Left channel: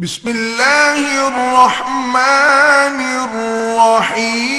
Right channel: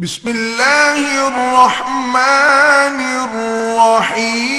بسم الله الرحمن الرحيم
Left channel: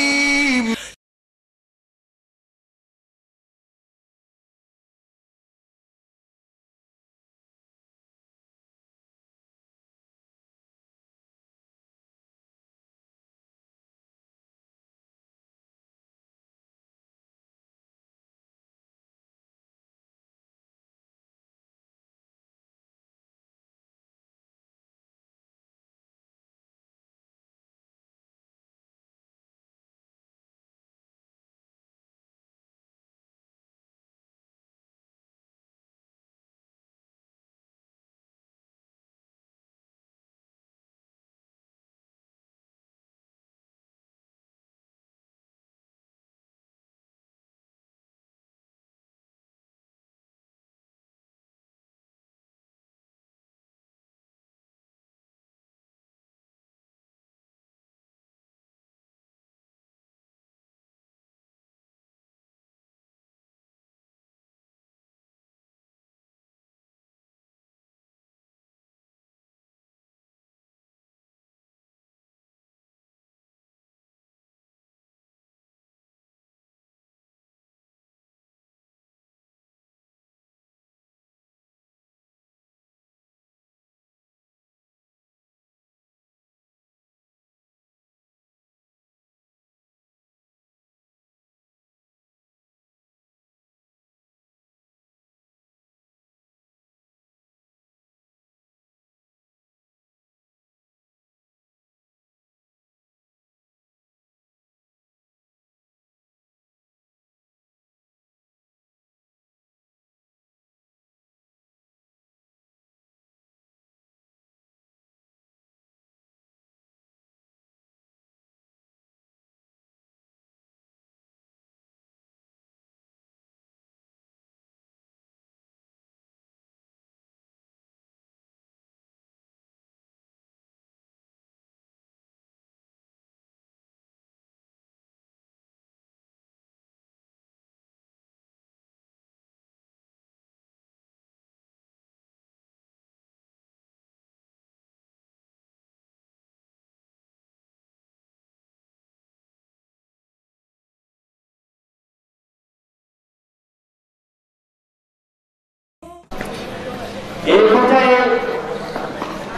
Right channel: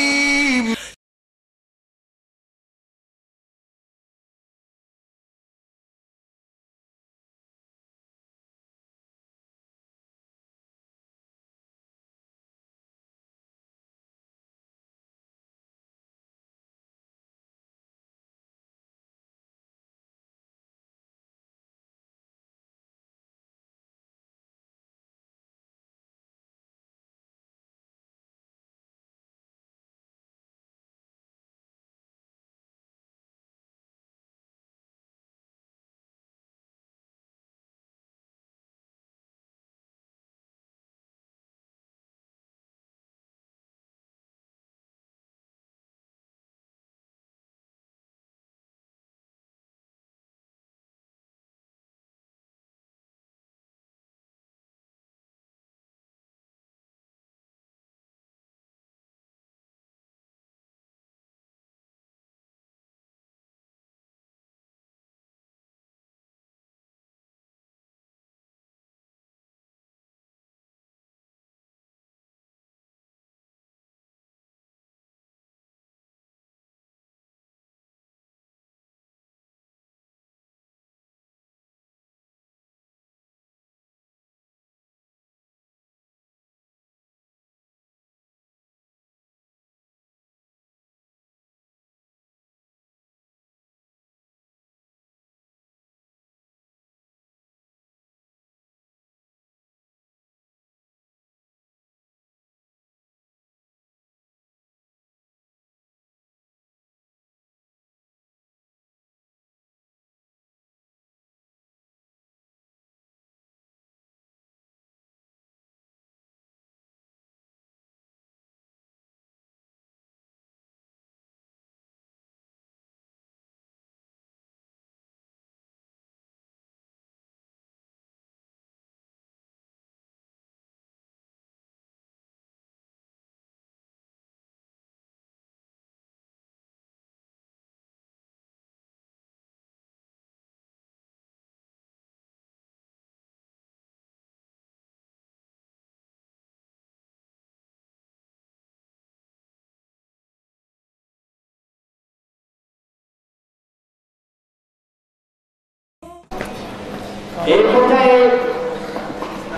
এই পর্যায়ে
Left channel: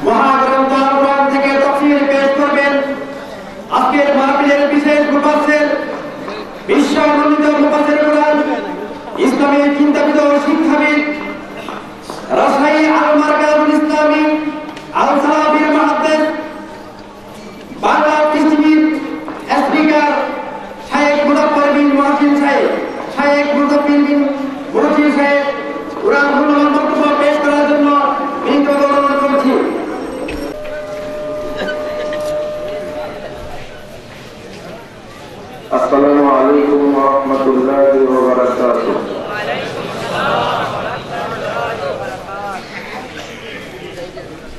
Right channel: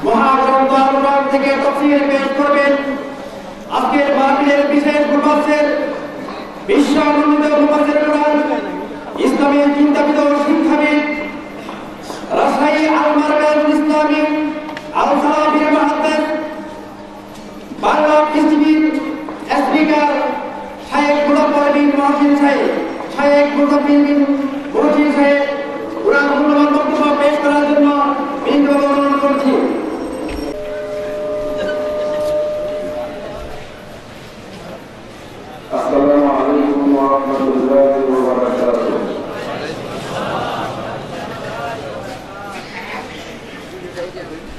মহাগ্রন্থ আল-কুরআন থেকে তাফসীর পেশ করবেন আজকের মাহফিলের বিশেষ মুফাসসির বিশ্বমন্ডিত মুফাসসির প্রধান ইসলামী চিন্তাবিদ ও শিক্ষাবিদ রাজশাহী আল-মারকাজুল ইসলামী আল-সালাফির মুহাদ্দিস বাংলা পৃথিবীর স্পিকার শায়েখ মুজাফফর বিন মুহসিন সাহেব শায়েখ মুজাফফর বিন মুহসিন সাহেব কুরআন মূল্যবান বক্তব্য পেশ করার জন্য বিনীত অনুরোধ করছি। আসসালামু আলাইকুম ওয়া রাহমাতুল্লাহি ওয়া বারাকাতুহু।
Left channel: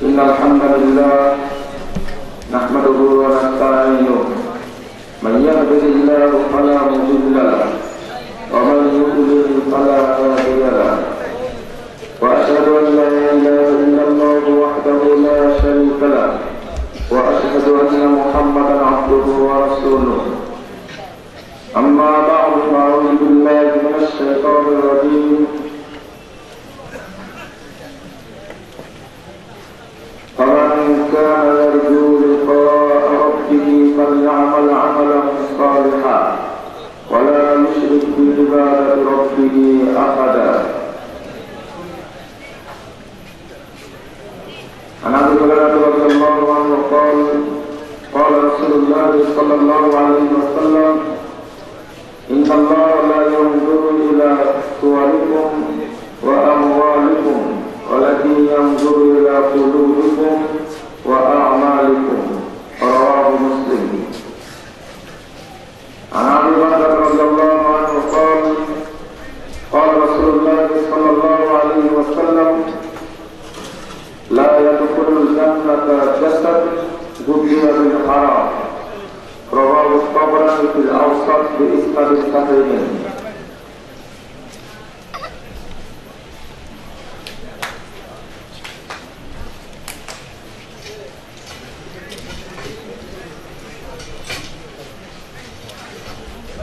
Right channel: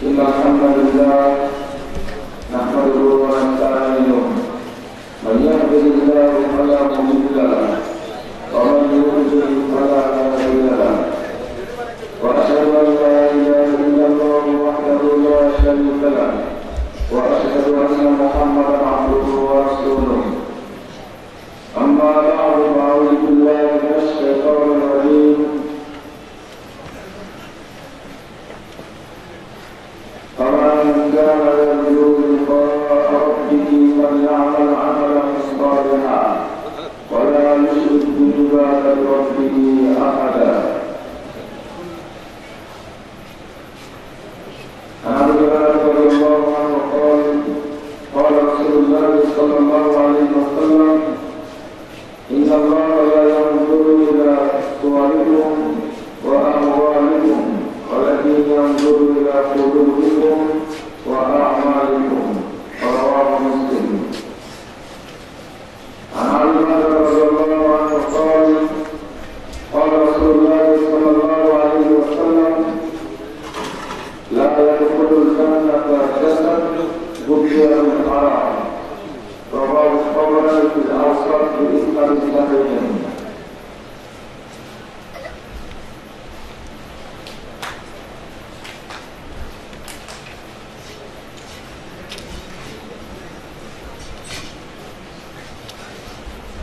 ইন্নাল হামদালিল্লাহ নাহমাদুহু ওয়া নাস্তাঈনুহু মান ইয়াহদিহিল্লাহু ফালা মুদিল্লা লাহু ওয়া মান ইউদ্লিল ফালা হাদিয়া লাহু وأشهد أن لا إله إلا الله وحده لا شريك له وأشهد أن محمدا عبده ورسوله أما بعد فأعوذ بالله من الشيطان الرجيم فمن كان يرجو لقاء ربه فليعمل عملا صالحا ولا يشرك بعبادة ربه أحدا. عن ابي هريره رضي الله عنه قال قال رسول الله صلى الله عليه وسلم ان الله لا ينظر الى صوركم واموالكم ولكن ينظر الى قلوبكم واعمالكم. رواه مسلم. عن ابي هريره رضي الله عنه قال قال رسول الله صلى الله عليه وسلم لا يدخل الجنة جسد غذي بالحرام. رواه الطبراني في الأوسط بإسناد صحيح.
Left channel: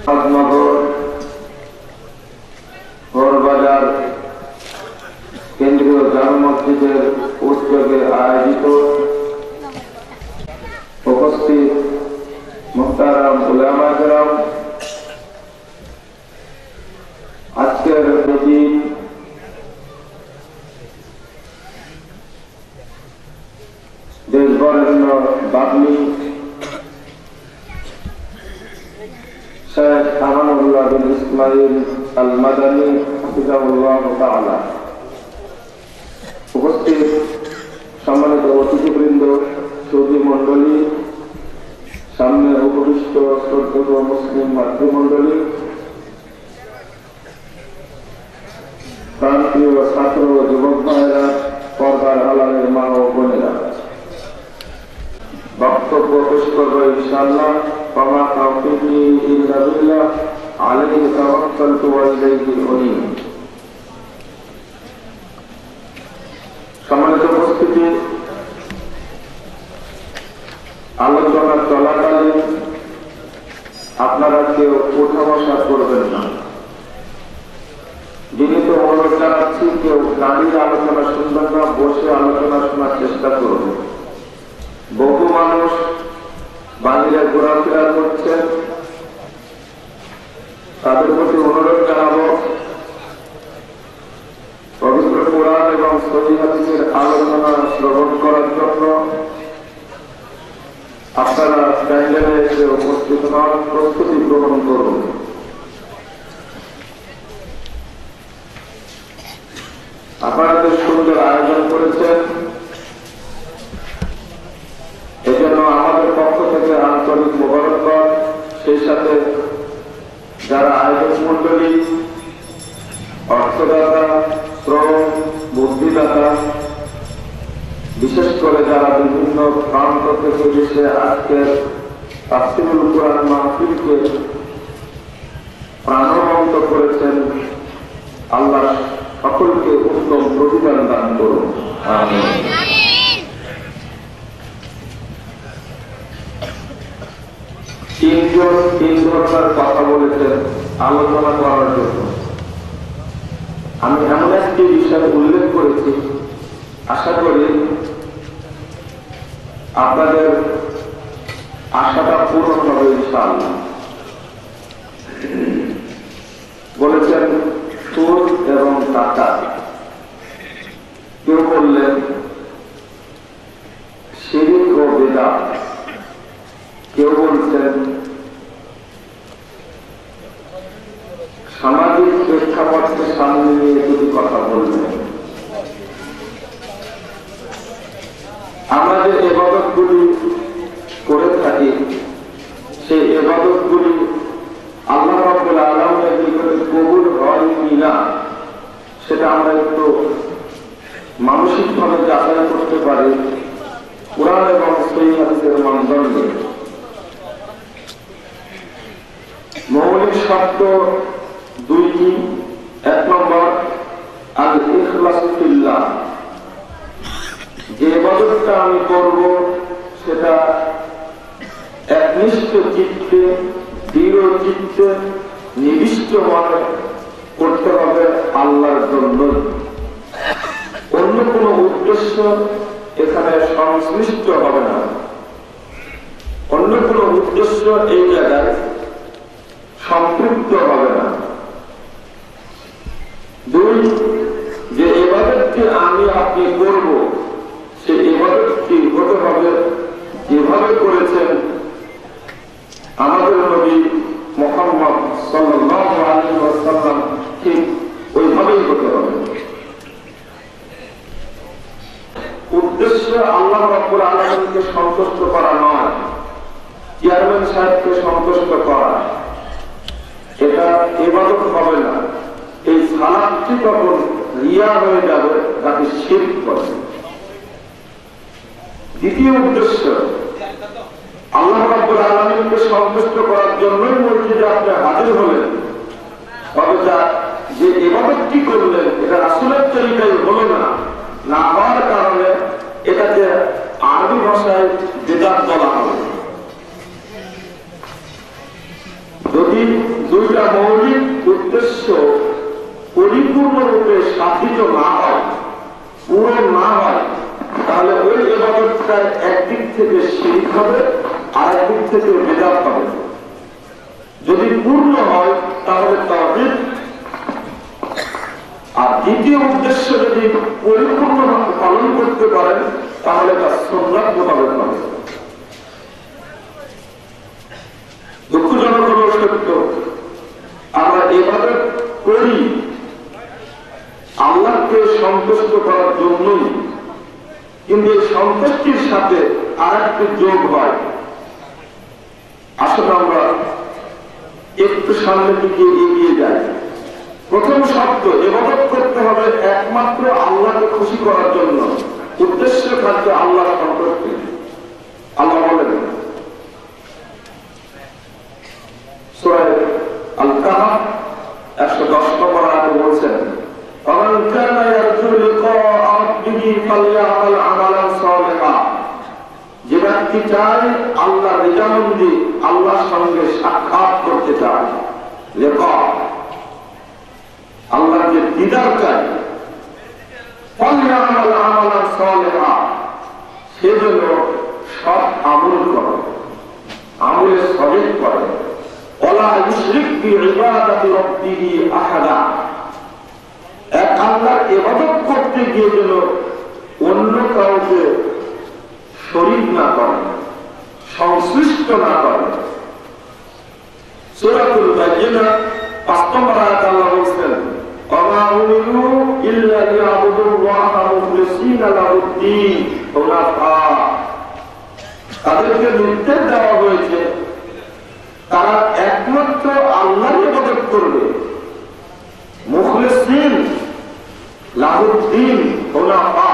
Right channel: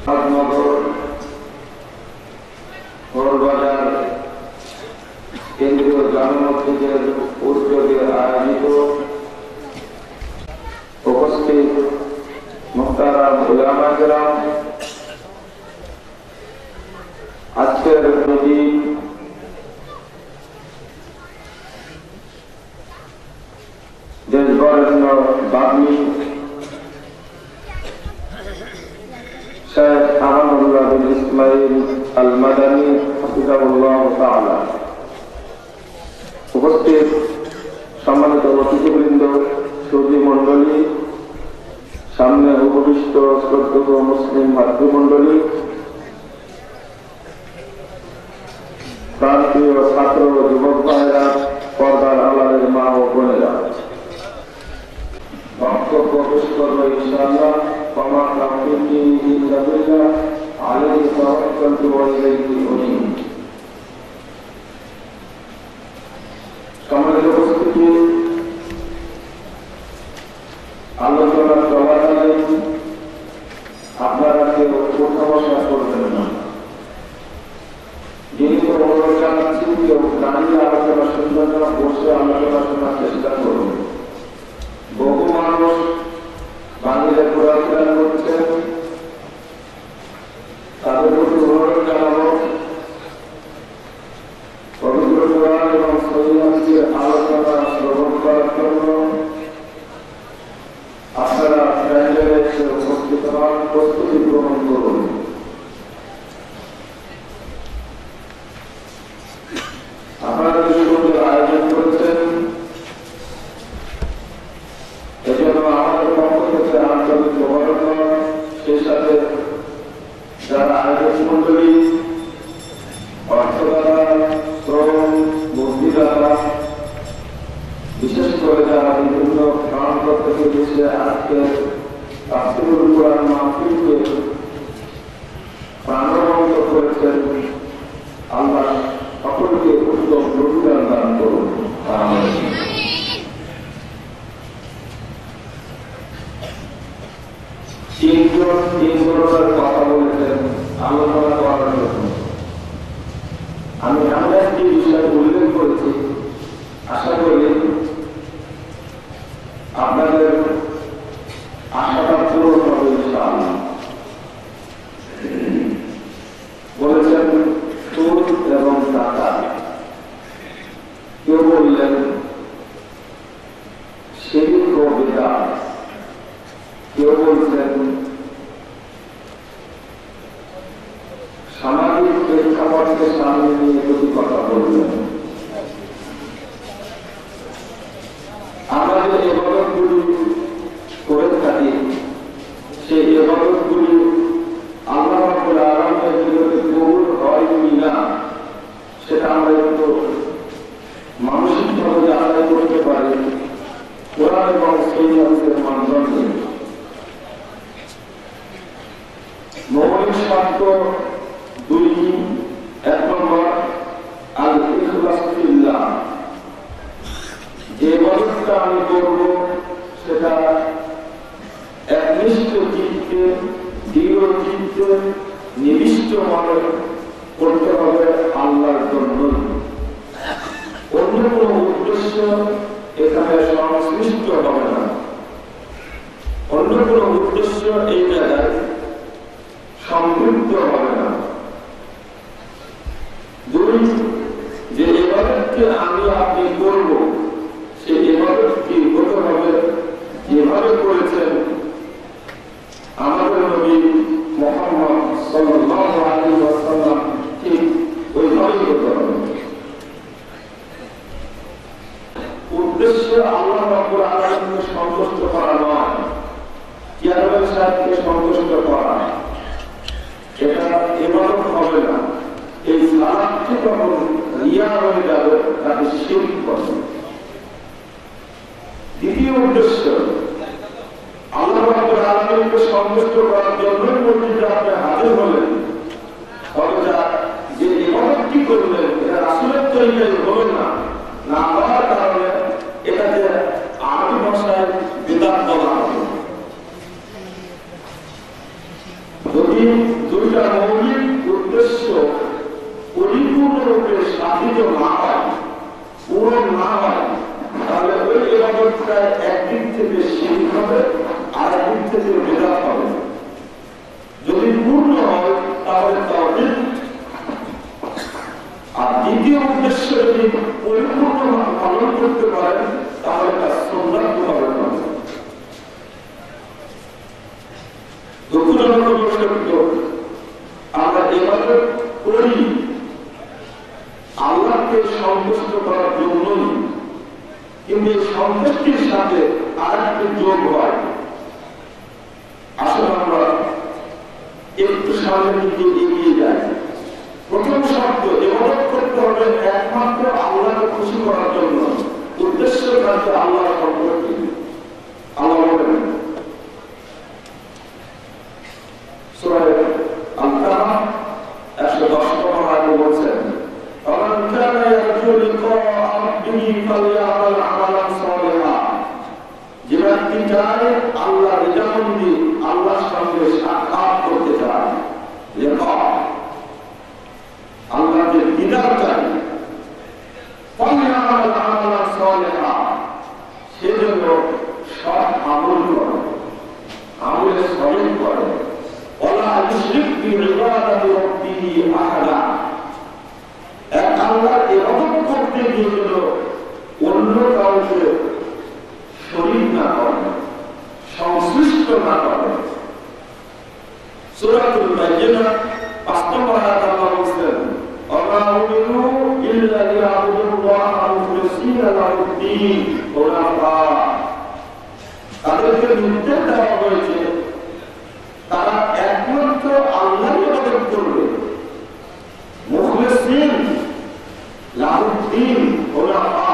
নগর বাজার কেন্দ্রীয় জামে মসজিদের উদ্যোগে আয়োজিত উপস্থিত মুহতারাম উলামায়ে কেরাম, আজকের প্রতি দেশবরেণ্য বাগ্মী শেখ আমানুল্লাহ বিন ইসমাইল আল মাদানী হাফিজাহুল্লাহ তাআলা, উপস্থিত সম্মানিত অতিথিবৃন্দ, সুধী মণ্ডলী, সামনে উপবিষ্ট শ্রদ্ধেয় মুসলিম মাতৃমণ্ডলী, প্রান্তীয় ছাত্র ও যুবক ভাইয়েরা, পর্দার আড়ালের মা ও বোনেরা, বক্তব্য পেশ করবো ইনশাআল্লাহ। ওয়া তাওফীকি ইল্লা বিল্লাহ, আলাইহি তাওয়াক্কালতু ওয়া ইলাইহি উনীব। সম্মানিত উপস্থিতি, আলোচনা চলাকালীন আপনারা কেউ উঠা বসা করবেন না। যিনি তো অনুরোধ জানাচ্ছি, কেউ দাঁড়িয়ে আলোচনা শুনবেন না, বসে আলোচনা শোনার চেষ্টা করবেন। বহু মানুষ বাহিরে ঘোরাফেরা করছেন, তাদের প্রতি অনুরোধ জানাবো পবিত্র কোরআন এবং সহিহ হাদিসের আলোচনা শ্রবণ করার জন্য আপনারা প্যান্ডেলে এসে উপস্থিত হওয়ার প্রস্তুতি গ্রহণ করুন। আপনারা যে সুন্দর আয়োজন করেছেন, এজন্য আমাদের পক্ষ থেকে আন্তরিক মোবারকবাদ। সেই সাথে যারা আয়োজক মন্ডলী, অর্থদাতা, শ্রম, বুদ্ধিদাতা, বিশেষ করে যারা বিভিন্ন প্রান্ত থেকে দেশে আজকে তাফসীরুল কোরআন মাহফিলকে প্রাণবন্ত করেছেন, আল্লাহ সকলকে উত্তম প্রতিদান দান করুন, আমিন। তিন ধরনের কথা বলেছেন আলোচনা করার জন্য। আমি এমন একটি বিষয় উল্লেখ করেছি, আশা করি আপনাদের আশাটা পূরণ হবে ইনশাআল্লাহ। বলেছেন সুদ এবং টাকা। কেউ বললেন শিরক ও বিদআত, কেউ বলছেন সামাজিক প্রেক্ষাপটকে সামনে নিয়ে দুটি কথা বললেন। আমরা যে ইবাদতগুলি করে থাকি, সেই ইবাদতগুলি আল্লাহ রাব্বুল আলামিনের নিকটে কবুল হয় কিনা সেটা আমরা একটু মানসিকভাবে যাচাই করতে পারি কোরআন এবং সহিহ হাদিসের মানদণ্ডে। মৌলিক শর্ত দুইটি। এক নম্বর, আল ইখলাস ফিল্লাহ, যে ইবাদতটা আমি করব সেটা একনিষ্ঠ চিত্তে, দৃঢ় চিত্তে, নিবিষ্ট মনে করতে হবে আল্লাহর জন্য। অন্য কোন উদ্দেশ্য এখানে সংশ্লিষ্ট হবে না, অন্য কোন উদ্দেশ্য এই জায়গায় সম্পৃক্ত হবে না। দুই, যে ইবাদতটি আমি আপনি করব, সেই ইবাদতটি হতে হবে যেভাবে করেছেন আমাদের নবী মুহাম্মদ সাল্লাল্লাহু আলাইহি ওয়াসাল্লাম, ঠিক ওইভাবেই হতে হবে। উদ্দেশ্য আল্লাহ রাব্বুল আলামিনকে সন্তুষ্ট করা নয়, চেয়ারম্যান সাহেবকে সন্তুষ্ট করা, এটা ইবাদত হবে না। এই সালাতটি তখন রিয়া হয়ে যাবে, তাকে শিরক বলে। দ্বিতীয় উদ্দেশ্য আল্লাহ রাব্বুল আলামিনকে সন্তুষ্ট করার জন্যই মসজিদে আপনি হাজির হলেন, তবে যে ইবাদতটি করলেন এটা রাসূলের তরিকায় হলো না, না হওয়ার কারণে এটাকে আরবি ভাষায় বিদআত বলা হবে। যদি হবে, আর একদিক থেকে বিদাত হবে। যদি পূর্ণ হয় তাহলে তাওহীদ, আর দ্বিতীয় উদ্দেশ্য যদি পরিপূর্ণভাবে পালন করতে পারেন তাহলে তার সুন্নাত মোতাবেক হবে। দুঃখজনক হল সত্য, আমরা ইবাদত করি আল্লাহকে সন্তুষ্ট করার জন্যই, কিন্তু এই সন্তুষ্টির সাথে আর একটি যোগ হয়। আসলে আমরা একটু সামনের দিকে এগিয়ে যাই। প্রথম শব্দ, ইবাদত করতে হবে একমাত্র আল্লাহকে খুশি করার জন্য, উদ্দেশ্য থাকবে আল্লাহর সন্তুষ্টি। আল্লাহ বলেন সূরা আল-কাহফ 110 নম্বর আয়াতে বলছেন, "ফামান কানা ইয়ারজু লিকাআ রাব্বিহি ফালইআমাল আমালান সালিহান।" যে ব্যক্তি চায় আল্লাহর রিজামন্দি, আল্লাহর সঙ্গে সাক্ষাৎ করতে চায়, লিকা আল্লাহর যে দিদার চাই, ফালইআমাল আমালান সালিহান, সেজন্য সৎ আমল করে, আমলে সলিহ করে। ওয়ালা ইউশরিক বিইবাদাতি রাব্বিহি আহাদা, এক আল্লাহর ইবাদত করতে গিয়ে যেন অন্য কাউকে শরীক না করে, সংশ্লিষ্ট না করে। সূরাতুল বাইয়িনা 5 নম্বর আয়াতে আল্লাহ বলেন, ওয়া উমিরু ইল্লা লিয়াবুদুল্লাহা মুখলিসিনা লাহুদ্দীন হুনাফা। তাদেরকে নির্দেশ দেওয়া হয়েছে তারা একমাত্র আল্লাহর ইবাদত করবে, মুখলিসিন লাহুদ্দীন হুনাফা,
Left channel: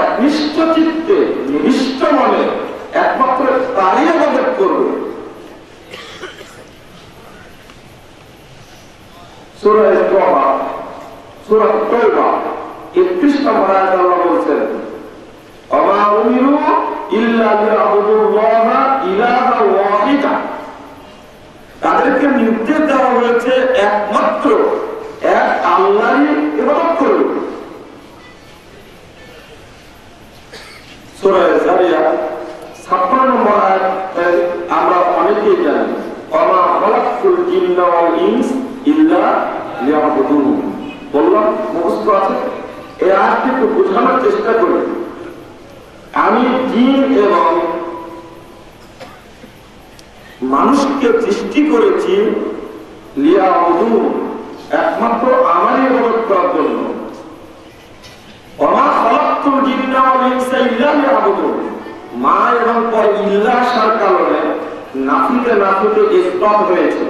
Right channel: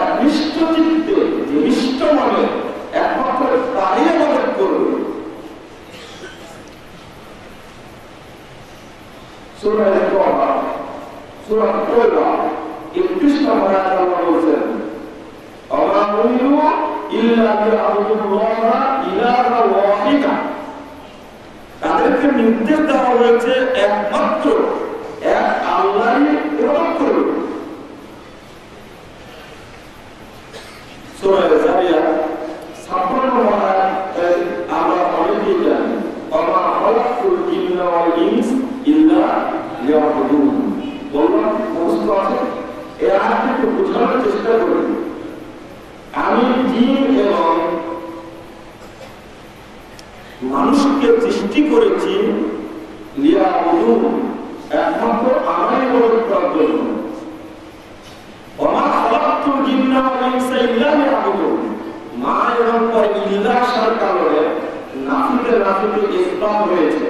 একনিষ্ঠ চিত্তে, নিবিষ্ট মনে একমাত্র তারই ইবাদত করবে। সূরা তাওবা, সূরা তাওবা 31 নম্বর আয়াতে আল্লাহ বলেন, ওয়া উমিরু ইল্লা লিয়াবুদুল্লাহা ইলাহা ওয়াহিদা। তাদেরকে নির্দেশ দেওয়া হয়েছে একমাত্র এক আল্লাহরই ইবাদত করবে। সূরা যারিয়াত 56 নম্বর আয়াতে আমরা অনেকেই জানি, ওয়া খালাকতুল জিন্না ওয়াল ইনস ইল্লা লিয়াবুদুন। বললাম মুখস্থ আছে, এই আয়াতটি একটু বোঝানোর চেষ্টা করি। আমি জিন এবং মানুষকে সৃষ্টি করেছি লিয়াবুদুন, একমাত্র আমারই ইবাদত করার জন্য। ওয়া খালাকতুল জিন্না ওয়াল ইনসা ইল্লা লিয়াবুদুন, মা এবং পর ইল্লা আসার কারণে নাফিতে নাফিতে ইসলাম হয়েছে,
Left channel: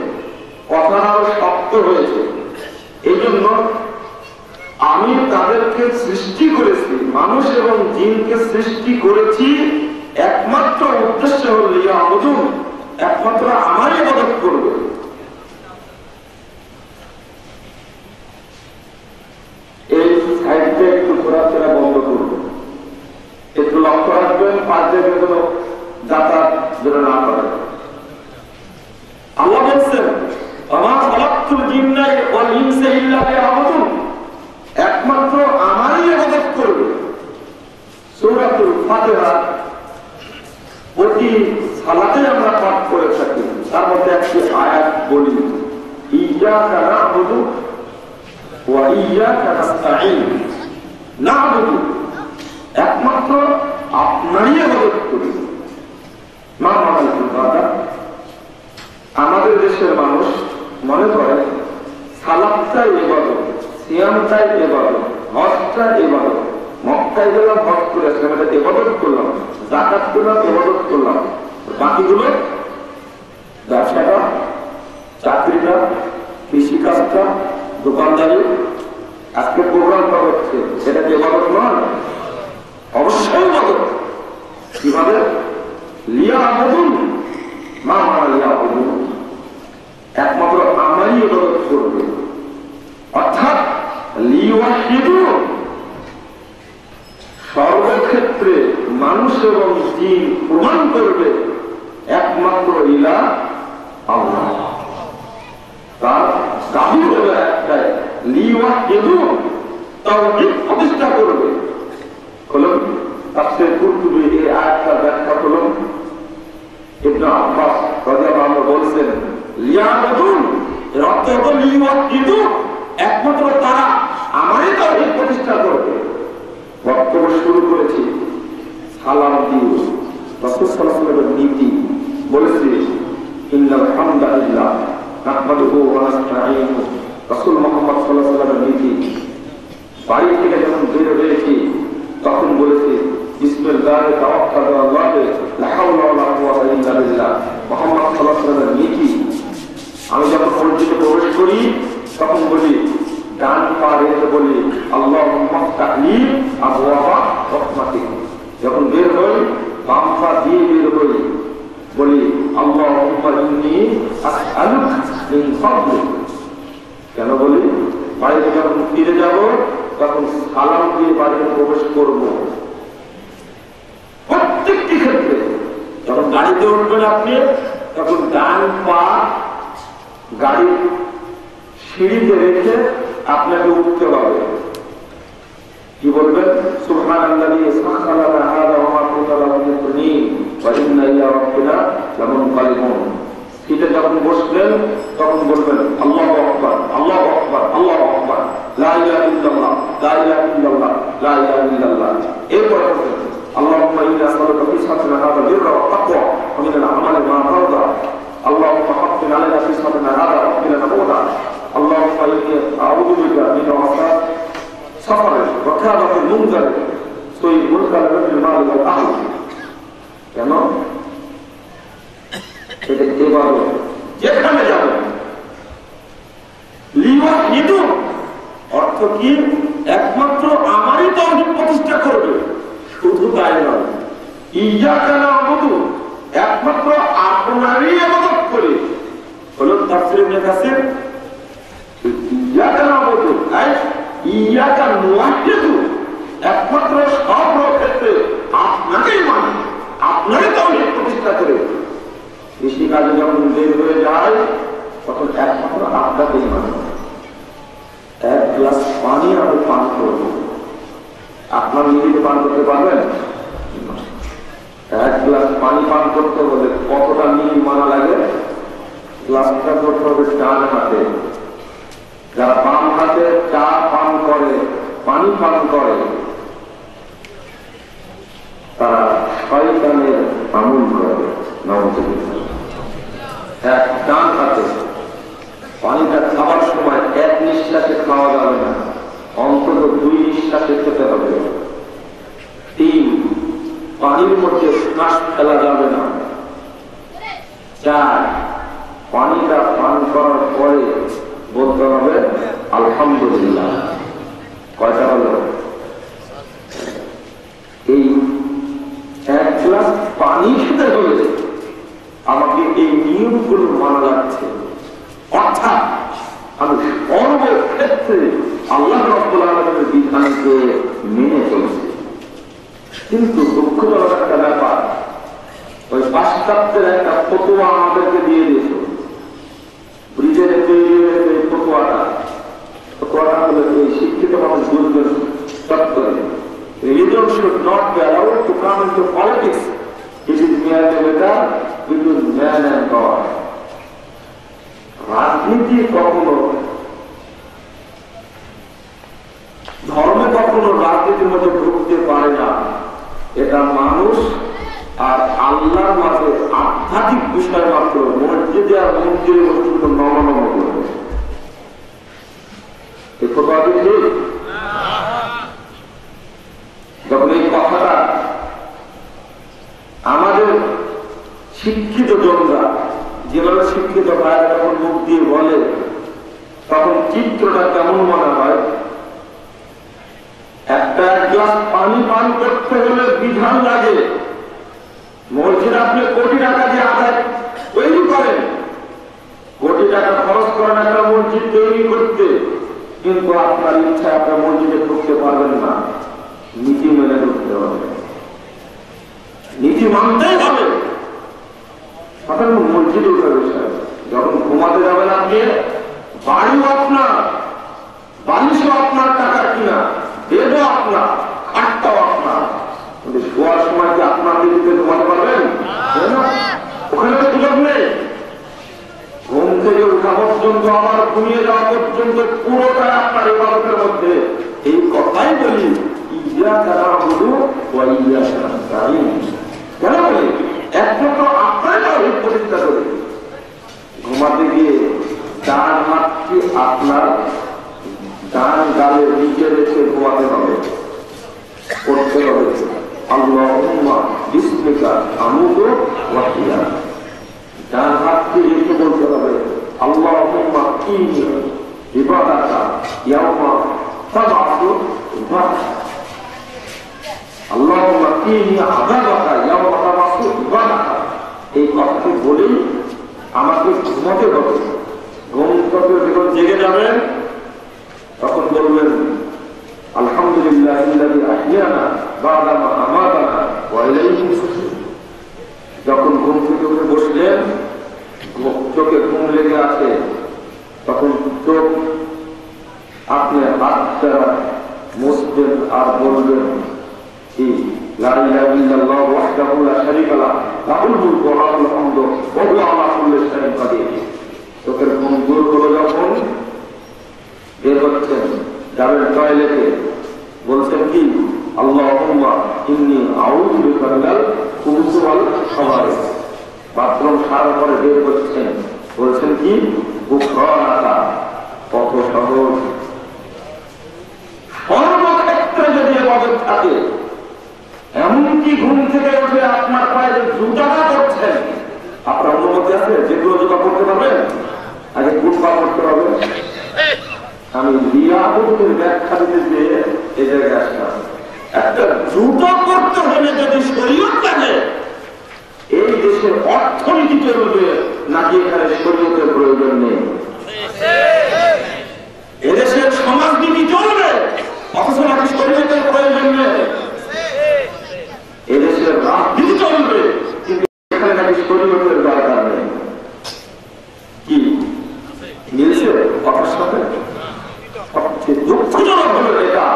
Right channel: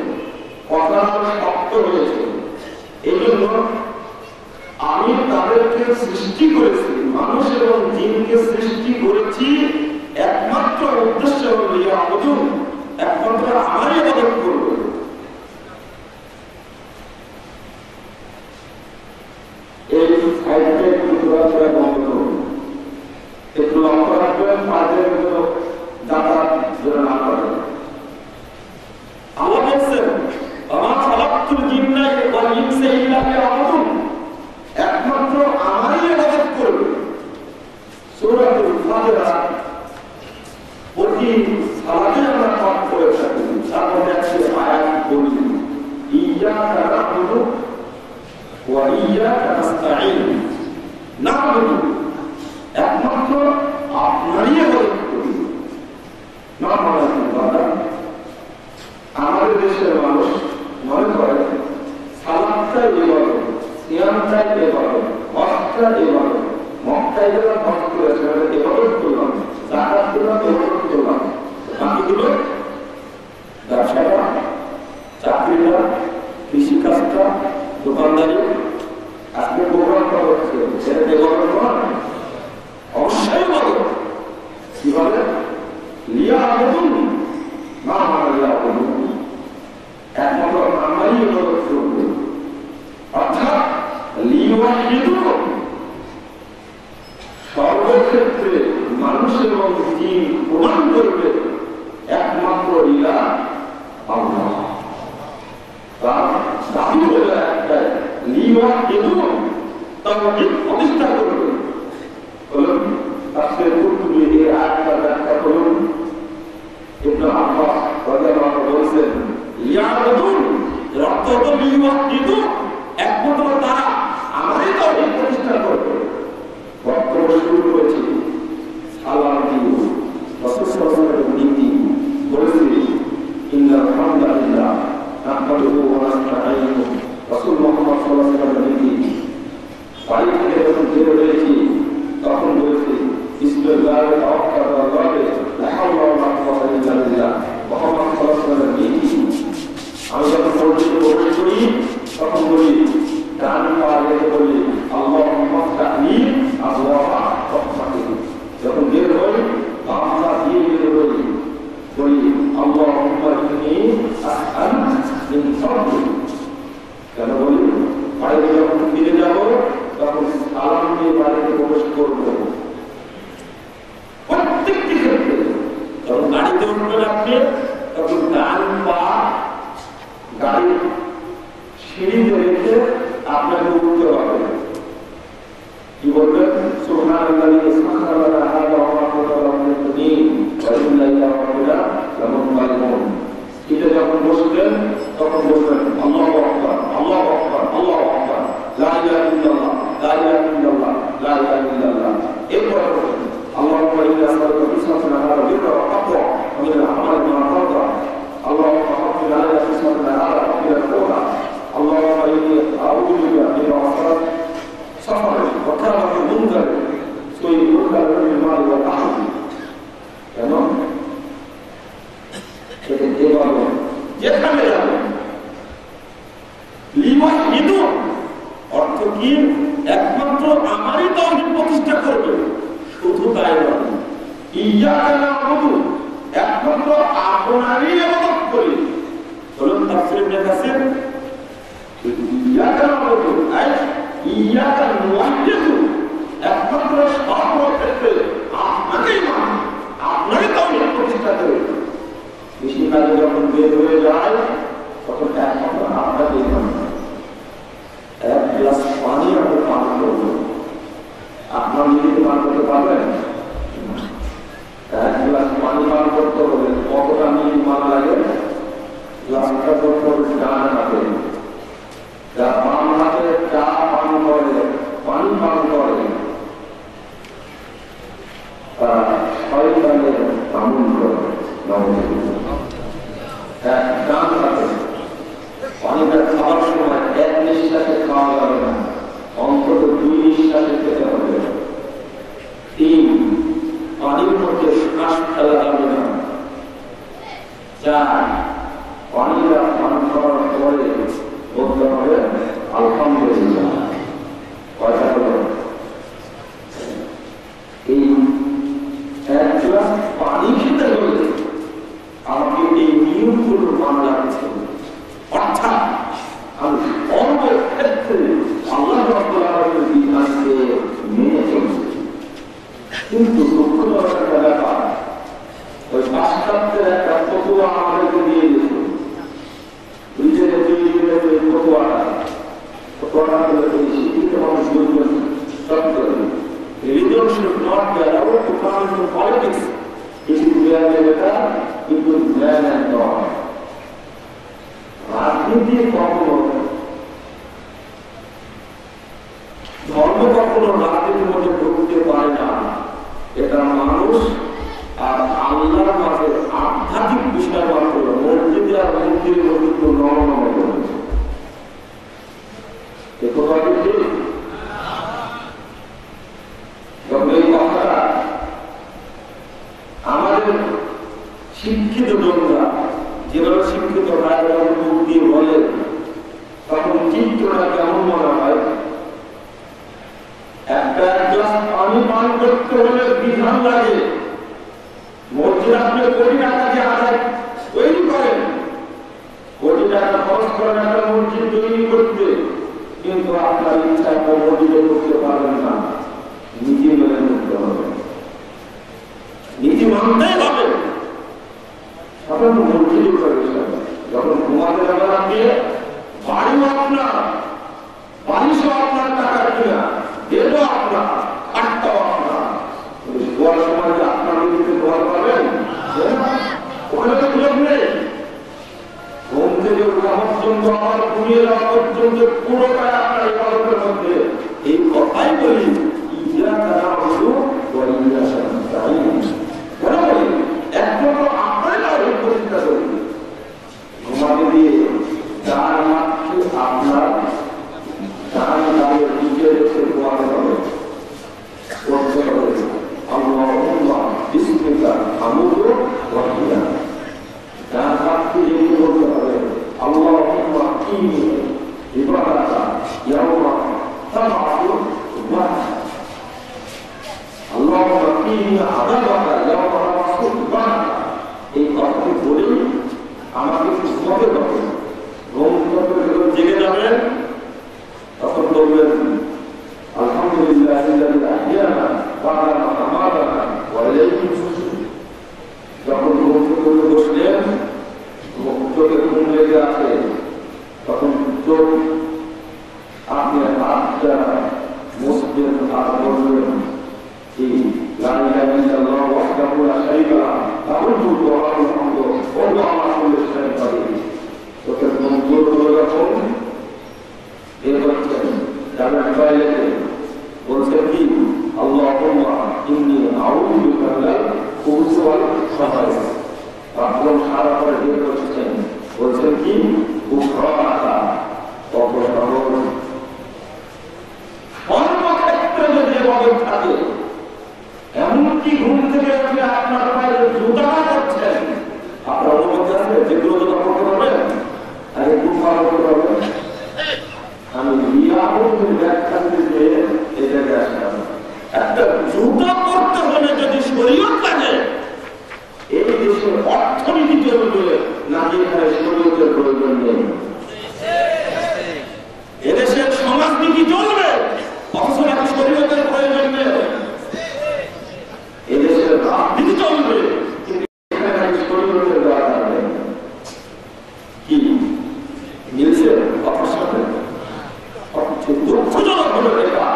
কথা শক্ত হয়েছে। এই জন্য আমি তাদেরকে সৃষ্টি করেছি, মানুষ এবং জিনকে সৃষ্টি করেছি একমাত্র উদ্দেশ্য হল লিয়াবুদুন, একমাত্র আমারই ইবাদত করবে। এই সাইডটা একটু ঘোরাফেরা বন্ধ করুন, একটু লক্ষ্য রাখবেন, পাঁচের কোনো যাতায়াত যেন না করে। আল্লাহ বলছেন, ওয়া খালাকতুল জিন্না ওয়াল ইনসা ইল্লা লিয়াবুদুন, একমাত্র আমারই ইবাদত করবে। সূরাতুল ফাতিহা প্রতি সালাতে আমরা পাঠ করে থাকি, তার মধ্যে একটি আয়াত বলি, ইয়্যাকা না'বুদু ওয়া ইয়্যাকা নাস্তাঈন। না'বুদু, একমাত্র আপনারই ইবাদত করি। আমাদের দেশের মানুষ মনে করে সালাতটাই ইবাদত, সিয়ামটাই ইবাদত, হজটাই ইবাদত। মক্কায় গেলাম, হজ করে সেখানে ইবাদত করলাম, যাকাত করলাম, ইবাদত করলাম, বাকিগুলো ব্যবসাটা, চাকরিটা, কৃষিকাজটা, দোকানদারি, আজকে প্রোগ্রামটা হচ্ছে, সেটা ইবাদত নয়, অবশ্যই ইবাদত। কিভাবে? লিয়াবুদুন, মা লিয়াবুদুন, একমাত্র আমারই ইবাদত করবে। অর্থাৎ লিওয়াহিদুন, সর্বক্ষেত্রে মানুষ এবং জিন প্রমাণ করবে একমাত্র ইলাহ আল্লাহ। তার দাবি হলো একটাই, লিওয়াহিদুন, তাওহীদ প্রতিষ্ঠা করবে। হলো তাফসীর কুরতুবী এই আয়াতটা ব্যাখ্যা করুন। ইবনে আব্বাস রাদিয়াল্লাহু আনহু বলছেন লিয়াবুদুন এর অর্থ হলো লিওয়াকিদু একমাত্র তারা আমারই তাওহীদ প্রতিষ্ঠা করবে। বক্তব্য শুরু করেছি সালাম দিও রাসূল সাল্লাল্লাহু আলাইহি ওয়াসাল্লামের নীতি বলেছে ইন্নাল হামদালিল্লাহ নাহমাদুহু ওয়া নাস্তাঈনুহু রাসূল মুহাম্মদ সাল্লাল্লাহু আলাইহি ওয়াসাল্লামের নীতি বাড়ি থেকে যখন বের হয়েছি তখন বলেছে বিসমিল্লাহি তাওয়াক্কালতু আলাল্লাহ লা হাওলা ওয়া লা কুওয়াতা ইল্লা বিল্লাহ মুহাম্মদ সাল্লাল্লাহু আলাইহি ওয়াসাল্লামের নীতি। আমি যখন মসজিদে প্রবেশ করি তখন বলি ডান পা রেখে বলি আল্লাহুম্মা ফতাহলি আবওয়াবা রাহমাতিক। যখন বের হই বাম পা দিয়ে বের হই বলি আল্লাহুম্মা ইন্নী আসআলুকা মিন ফাদলিক। কেন বলি বাড়িতে যখন ফিরে যাব তখন সালাম দিয়ে বাড়িতে প্রবেশ করব। প্রত্যেকটি ক্ষেত্রে যখন গাড়িতে উঠবেন আপনি তখন ডান পা গাড়ির সিঁড়িতে রেখে আপনাকে উঠতে হবে। কি বলবেন সুবহানাল্লাযী সাখারা লানা হাযা ওয়া মা কুননা লাহু মুকরিনিন ওয়া ইন্না ইলা রাব্বিনা লামুনকালিবুন। এটা যখন বসবেন তখন বলবেন আল্লাহু আকবার আল্লাহু আকবার আল্লাহু আকবার লা ইলাহা ইল্লাল্লাহ লা ইলাহা ইল্লাল্লাহ লা ইলাহা ইল্লাল্লাহ। এরপর আল্লাহুম্মা ইন্না নাসআলুকা ফিসহাতানা হাযা বিররা ওয়া তাকওয়া ওয়া মিনাল আমালি মা তারদা আল্লাহুম্মা হাফিজ আলাইনা ফিসহাতানা হাযা ওয়া qina nabuda আল্লাহুম্মা ইন্নী আউযু বিকা মিন ওয়াসাত সাফর ওয়া কারামাতিল মুনকার সই মুনকার মিন মাল ওয়া আহদ। কেন যেখানে যাবে লিওয়াহিদু অর্থ কি একমাত্র আমারই তাওহীদ প্রতিষ্ঠা করবে। শুধু তাই নয় ইয়াকা না'বুদু একমাত্র আপনারই ইবাদত করি। বলুন তাফসীর ইবনে কাসির ইয়াকা না'বুদু আই ইয়াকা নুওয়াহিদু একমাত্র সব ক্ষেত্রে আপনাকেই মানি আপনারই তাওহীদ প্রতিষ্ঠা করি। কৃষিকাজে যখন বের হয়ে যায় তখন একমাত্র আপনাকেই মানি। এক গ্লাস পানি আপনি পান করবেন, আপনার নিজেকে পান করতে পারবেন? এক গ্লাস পানি পান করতে হলে কতটা মিনিট মানা লাগে? গ্লাসটা করতে হবে ডান হাতে। যারা বাম হাতে চা পান করে পানি পান করে তারা শয়তানের আমল করে। ডান হাতে পানিটা খাওয়ার সময় এক নিঃশ্বাসে খাওয়া যাবে না, অন্তত 2 নিঃশ্বাসে খেতে হবে। 3 পানির মধ্যে শ্বাস ফেলা যাবে না। 4 পানিটা পান করার পরে বলতে হবে আলহামদুলিল্লাহ। কয়টা হলো? এই এক গ্লাস পানি খেতে হলে আমাকে এই নিয়মগুলো মানা লাগছে। অর্থাৎ আমি সর্বক্ষেত্রে আল্লাহ রাব্বুল আলামিনের বিধানকে মেনে চলছি। কিন্তু দুঃখজনক একটা ব্যাপার, ওই পাশ্চাত্যের একটা ফতোয়া আমাদেরকে দিয়ে দিত। ব্রিটেনে তৈরি হয়েছে ফতোয়াটা হলো এই শিক্ষিত মানুষ বলবেন সত্তর religion should not be allowed to come into politics. It is merely better between man and God. রাজনীতি কখনো ধর্ম কখনো রাজনীতির মধ্যে ঢুকতে পারে না। এটা মানুষ আর আল্লাহর মাঝে আধ্যাত্মিক বিষয় মাত্র। মসজিদে আর মন্দিরের মধ্যে নরম করে যখন এই কথাটা আমাদের শিক্ষিত জনরা যেভাবে শিক্ষিত হয় যখন মুখ দিয়ে বলে তখন চিত্রটা কেমন মনে হয়? একটা গ্লাস পানি পান করতে হলে বিধান লাগে। মসজিদ আপনি কোটি টাকা দিয়ে আদায় তৈরি করেন, কোটি টাকা খরচ করেন একটা মসজিদ তৈরি করতে, কিন্তু আপনার ইচ্ছা আপনার মসজিদে করতে পারবেন না। নীতি মেনে করতে হবে, নীতি মানতেই হবে। মসজিদে যখন ঘুমাতে যাবেন আপনি, বাড়িও আপনার, বালিশও আপনার, টাকা কিনা বেদও আপনার, খাটটাও আপনার। শোয়ার সময় কি আপনার দিদিকে ঘুমাতে পারবেন? পুরোটাই আপনার ইবাদতের মধ্যে। এই কথাই বলি ইয়াকা না'বুদু ওয়া ইয়াকা নাস্তাঈন। কেন বলি? একমাত্র আপনার তাওহীদ প্রতিষ্ঠা করি। ঘুমাতে দিয়ে ডান হাতকে আপনার ডান গালের নিচে রেখে ঘুমাতে হবে, করতে হবে আল্লাহুম্মা বিসমিকা আমুদু ওয়া আহইয়া। ডান হাতকে রেখে বলতে হবে আল্লাহুম্মা ইন্নী ইবাদাকা ইয়াওমা তাবআসু বা'সা, আল্লাহুম্মা ইন্নী আযাবাকা ইয়াওমা তাবআসু বা'সা। এই কথাটি বলেই আমাকে ঘুমাতে হবে। ঘুম থেকে যখন জেগে যাবেন তখন বলবেন আলহামদুলিল্লাহিল্লাযী আহইয়ানা বা'দা মা আমাতানা ওয়া ইলাইহি নুশুর। যখন ঘুম থেকে উঠে বসলেন, চোখে ঘুম লেগে আছে, তখন চোখ আপনি হাতটা মুছবেন আর বলবেন কি লা ইলাহা ইল্লাল্লাহু ওয়াহদাহু লা শারীকা লাহু লাহুল মুলকু ওয়া লাহুল হামদু ওয়া হুয়া আলা কুল্লি শাইইন কাদির। চোখের ঘুম দূর করে যখন বের হচ্ছেন, যাবেন টয়লেটে, বলছেন কি আল্লাহুম্মা ইন্নী আউযু বিকা মিনাল খুবুসি ওয়াল খাবাইস। বাথরুম সারা করে বের করছেন, বলছেন কি গুফরানাকা। কত সহজ! সর্বক্ষেত্রে যদি ইবাদত থাকে, এমনকি ঘুম থেকে উঠে আপনার পায়ে জুতা করছেন, আপনার অনুমতি আছে যেগুলো জুতা করতে পারবেন? আগে গুফা করতে হবে। আমি রিয়াবতের ব্যাখ্যা দিতে এই জায়গায় আসলাম। একটা জুতা করতে হলে যদি শরীয়ত লাগে, এই দেশের অর্থনীতি চলবে নাকি এখানে শরীয়তের প্রয়োজন নেই? এদেশের সমাজনীতি চলবে অথচ নাকি শরীয়তের প্রয়োজন নেই? এদেশের রাজনীতি চলবে কিন্তু এখানে নাকি শরীয়তের দরকার নেই। কি মিলছে কথার সাথে? দুঃখজনক হলো এটা,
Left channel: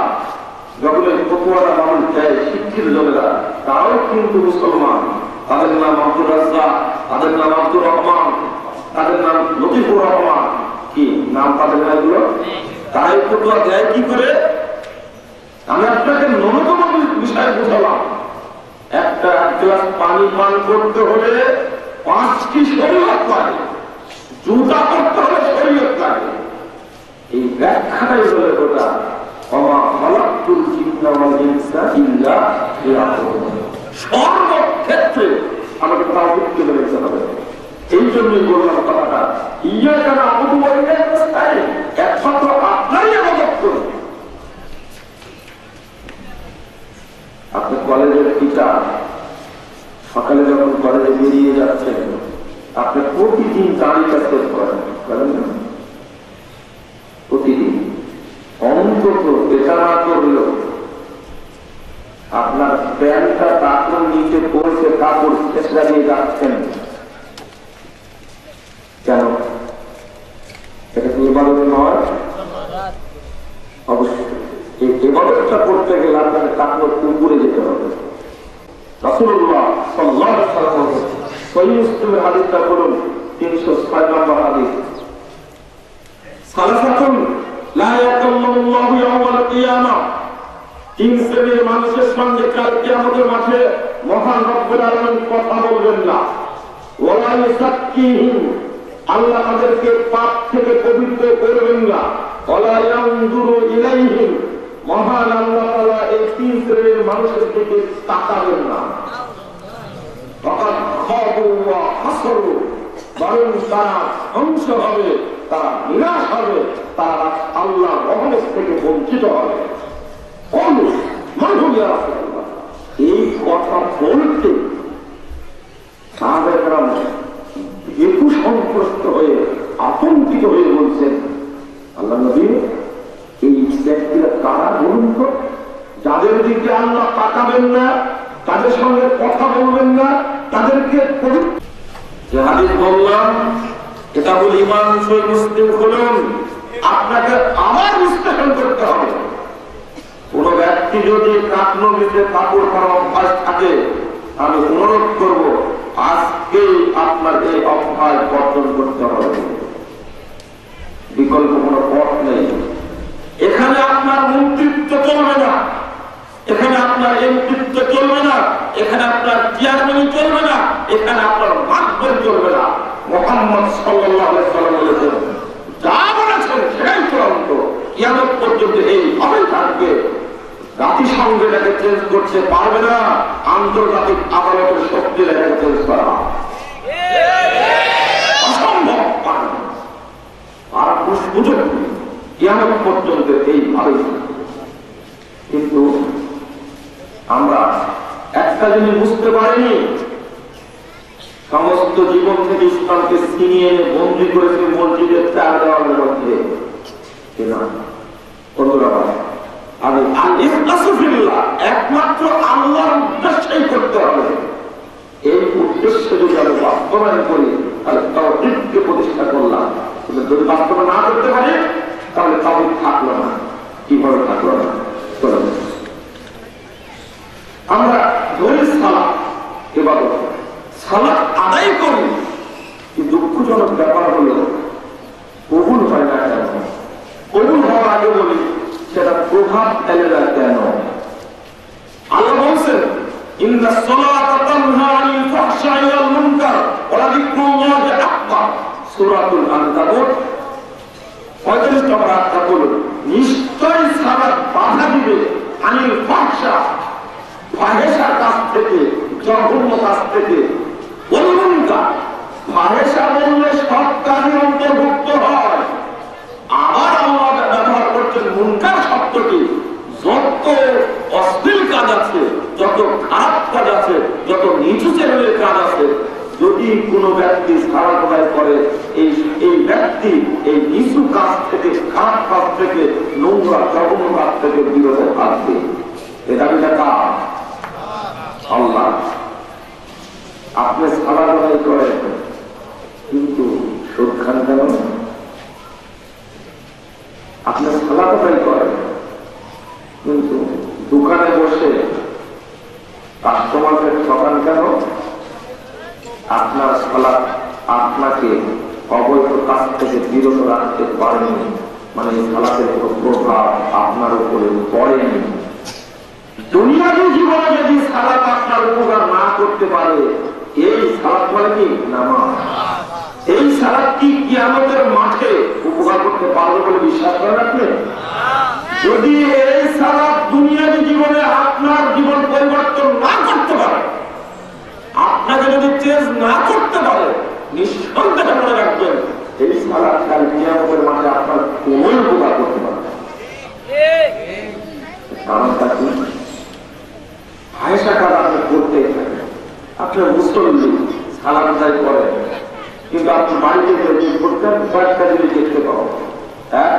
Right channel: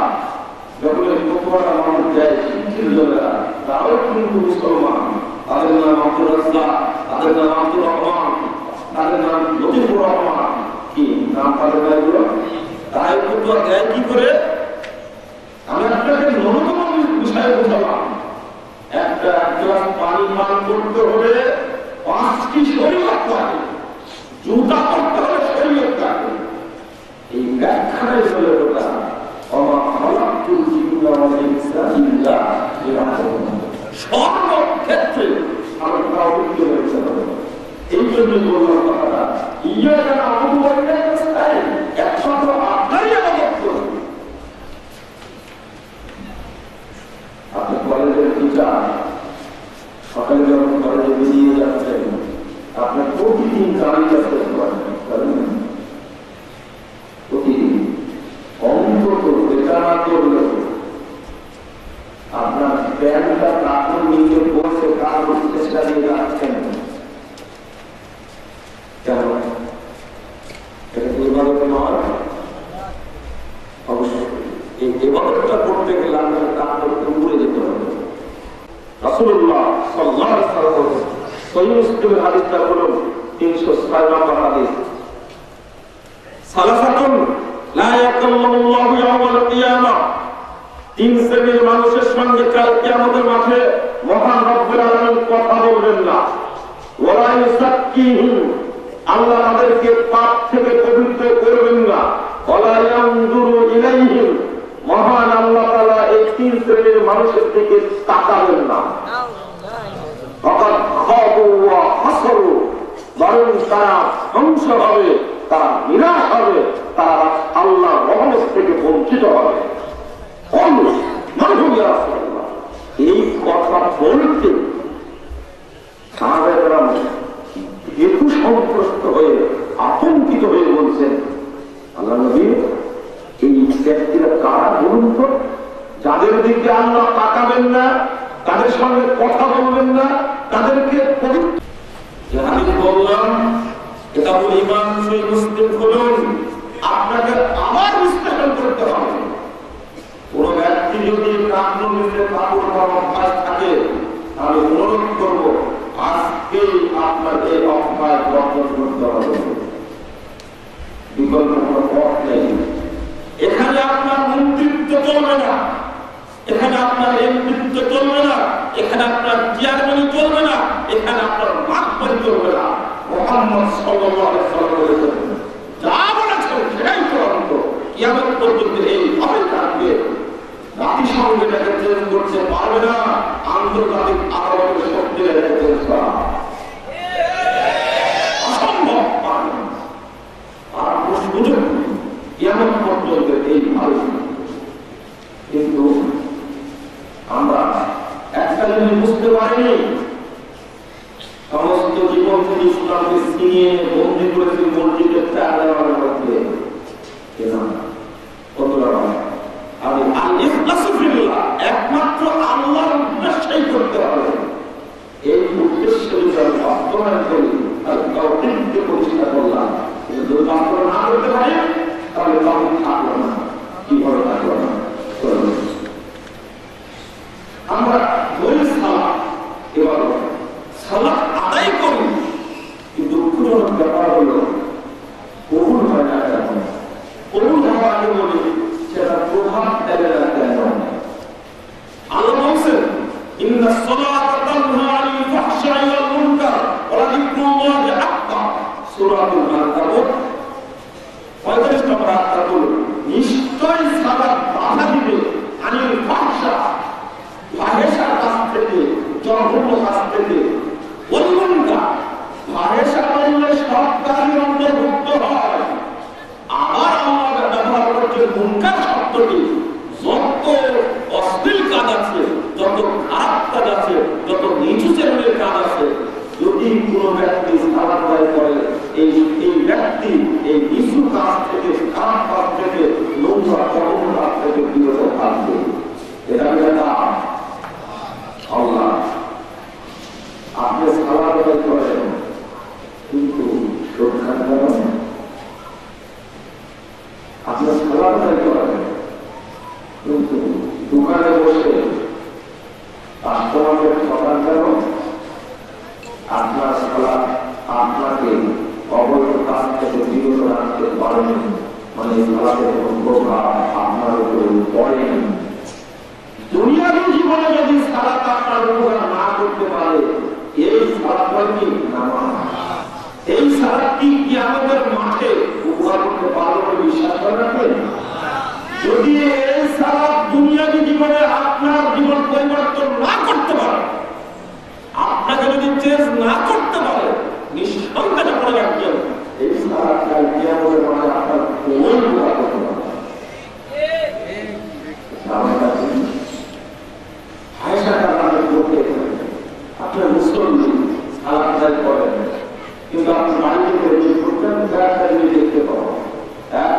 যখন এই ফতোয়াটা মানুষ দেয় শিক্ষিত লোকেরা, তারাও কিন্তু মুসলমান। তাদের নাম আব্দুর রাজ্জাক, তাদের নাম আব্দুর রহমান, তাদের নাম লতিফুর রহমান। কি নাম তাদের না এগুলো? তারা এই ফতোয়া দেয় কি করে? আমি আপনাকে ন্যূনতম বিষয় বুঝালাম। একটা গ্লাস পানি পান করতে হলে 5টি শরীয়ত লাগে, জুতা করতে হলে শরীয়ত লাগে। এই ব্যাখ্যাটাই হলে ওটা ওমা খালাকতুল জিন্না ওয়াল ইনসা ইল্লা লিয়াবুদুন। সর্বক্ষেত্রে আমার তাওহীদকে মেনে চলতে হবে। এই জন্যই বললাম কথাটা ইয়াকা না'বুদু ওয়া ইয়াকা নাস্তাঈন। একমাত্র আপনারই ইবাদত করুন। আপনি কলেজের টিচার, সকালে যখন কলেজে বেরিয়ে যাচ্ছেন, আপনি প্রতিদিন তালিকা শেষ করেন, প্রতিদিন অন্তত এটা না করলেও আপনার প্যান্টটা কাপড় নিচে পড়ছে, কাপড় চেষ্টা দিয়ে যাচ্ছেন। কেন? এটা কি ইবাদত নয়? অবশ্যই এই ইবাদতটা করতে গেলে আপনার কাপড় উপরে যেতে হবে। রাসূলুল্লাহ সাল্লাল্লাহু আলাইহি ওয়াসাল্লাম সহিহ মুসলিমের হাদিসটা বলুন, 306 নম্বর হাদিস। সালাসাতুন লা ইয়াকাল্লামুল্লাহু ইয়াওমাল কিয়ামাহ। 3 শ্রেণীর মানুষের সঙ্গে কাল কিয়ামতের মাঠে মহান রব্বুল আলামিন কথা বলবেন না। ওয়ালা ইউযাক্কিহিম, আল্লাহ তাদেরকে পাপ থেকে পবিত্র করবেন না। ওয়ালা ইয়ানজুরু ইলাইহিম, মহান আল্লাহ তাআলা এই 3 শ্রেণীর মানুষের দিকে তাকাবেন না। ফাকাদ খাবু ওয়া হাসরু, বরং তারা ধ্বংস হবে, তারা নিরাশ হবে, তারা আল্লাহর রহমত থেকে বঞ্চিত হবে। এই কথা বলতে সাহাবায়ে একটু সন্ত্রস্ত হয়ে আতঙ্কিত হয়ে বলছেন, আল্লাহ নবী এই ব্যক্তিরা কারা বলুন তো, যাদের দিকে আল্লাহ তাকাবেন না, তাদের সঙ্গে কথা বলবেন না, তাদেরকে যে হাদিস বললাম কিতাবুল ঈমান সহিহ মুসলিম খুলুন, আপনাকে আবার বিশ্লেষণ করতে হবে। কোন ব্যক্তি যদি কাকনবীতে কাপড় পরা অভ্যাস থাকে, তাহলে অনুরোধ করব আজকেই আপনার এই অভ্যাস বর্জন করতে হবে, বিকল্প কোনো পথ নেই। চেয়ারম্যান চলবে না, এখানে আপনার মাতবর চলবে না। মুহাম্মদ সাল্লাল্লাহু আলাইহি ওয়াসাল্লাম বলেছেন, যা বলেছেন সেটাই চূড়ান্ত, কিয়ামত পর্যন্ত এইভাবে থাকবে। জাতিসংঘ এটাকে চেঞ্জ করতে পারবে না, আন্তর্জাতিক আদালতের শক্তি এটাকে চেঞ্জ করা অসম্ভব। আর সুযোগ কিয়ামত পর্যন্ত এইভাবে। কিন্তু আমরা একটা জিনিস বুঝতে পারিনি, সমস্ত জীবন থেকে ইসলামকে ছিনিয়ে বন্দী করেছে মসজিদের চার দেওয়ালের মধ্যে। আমি একমাত্র আল্লাহর উদ্দেশ্যই করতে হবে। এই উদ্দেশ্য যদি আমি বাস্তবায়ন করি তাহলে তাওহীদকে প্রতিষ্ঠা করলাম। যদি বাস্তবায়ন না করতে পারি তাহলে তাওহীদ থাকলো না। কিভাবে থাকলো না? আমরা ধরি সালাত, এবার সালাত আদায় করি, কিন্তু দুঃখজনক ব্যাপার হল কবুল হয় না কেন? কবুল হওয়ার আগে বলি সেটা প্রভাব ফেলে না কেন? আল্লাহ বলছেন, ইন্না সালাতা তানহা আনিল ফাহশাই ওয়াল মুনকার ওয়া যিকরুল্লাহি আকবার। সূরাতুল আনকাবুত 35 নম্বর আয়াত বলে, নিশ্চয় সালাত বাধা দিবে আনিল ফাহশা, ফাহেশার কাছ থেকে, জঘন্য কাজ থেকে, ওয়াল মুনকার, ফাহেশা বললে সব কাজের অন্তর্ভুক্ত হয়। আবার আল্লাহ ব্যবহার করছেন মুনকার শব্দটি, যত অশ্লীল কাজ আছে, যত খারাপ কাজ আছে, যত নিচু শ্রেণীর কাজ আছে, যদি কোনো ব্যক্তি সালাত আদায় করে এই ব্যক্তি এই নিচু কাজ থেকে, খারাপ কাজ থেকে, নোংরা জঘন্য কাজ থেকে বিরত থাকবে। এটা আল্লাহ। আপনি সালাত আদায় করেন কিন্তু সুদ খান কেন? আপনি সালাত আদায় করেন কিন্তু দোকানে বসে কাস্টমারকে ঠকান কেন? আপনার সালাত আপনাকে অবৈধ কাজ থেকে বিরত রাখতে পারেনি, মানে সালাতের প্রভাব আপনার উপরে পড়েনি। দুনিয়াবী জীবনে যদি সালাত আপনার উপকার না করতে পারে, এই সালাত হয় কি নামাজ, এই সালাত কি কিয়ামতের মাঠে উপকার করতে পারবে বলে বিশ্বাস করে রাখবেন? যদি এই সালাত দুনিয়াবী জীবনে আপনার জীবন পরিবর্তন না করতে পারে, আপনাকে যদি চেঞ্জ না করতে পারে, নিঃসন্দেহে মনে রাখবেন এই সালাত কাল কিয়ামতের মাঠে আপনার কোন উপকার করতে পারে। আপনার মুসলিম সালাত আদায় করেন কিন্তু আপনি বাড়িতে করতেন কয়েকটা জিনিস দেখতে পাবেন। হ্যাঁ,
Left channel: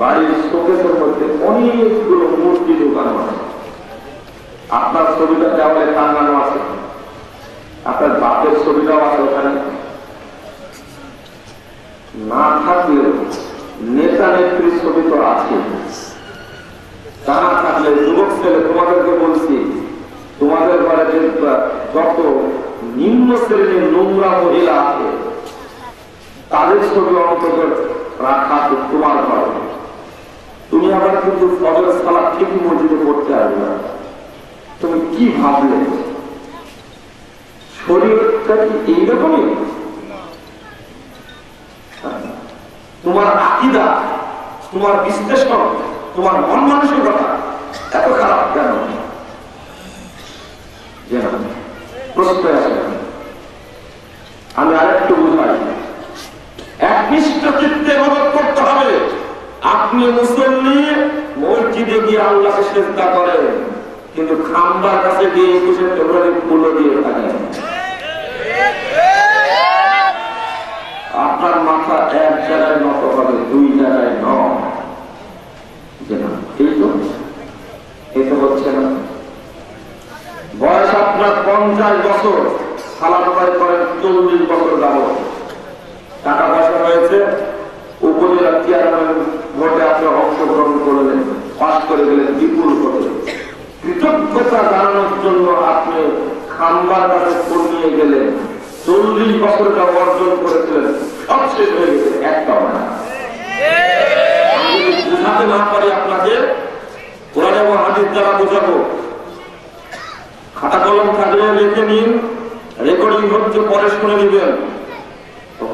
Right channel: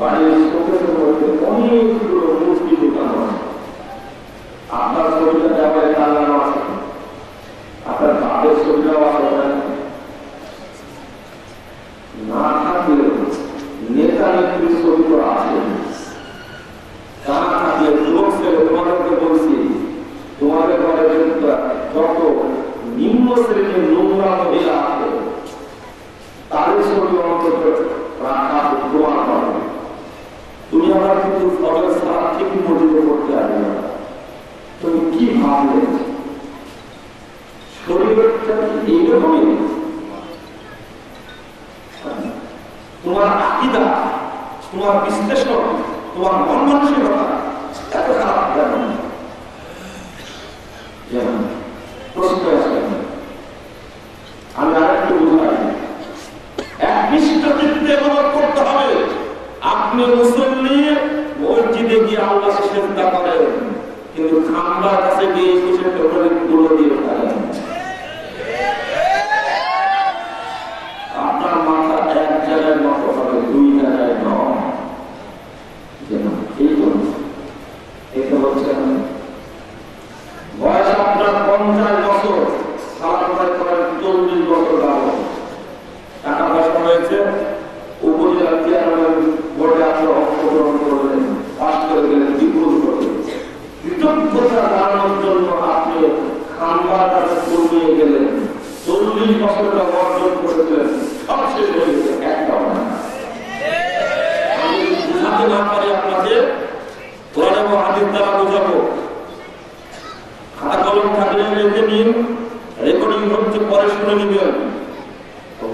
বাড়ির শোকেসের মধ্যে অনেকগুলো মূর্তি ঢুকানো আছে, আপনার ছবিটা দেওয়ালে টাঙানো আছে, আপনার বাপের ছবিটাও আছে ওখানে। না থাকলে নেতা নেত্রীর ছবি তো আছে। তা না থাকলে যুবক ছেলে, তোমাদেরকে বলছি, তোমাদের ঘরে যত নিম্ন শ্রেণীর নোংরা মহিলা আছে তাদের ছবি অন্তত রাখা তোমার ঘরে। তুমি আবার কিন্তু সবের সালাত ঠিকই মসজিদে করতে আসবে না। তুমি কি ভাবলে শরীরটা কি এইরকমই? তোমার আকীদা, তোমার বিশ্লেষণ, তোমার মন মানসিকতা এত খারাপ কেন? প্রশ্ন আছে। আমি আরেকটু বুঝাই, একনিষ্ঠ চিত্তে ইবাদত করতে হবে। আপনি মুসল্লি, মসজিদে গিয়ে আল্লাহকে সিজদা করেন কিন্তু খাম্বার কাছে গিয়ে কিসের তোমরা তুলো দিয়ে থাকেন। আপনার মাথা এক জায়গায় নত হবে, দুই জায়গায় নয়। এই তো এটা হচ্ছে না। বয়স আপনার 50 বছর, সালাত আদায় করেন 40 বছর যাবত, টাকা পয়সা হয়েছে, উপজেলা চেয়ারম্যান ভোটে আপনি অংশগ্রহণ করলেন, পাস করে গেলেন বিপুল ভোটে। কৃতজ্ঞতা জানানোর জন্য আপনি খাম্বার কাছে নিয়ে গেলেন, 40 বছরটা অর্জন করেছিলেন, সব শেষ হয়ে গেছে, একটাও না। আমি বুঝাতে না পারি আপনাকে, ওরা যাবো হাজির দ্বারা বোঝাবো। খাতা কলম থাকলে শুনে নেবেন,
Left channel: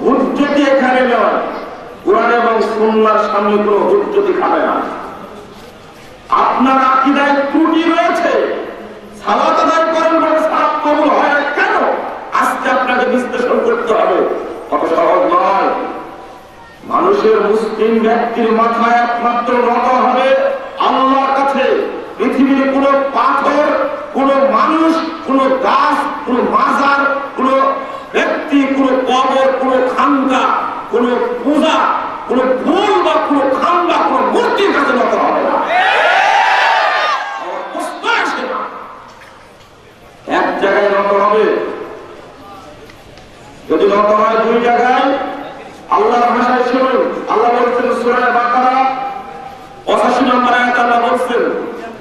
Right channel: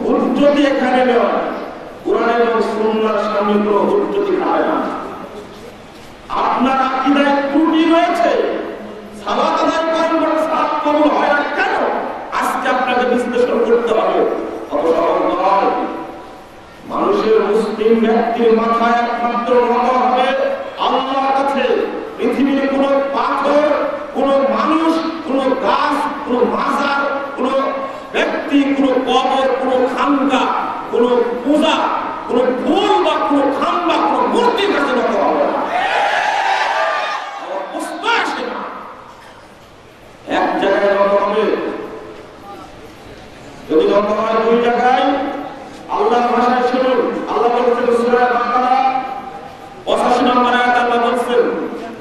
হুজ্জতি এখানে নয়, কোরআন এবং সুন্নাহর সামনে কোনো হুজ্জতি খাবে না। আপনার আকীদায় ত্রুটি রয়েছে, সালাত আদায় করেন বলে সালাত কবুল হয় না কেন? আজকে আপনাকে বিশ্লেষণ করতে হবে। কত সহজ নয়। মানুষের মুসলিম ব্যক্তির মাথায় একমাত্র নত হবে আল্লাহর কাছে। পৃথিবীর কোন পাথর, কোন মানুষ, কোন গাছ, কোন মাজার, কোন ব্যক্তি, কোন কবর, কোন খানকা, কোন পূজা, কোন ফুল বা কোন খানকা, কোন মূর্তির কাছে নত হবে না। এক জায়গায় নত হবে। যদি নত হয় দুই জায়গায়, আল্লাহর ভাষায় শুনুন। আল্লাহ বলছেন সূরা বাকারা 85 নম্বর আয়াতে আল্লাহ বলছেন,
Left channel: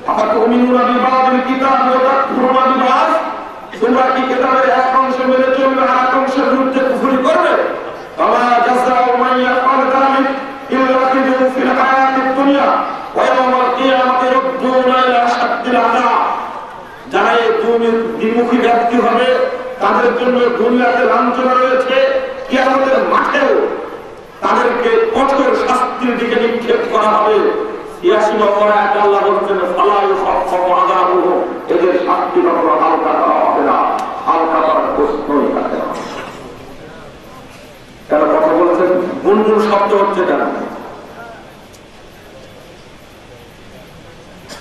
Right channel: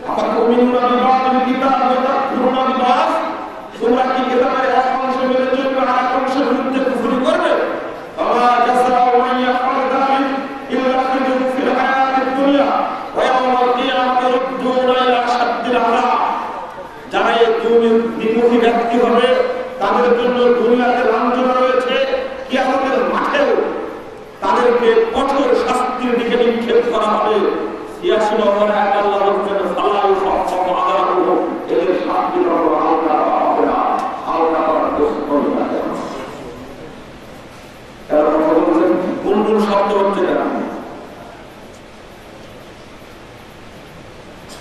আফাতুমিনুনা বিবাদিল কিতাব ওয়া তাকফুরুনা বিবাদ, তোমরা কি কিতাবের এক অংশ মেনে চলবে আর এক অংশের বিরুদ্ধে কুফরি করবে? ফামা জাযাউ মান ইয়াফআল যালিক ইল্লা খিজুন ফিল হায়াতিদ দুনিয়া ওয়া ইয়াওমাল কিয়ামাতি ইউরদুনা ইলা আশাদ্দিল আযাব। যারা এই দুর্মুখী ব্যক্তি হবে তাদের জন্য দুনিয়াতে লাঞ্ছনা রয়েছে, কিয়ামতের মাঠেও তাদেরকে কঠোর শাস্তির দিকে নিক্ষেপ করা হবে। ৮৬ নম্বর আয়াতে আল্লাহ বলছেন, ফালা ইউখাফফাফু আযাবুহু, এদের শাস্তির উপর হালকা দেওয়া হবে না, হালকা করার প্রশ্নই থাকে না। এরা কথা বলছেন, গুনগুন শব্দ হচ্ছে কেন?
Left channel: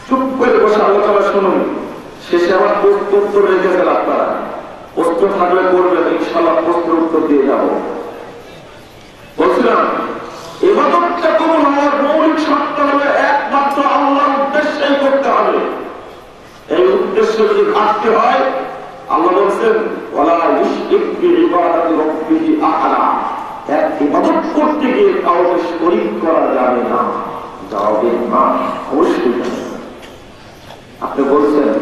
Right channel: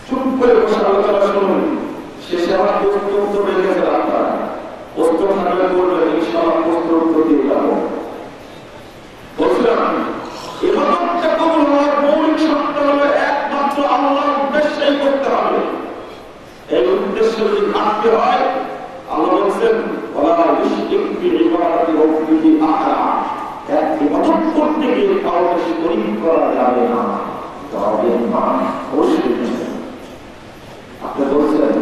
চুপ করে বসে আলোচনা শুনুন, শেষে আমার প্রশ্ন উত্তর রেখে গেল। আপনারা প্রশ্ন থাকলে করবেন, ইনশাআল্লাহ প্রশ্ন উত্তর দিয়ে যাব। বলছিলাম, ইবাদতটা কবুল হওয়ার মৌলিক শর্ত হলো একমাত্র আল্লাহর উদ্দেশ্যেই করতে হবে। এই উদ্দেশ্য যদি ঘাটতি হয়, আল্লাহ বলছেন, ওয়ালা ইউশরিক বিইবাদাতি রাব্বিহি আহাদা, এক ইবাদত করতে গিয়ে কাউকে শরীক করা যাবে না। যাবে না, অবশ্যই। আপনি বলছেন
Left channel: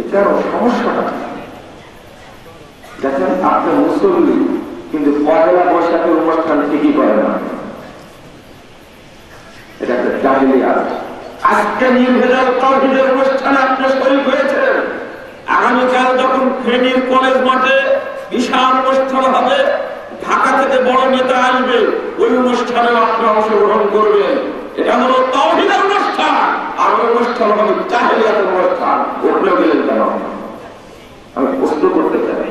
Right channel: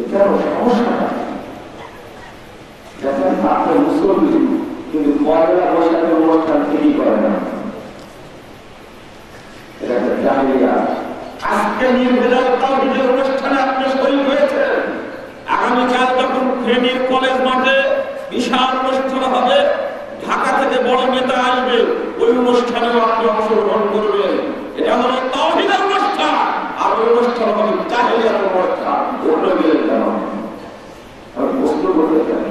এটা সমস্যা না, দেখেন আপনার মুসল্লি কিন্তু পয়লা বৈশাখের অনুষ্ঠান ঠিকই করে না, এটা একটা জাহিলিয়াত। আজকে নির্ভেজাল তাওহীদের অনুষ্ঠানে আপনি শরীক হয়েছেন, আগামীকাল যখন ফেনীর কলেজ মাঠে বিশাল অনুষ্ঠান হবে, ঢাকা থেকে বড় নেতা আসবে, ওই অনুষ্ঠানে আপনি অংশগ্রহণ করবেন। এটা হলো তাওহীদের অনুষ্ঠান, আর ওই অনুষ্ঠান হবে জাহিলিয়াতের অনুষ্ঠান। ওখানে গেলেন কেন? আমি প্রশ্ন করতে চাই।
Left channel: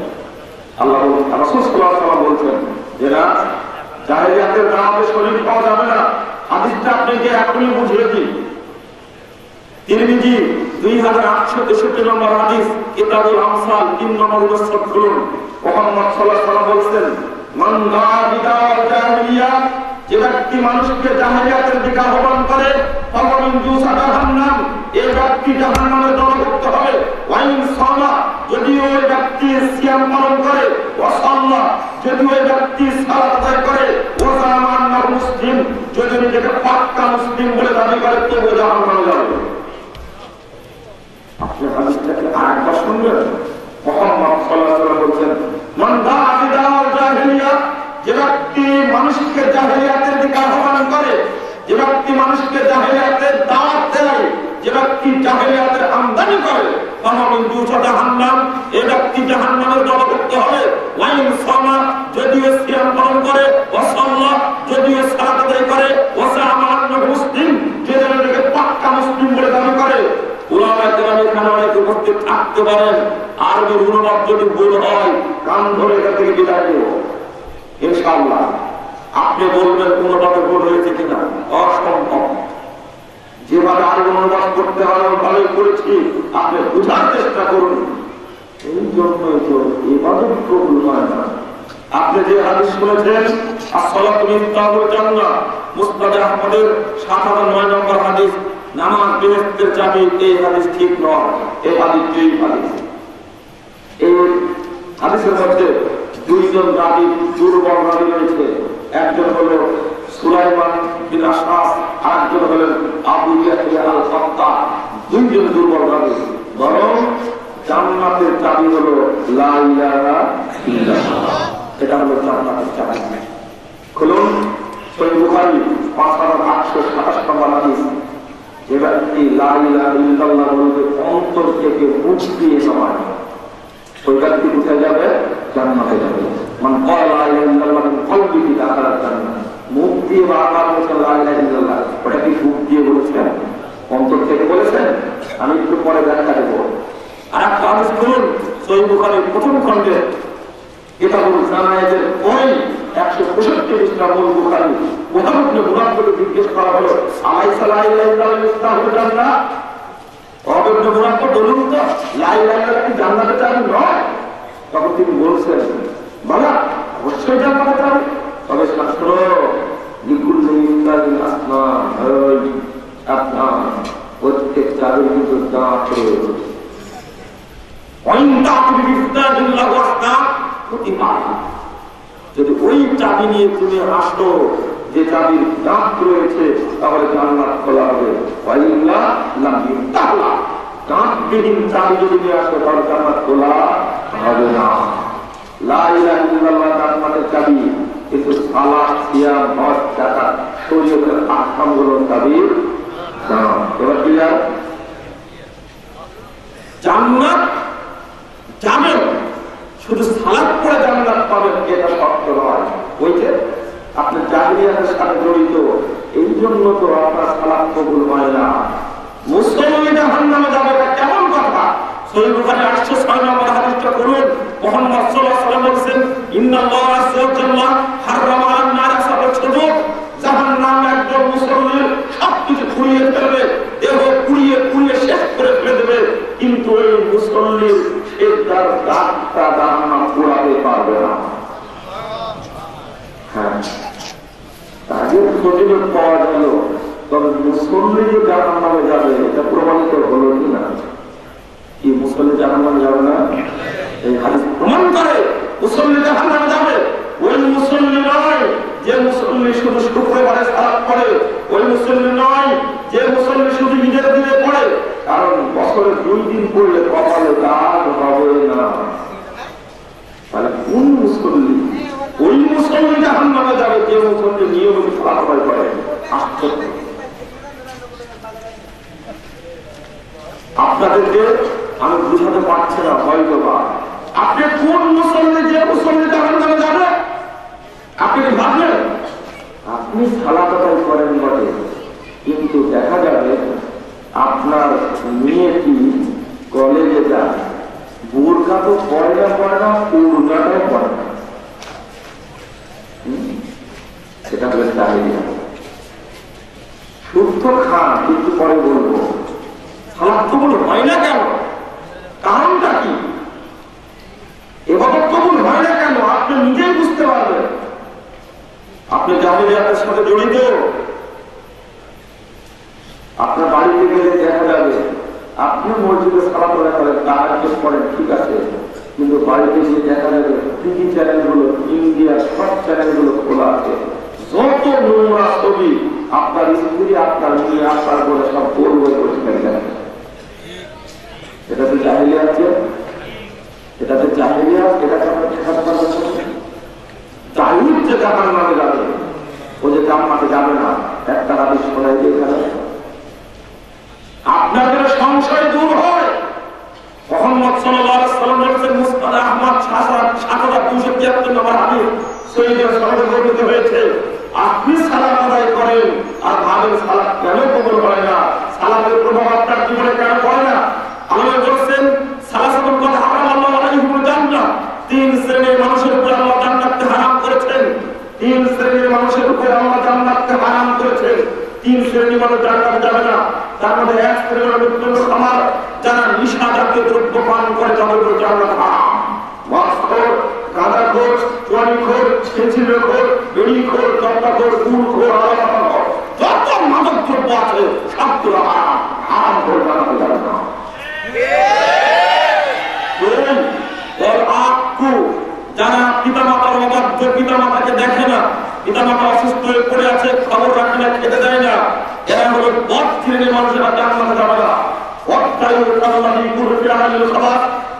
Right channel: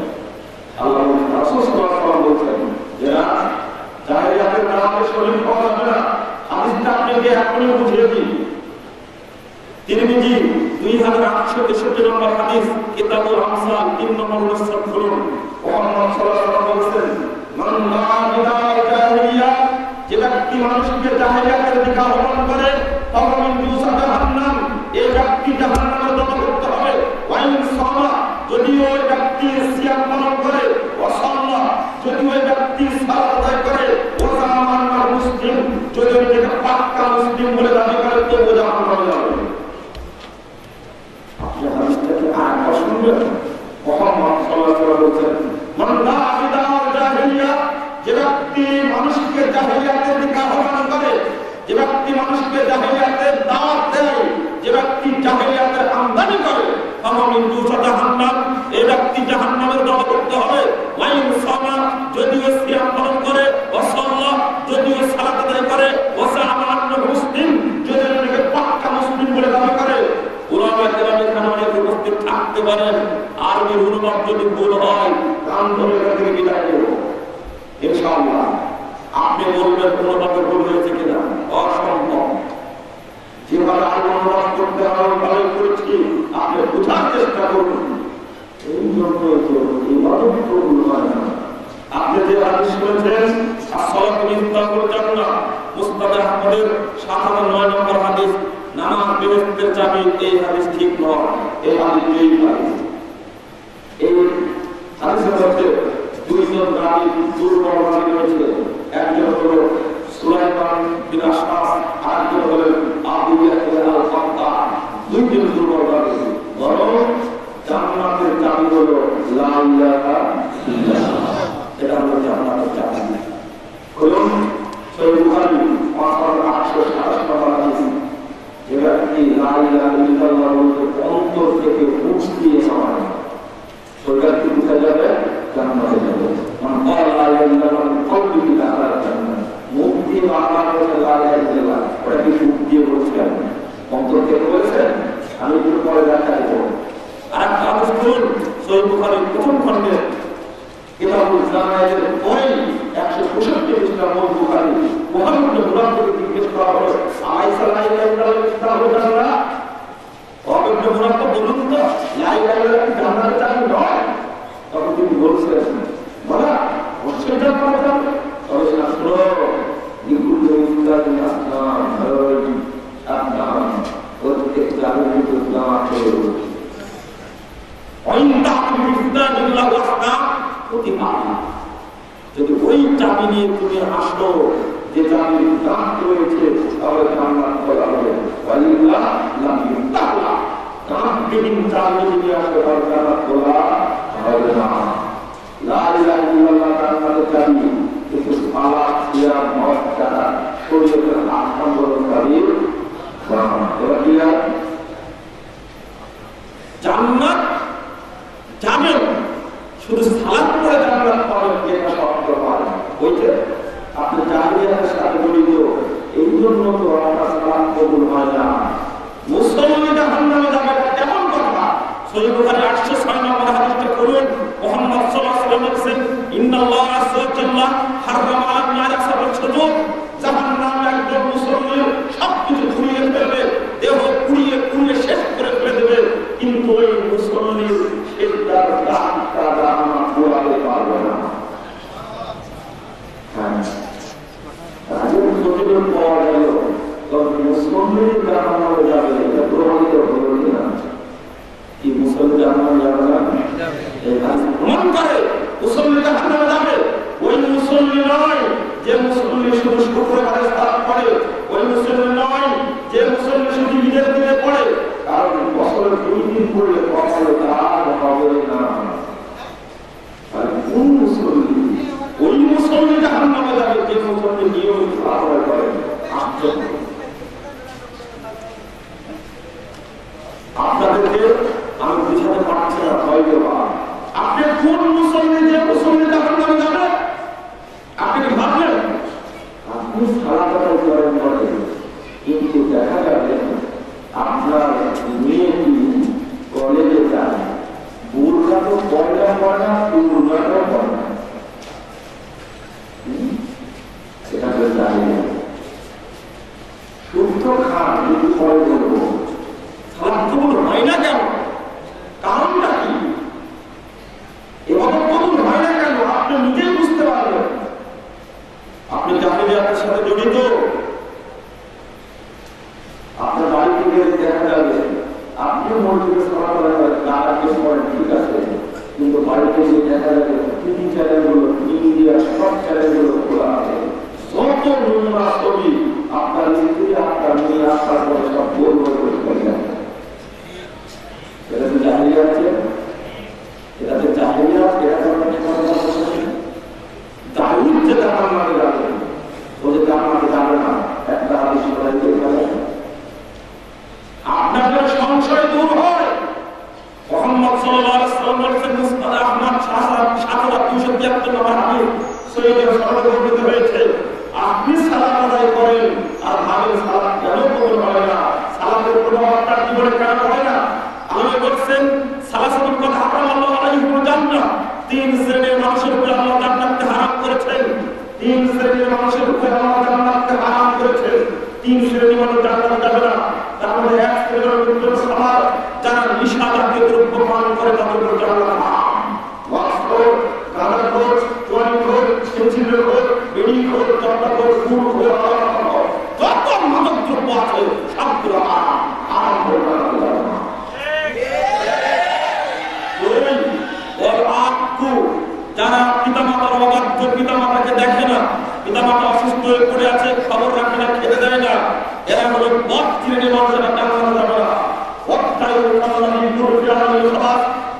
আল্লাহ রাসূল সাল্লাল্লাহু আলাইহি ওয়াসাল্লাম বলছেন যে না, জাহিলিয়াতের নামে শরীক পাওয়া যাবে না। হাদিসটা আপনাকে এখনই বুঝিয়ে দিই। তিরমিজি 2863 নম্বর হাদিস, কিতাবুল আমসাল 3 নম্বর মুসনাদ খুলুন। মুহাম্মদ সাল্লাল্লাহু আলাইহি ওয়াসাল্লাম বলছেন, মান দাআ বিদাওয়াল জাহিলিয়া, যে ব্যক্তি মানুষকে জাহিলিয়াতের দিকে আহ্বান করে, ফামিন জুসা জাহান্নাম, এই ব্যক্তি জাহান্নামে দণ্ডপ্রাপ্ত হবে। ওয়াইন সালা, যদি ওই ব্যক্তি সিয়াম পালন করে, ওয়া সাল্লা, যদি ওই ব্যক্তি সালাত আদায় করে, ওয়া জামান্না মুসলিম, যদি নিজেকে পাক্কা মুসলিম বলে দাবি করে, তো ও জাহান্নামে যাবে। আপনি হাদিসটাকে আরেকবার শুনবেন। মুহাম্মদ সাল্লাল্লাহু আলাইহি ওয়াসাল্লাম বলছেন, মান দাআ বিদাওয়াল জাহিলিয়া, যে ব্যক্তি মানুষকে জাহিলিয়াতের দিকে আহ্বান করে, যে ব্যক্তি মানুষকে জাহিলিয়াতের দাওয়াত দেয়, যে ব্যক্তি জাহিলিয়াতের আমদানি করে, ফামিন জুসা জাহান্নাম, এই ব্যক্তি জাহান্নামের দণ্ডপ্রাপ্ত হবে। ওয়াইন সামা, যদিও সিয়াম পালন করে, ওয়া সাল্লাহ, যদিও সালাত আদায় করে, ওয়া জামাআনা মুসলিম, যদি নিজেকে পাক্কা মুসলিম বলে দাবি করে। উলামায়ে কেরাম এখানে অনেক উপস্থিত থাকতে পারেন, আরবির অনুবাদ যদি ভুল হয় কান ধরে এটা থেকে বিদায় দেব ইনশাআল্লাহ। আপনি বলবেন অনুবাদে ভুল হয়েছে কিনা, অসম্ভব। যেভাবে আরবি অনুবাদ করতে হবে ভালোই করেছি, আপনি বোঝার চেষ্টা করুন। এই জন্যই তো ইবাদত কবুল হয় না। আপনি যে হাদিস শুনেছেন, আসসালাতু মিফতাহুল জান্নাহ, মুসনাদ আহমদের 57 নম্বর হাদিস, নামাজ বেহেশতের চাবি, এই হাদিস ঠিক নয়। এই হাদিস এই হাদিস, এই হাদিসের মধ্যে দুইজন রাবী, দুর্বল রাবী রয়েছে। একজন হল সুলাইমান বিন আশআস, আরেকজন হলেন আবু ইয়াহইয়া আল-ফাত্তাহ। দুইজন দুর্বল রাবী, বরং জান্নাতের চাবি হলো লা ইলাহা ইল্লাল্লাহ। এটা হলো জান্নাতের চাবি। খুলুন সহিহ বুখারী 5827 নম্বর হাদিস, যে ব্যক্তি লা ইলাহা ইল্লাল্লাহ বলতে অন্তর থেকে মুখ দিয়ে নয়, ওই ব্যক্তি কোথায় যাবে? জান্নাতে যাবে। বুখারী প্রথম খণ্ডে কিতাবুল জানায়েজের পরে 165 পৃষ্ঠা মূল বুখারী মুহাম্মদ ইবনে মুনাফিরকে জিজ্ঞেস করা হলো আলাইসা লা ইলাহা ইল্লাল্লাহ ইসলামুল জান্নাহ ইবনে মুনাফির বলুন তো লা ইলাহা ইল্লাল্লাহ কি জান্নাতের চাবি নয়? তখন তিনি বলছেন বলা অবশ্যই জান্নাতের চাবি। তবে শাস্ত্র লিকুল্লি ইসলামিন আসমান আপনার প্রত্যেক চাবির ভিতর যা আছে যদি ওই চাবি নিয়ে তুমি আসো যে চাবির দাঁত রয়েছে তাহলে জান্নাত খোলা হবে। দাঁতবিহীন চাবি যদি নিয়ে আসো তাহলে জান্নাত খোলা হবে না। লা ইলাহা ইল্লাল্লাহ জান্নাতের চাবি, কিন্তু সালাত সিয়াম হজ যাকাত শরীয়তের আহকামগুলো চাবির দাম। এবার কি জান্নাত যাবেন শুধু সালাত করে জান্নাত পাবেন এটা শর্ত নয়। ওই যে আপনি জাহিলিয়াতের সাথে জড়িত, এই জন্য তো আপনার সালাত কবুল হয় না। মুসলমান জাহান্নামে যাবে কেমন কথা? সহিহ বুখারী 806 নম্বর হাদিসটা করুন। মুহাম্মদ সাল্লাল্লাহু আলাইহি ওয়াসাল্লাম বলেছেন ইন্নাল্লাহা আযজা ওয়া জাল্লা হারামা আলান নার সাবাত সুজুদ। জাহান্নাম একদম মুসলমানের সবকিছু পুড়িয়ে ফেলবে, দেহ পুড়িয়ে পুড়িয়ে শেষ করে ফেলে দেবে, কিন্তু ওই মুসলমানের সেজদার দাঁতটা জাহান্নাম পুড়াতে পারবে না। হ্যাঁ, তাদের প্রতিরোধ পাওয়া গেল, তবে মুসলমানই জাহান্নামে যাবে এটা প্রমাণিত হলো কিনা? কি মুসলমান জাহান্নামে যাবে না? এই হাদিস প্রমাণ করে মুসলমান জাহান্নামে যাবে। ওই মুসলমান নয় যে মুসলমান শুধু শুক্রবারে সালাত পড়ে, ওই মুসলমান নয় যে মুসলমান শুধু ঈদের দিনে পড়ে, কারণ বছরের 2 দিন পড়লে কপালে দাগ হবে না। তাহলে কোন মুসলমান? ওই মুসলমান জাহান্নামে যাবে যে মুসলমান নিয়মিত সালাত পড়ে। আপনাদেরকে আমি বুঝাতে পারছি না হয়তো বা আপনি কোন মুসলমান যে মুসলমান জাহান্নামে যাবে আপনি ভাবলেন? আপনি সালাত আদায় করেন বটে, কিন্তু দেখা যাবে আপনার মেয়েটি কলেজে যায়, বোরকা তো পয়লা পয়লা পূর্ণাটাও পড়ে না। সেটা হলে চাহিদা শুদ্ধ খান, কিন্তু পরে বলবো সালাত কবুল হয় না কেন? কারণটা কি? এভাবে কবুল হয় না কেন আপনি নিজেই বুঝতে পারবেন। আপনি জাহিলিয়াতের সাথে জড়িত, আপনার বাড়িতে গেলে দেখা যাবে আপনি মসজিদে সালাত আদায় করেন, তার আগে পড়েন, ঠিক আছে, কিন্তু বাড়িতে এসে দেখা যাবে টিভি চ্যানেলগুলো, ইন্ডিয়ার সব চ্যানেলগুলো খোলা আছে। যত নোংরা ছবি আপনার স্ত্রী, আপনার মেয়ে, আপনার পরে সব বলবে পরিষ্কার যায়। এটা তো জাহিলিয়াত, এটা তো জাহিলিয়াত, এটা দায়িত্ব যে জাহান্নামে যাবে, ও যে জান্নাতে যাবে না, একটা হাদিস বলে দিয়েছে। আপনাদের সংশয় দূর হয়। মুহাম্মদ সাল্লাল্লাহু আলাইহি ওয়াসাল্লাম বলেছেন মুসনাদ আহমদ 7273 নম্বর হাদিস সহিহের সনদে বর্ণিত হয়েছে, আপনি সালাত আদায় করেন আর ভাবেন সালাত কেন কবুল হয় না, সালাতের প্রভাব আপনার জীবনে কেন পড়ে না? আল্লাহ বলেছেন সালাসাতুল কদ হারামাল্লাহু আলাইহিমুল জান্নাহ, 3 শ্রেণীর মানুষের উপর আল্লাহ জান্নাতকে হারাম করেছেন। 3 শ্রেণীর মানুষের উপর আল্লাহ জান্নাতকে হারাম করেছেন। 3 শ্রেণীর মানুষ জান্নাতে যাবে না। তার মধ্যে 1 শ্রেণীর মানুষ আমার যারা নিশা জাতীয় দ্রব্য পান করে তাদের উপর জান্নাত হারাম। ওয়াসখোর, গাঁজাখোর, চুয়ানিখোর, ছেঁচিলেখোর, বিড়িখোর, তবলাখোর, সুরখোর, আলাদাখোর, যত মাদক দ্রব্য আছে সবগুলো হারাম। হারাম করে জান্নাতে যাবে না। যারা পিতামাতার অবাধ্য, পিতামাতাকে দেখে না, পিতামাতা অসুস্থ হয়ে পড়ে আছে, খবর রাখে না, খেতে দেয় না, এরা হলো বদ শ্রেণীর মানুষেরা জান্নাতে যাবে না।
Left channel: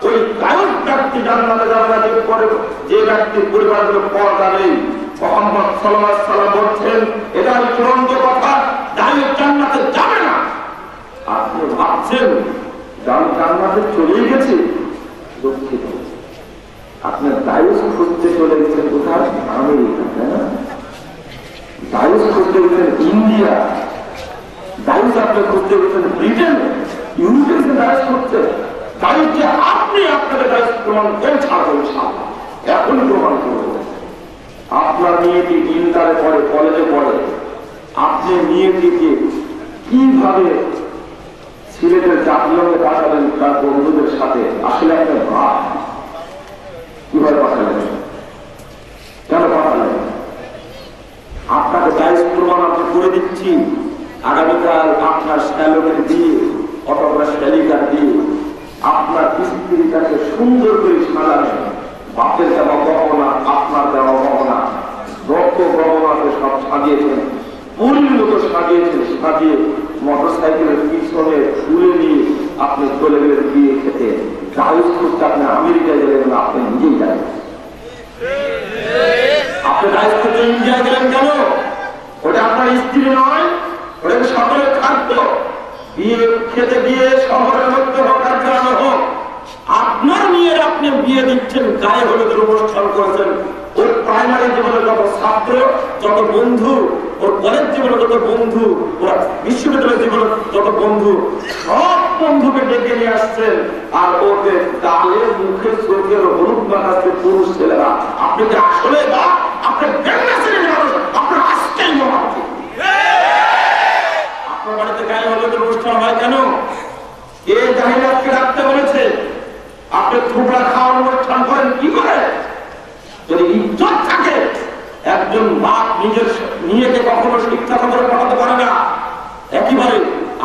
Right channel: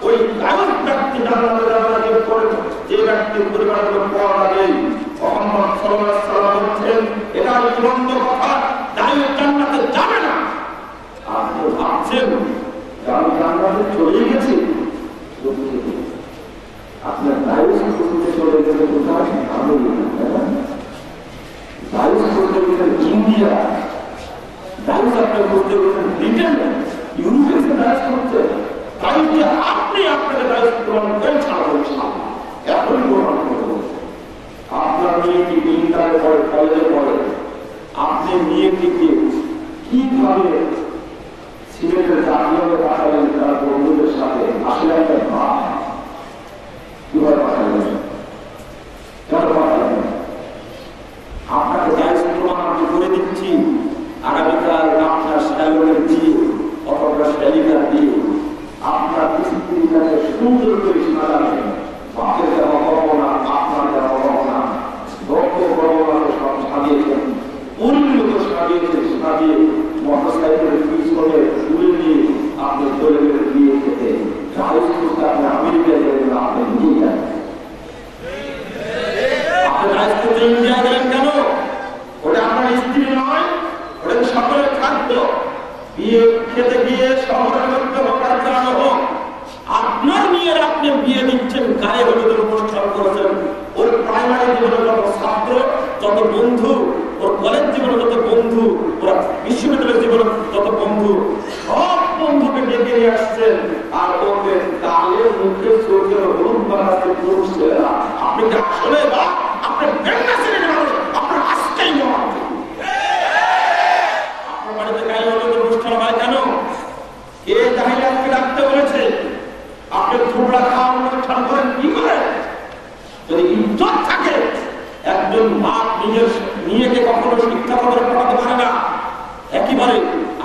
ওই গায়ক ব্যক্তি জান্নাতে যাবে না, যে ব্যক্তির পরিবারের পর্দা নেই। মুহাম্মদ সাল্লাল্লাহু আলাইহি ওয়াসাল্লাম বলছেন এটা চূড়ান্ত কথা, গায়ক জান্নাতে যাবে না। আপনি ভাবছেন জান্নাতে চলে গেছে, আপনার দায়ুস করতে চলে গেছে কোথায়? আমেরিকা, দায়ুস করতে গেছেন ইন্ডিয়া, দায়ুস আপনার করতে গেছেন ব্রিটেন, ইউরোপের দায়ুস করছে। দায়ুসকে আপনি আপনি আপনাকে দায়িত্ব প্রমাণ করে ছাড়বেন, এখনই প্রমাণ করবো। আপনার মেয়েটি ইন্টারে পড়ে, কলেজে পড়ে, আপনি মেয়েটিকে কিভাবে সিলেটের জাতীয়ভাবে কাটালেন তার বন্ধুদের সাথে? আসলে একটা ভাব কিভাবে পাঠালেন, কেন পাঠালেন? আপনাকে দায়িত্ব প্রমাণ আপনি করে দিচ্ছি। আগামীকাল আপনার শ্যালোকের দিয়ে অথবা শ্যালিকার দিয়ে আপনার স্ত্রীর কাছে সুন্দর করে সাজাবেন। বাপের দেওয়া গহনা, আপনার দেওয়া গহনা, রক্ত গহনাকে সব সাজিয়েছেন, পরিণত সাজিয়েছেন, সাজিয়ে মোটর সাইকেলের পিছনে তুলে নিয়ে আপনি চলে গেলেন বিয়ে খেতে। গাড়ি করতে আপনি আমেরিকায় গেলেন, আপনি নিয়ে যান। আপনি দায়িত্ব ইন্ডিয়ায় গেলেন কেন? ওটা আপনার স্ত্রী নয়, ওটা সকলের খাদ্য। বিয়ে খেতে গিয়ে শহরের মধ্যে হোক আর গ্রামে হোক, আপনার মেয়ের আপনি বিয়ে দিচ্ছেন, গায়ে হলুদের উপর অনুষ্ঠান করেছেন। ওর প্রাইমারি জীবনের যত ছাত্র, যত বন্ধু, ওর কলেজ জীবনে যত বন্ধু, ওরা বিশ্ববিদ্যালয়ের জীবনে যত বন্ধু, সব বন্ধুকে ডেকে নিয়ে আসছেন। আর ওদের তালের মুখে চোখের হলুদ মাখাচ্ছে পুরুষ ছেলেরা। আপনি কি আসলে বা আপনার বেঙ্গা ছেলে মানুষ, আপনার আজকেই নয়। আপনার বাড়িতে গায়ে হলুদের অনুষ্ঠান হয় কেন? কে জাহির আজকে রাখতে বলেছে? আপনি থুবড়া খাওয়ার অনুষ্ঠান করেন কি করে? যদি ইজ্জত থাকে, একজন বাপ নিজের নিজেকে কখনো শিক্ষা খবরে পড়াতে পারে না। একেবারে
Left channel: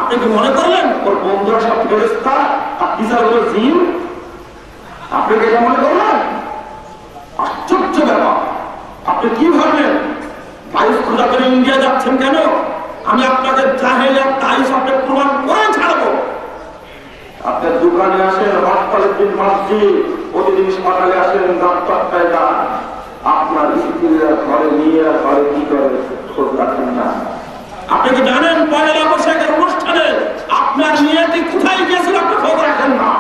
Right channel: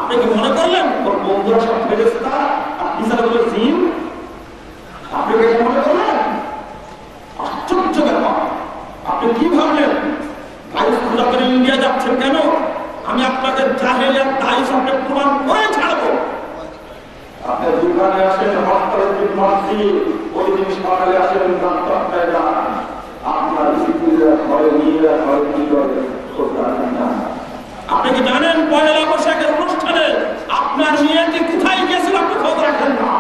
আপনি কি মনে করলেন ওর বন্ধুরা সব ফেরেশতা আর টিচার হলো জিন? আপনি কি মনে করলেন? আশ্চর্য ব্যাপার। আপনি কি ভাবলেন ভাইস খোঁজা করে ইন্ডিয়া যাচ্ছেন কেন? আমি আপনাকে জাহেলিয়াত দায়িশ আপনি প্রমাণ করে ছাড়বো। আপনার দোকানে আসেন, হাসপাতালে মাসি প্রতিদিন সকালে আসেন, ডাক্তারটায় যান, আপনার স্ত্রীরা ঘরে নিয়ে ঘরে কি করে রাখেন না। আপনি কি জানেন পয়লা বৈশাখের অনুষ্ঠানে আপনার মেয়েটি কোথায় গিয়েছিল? আপনি খোঁজ রাখেন না।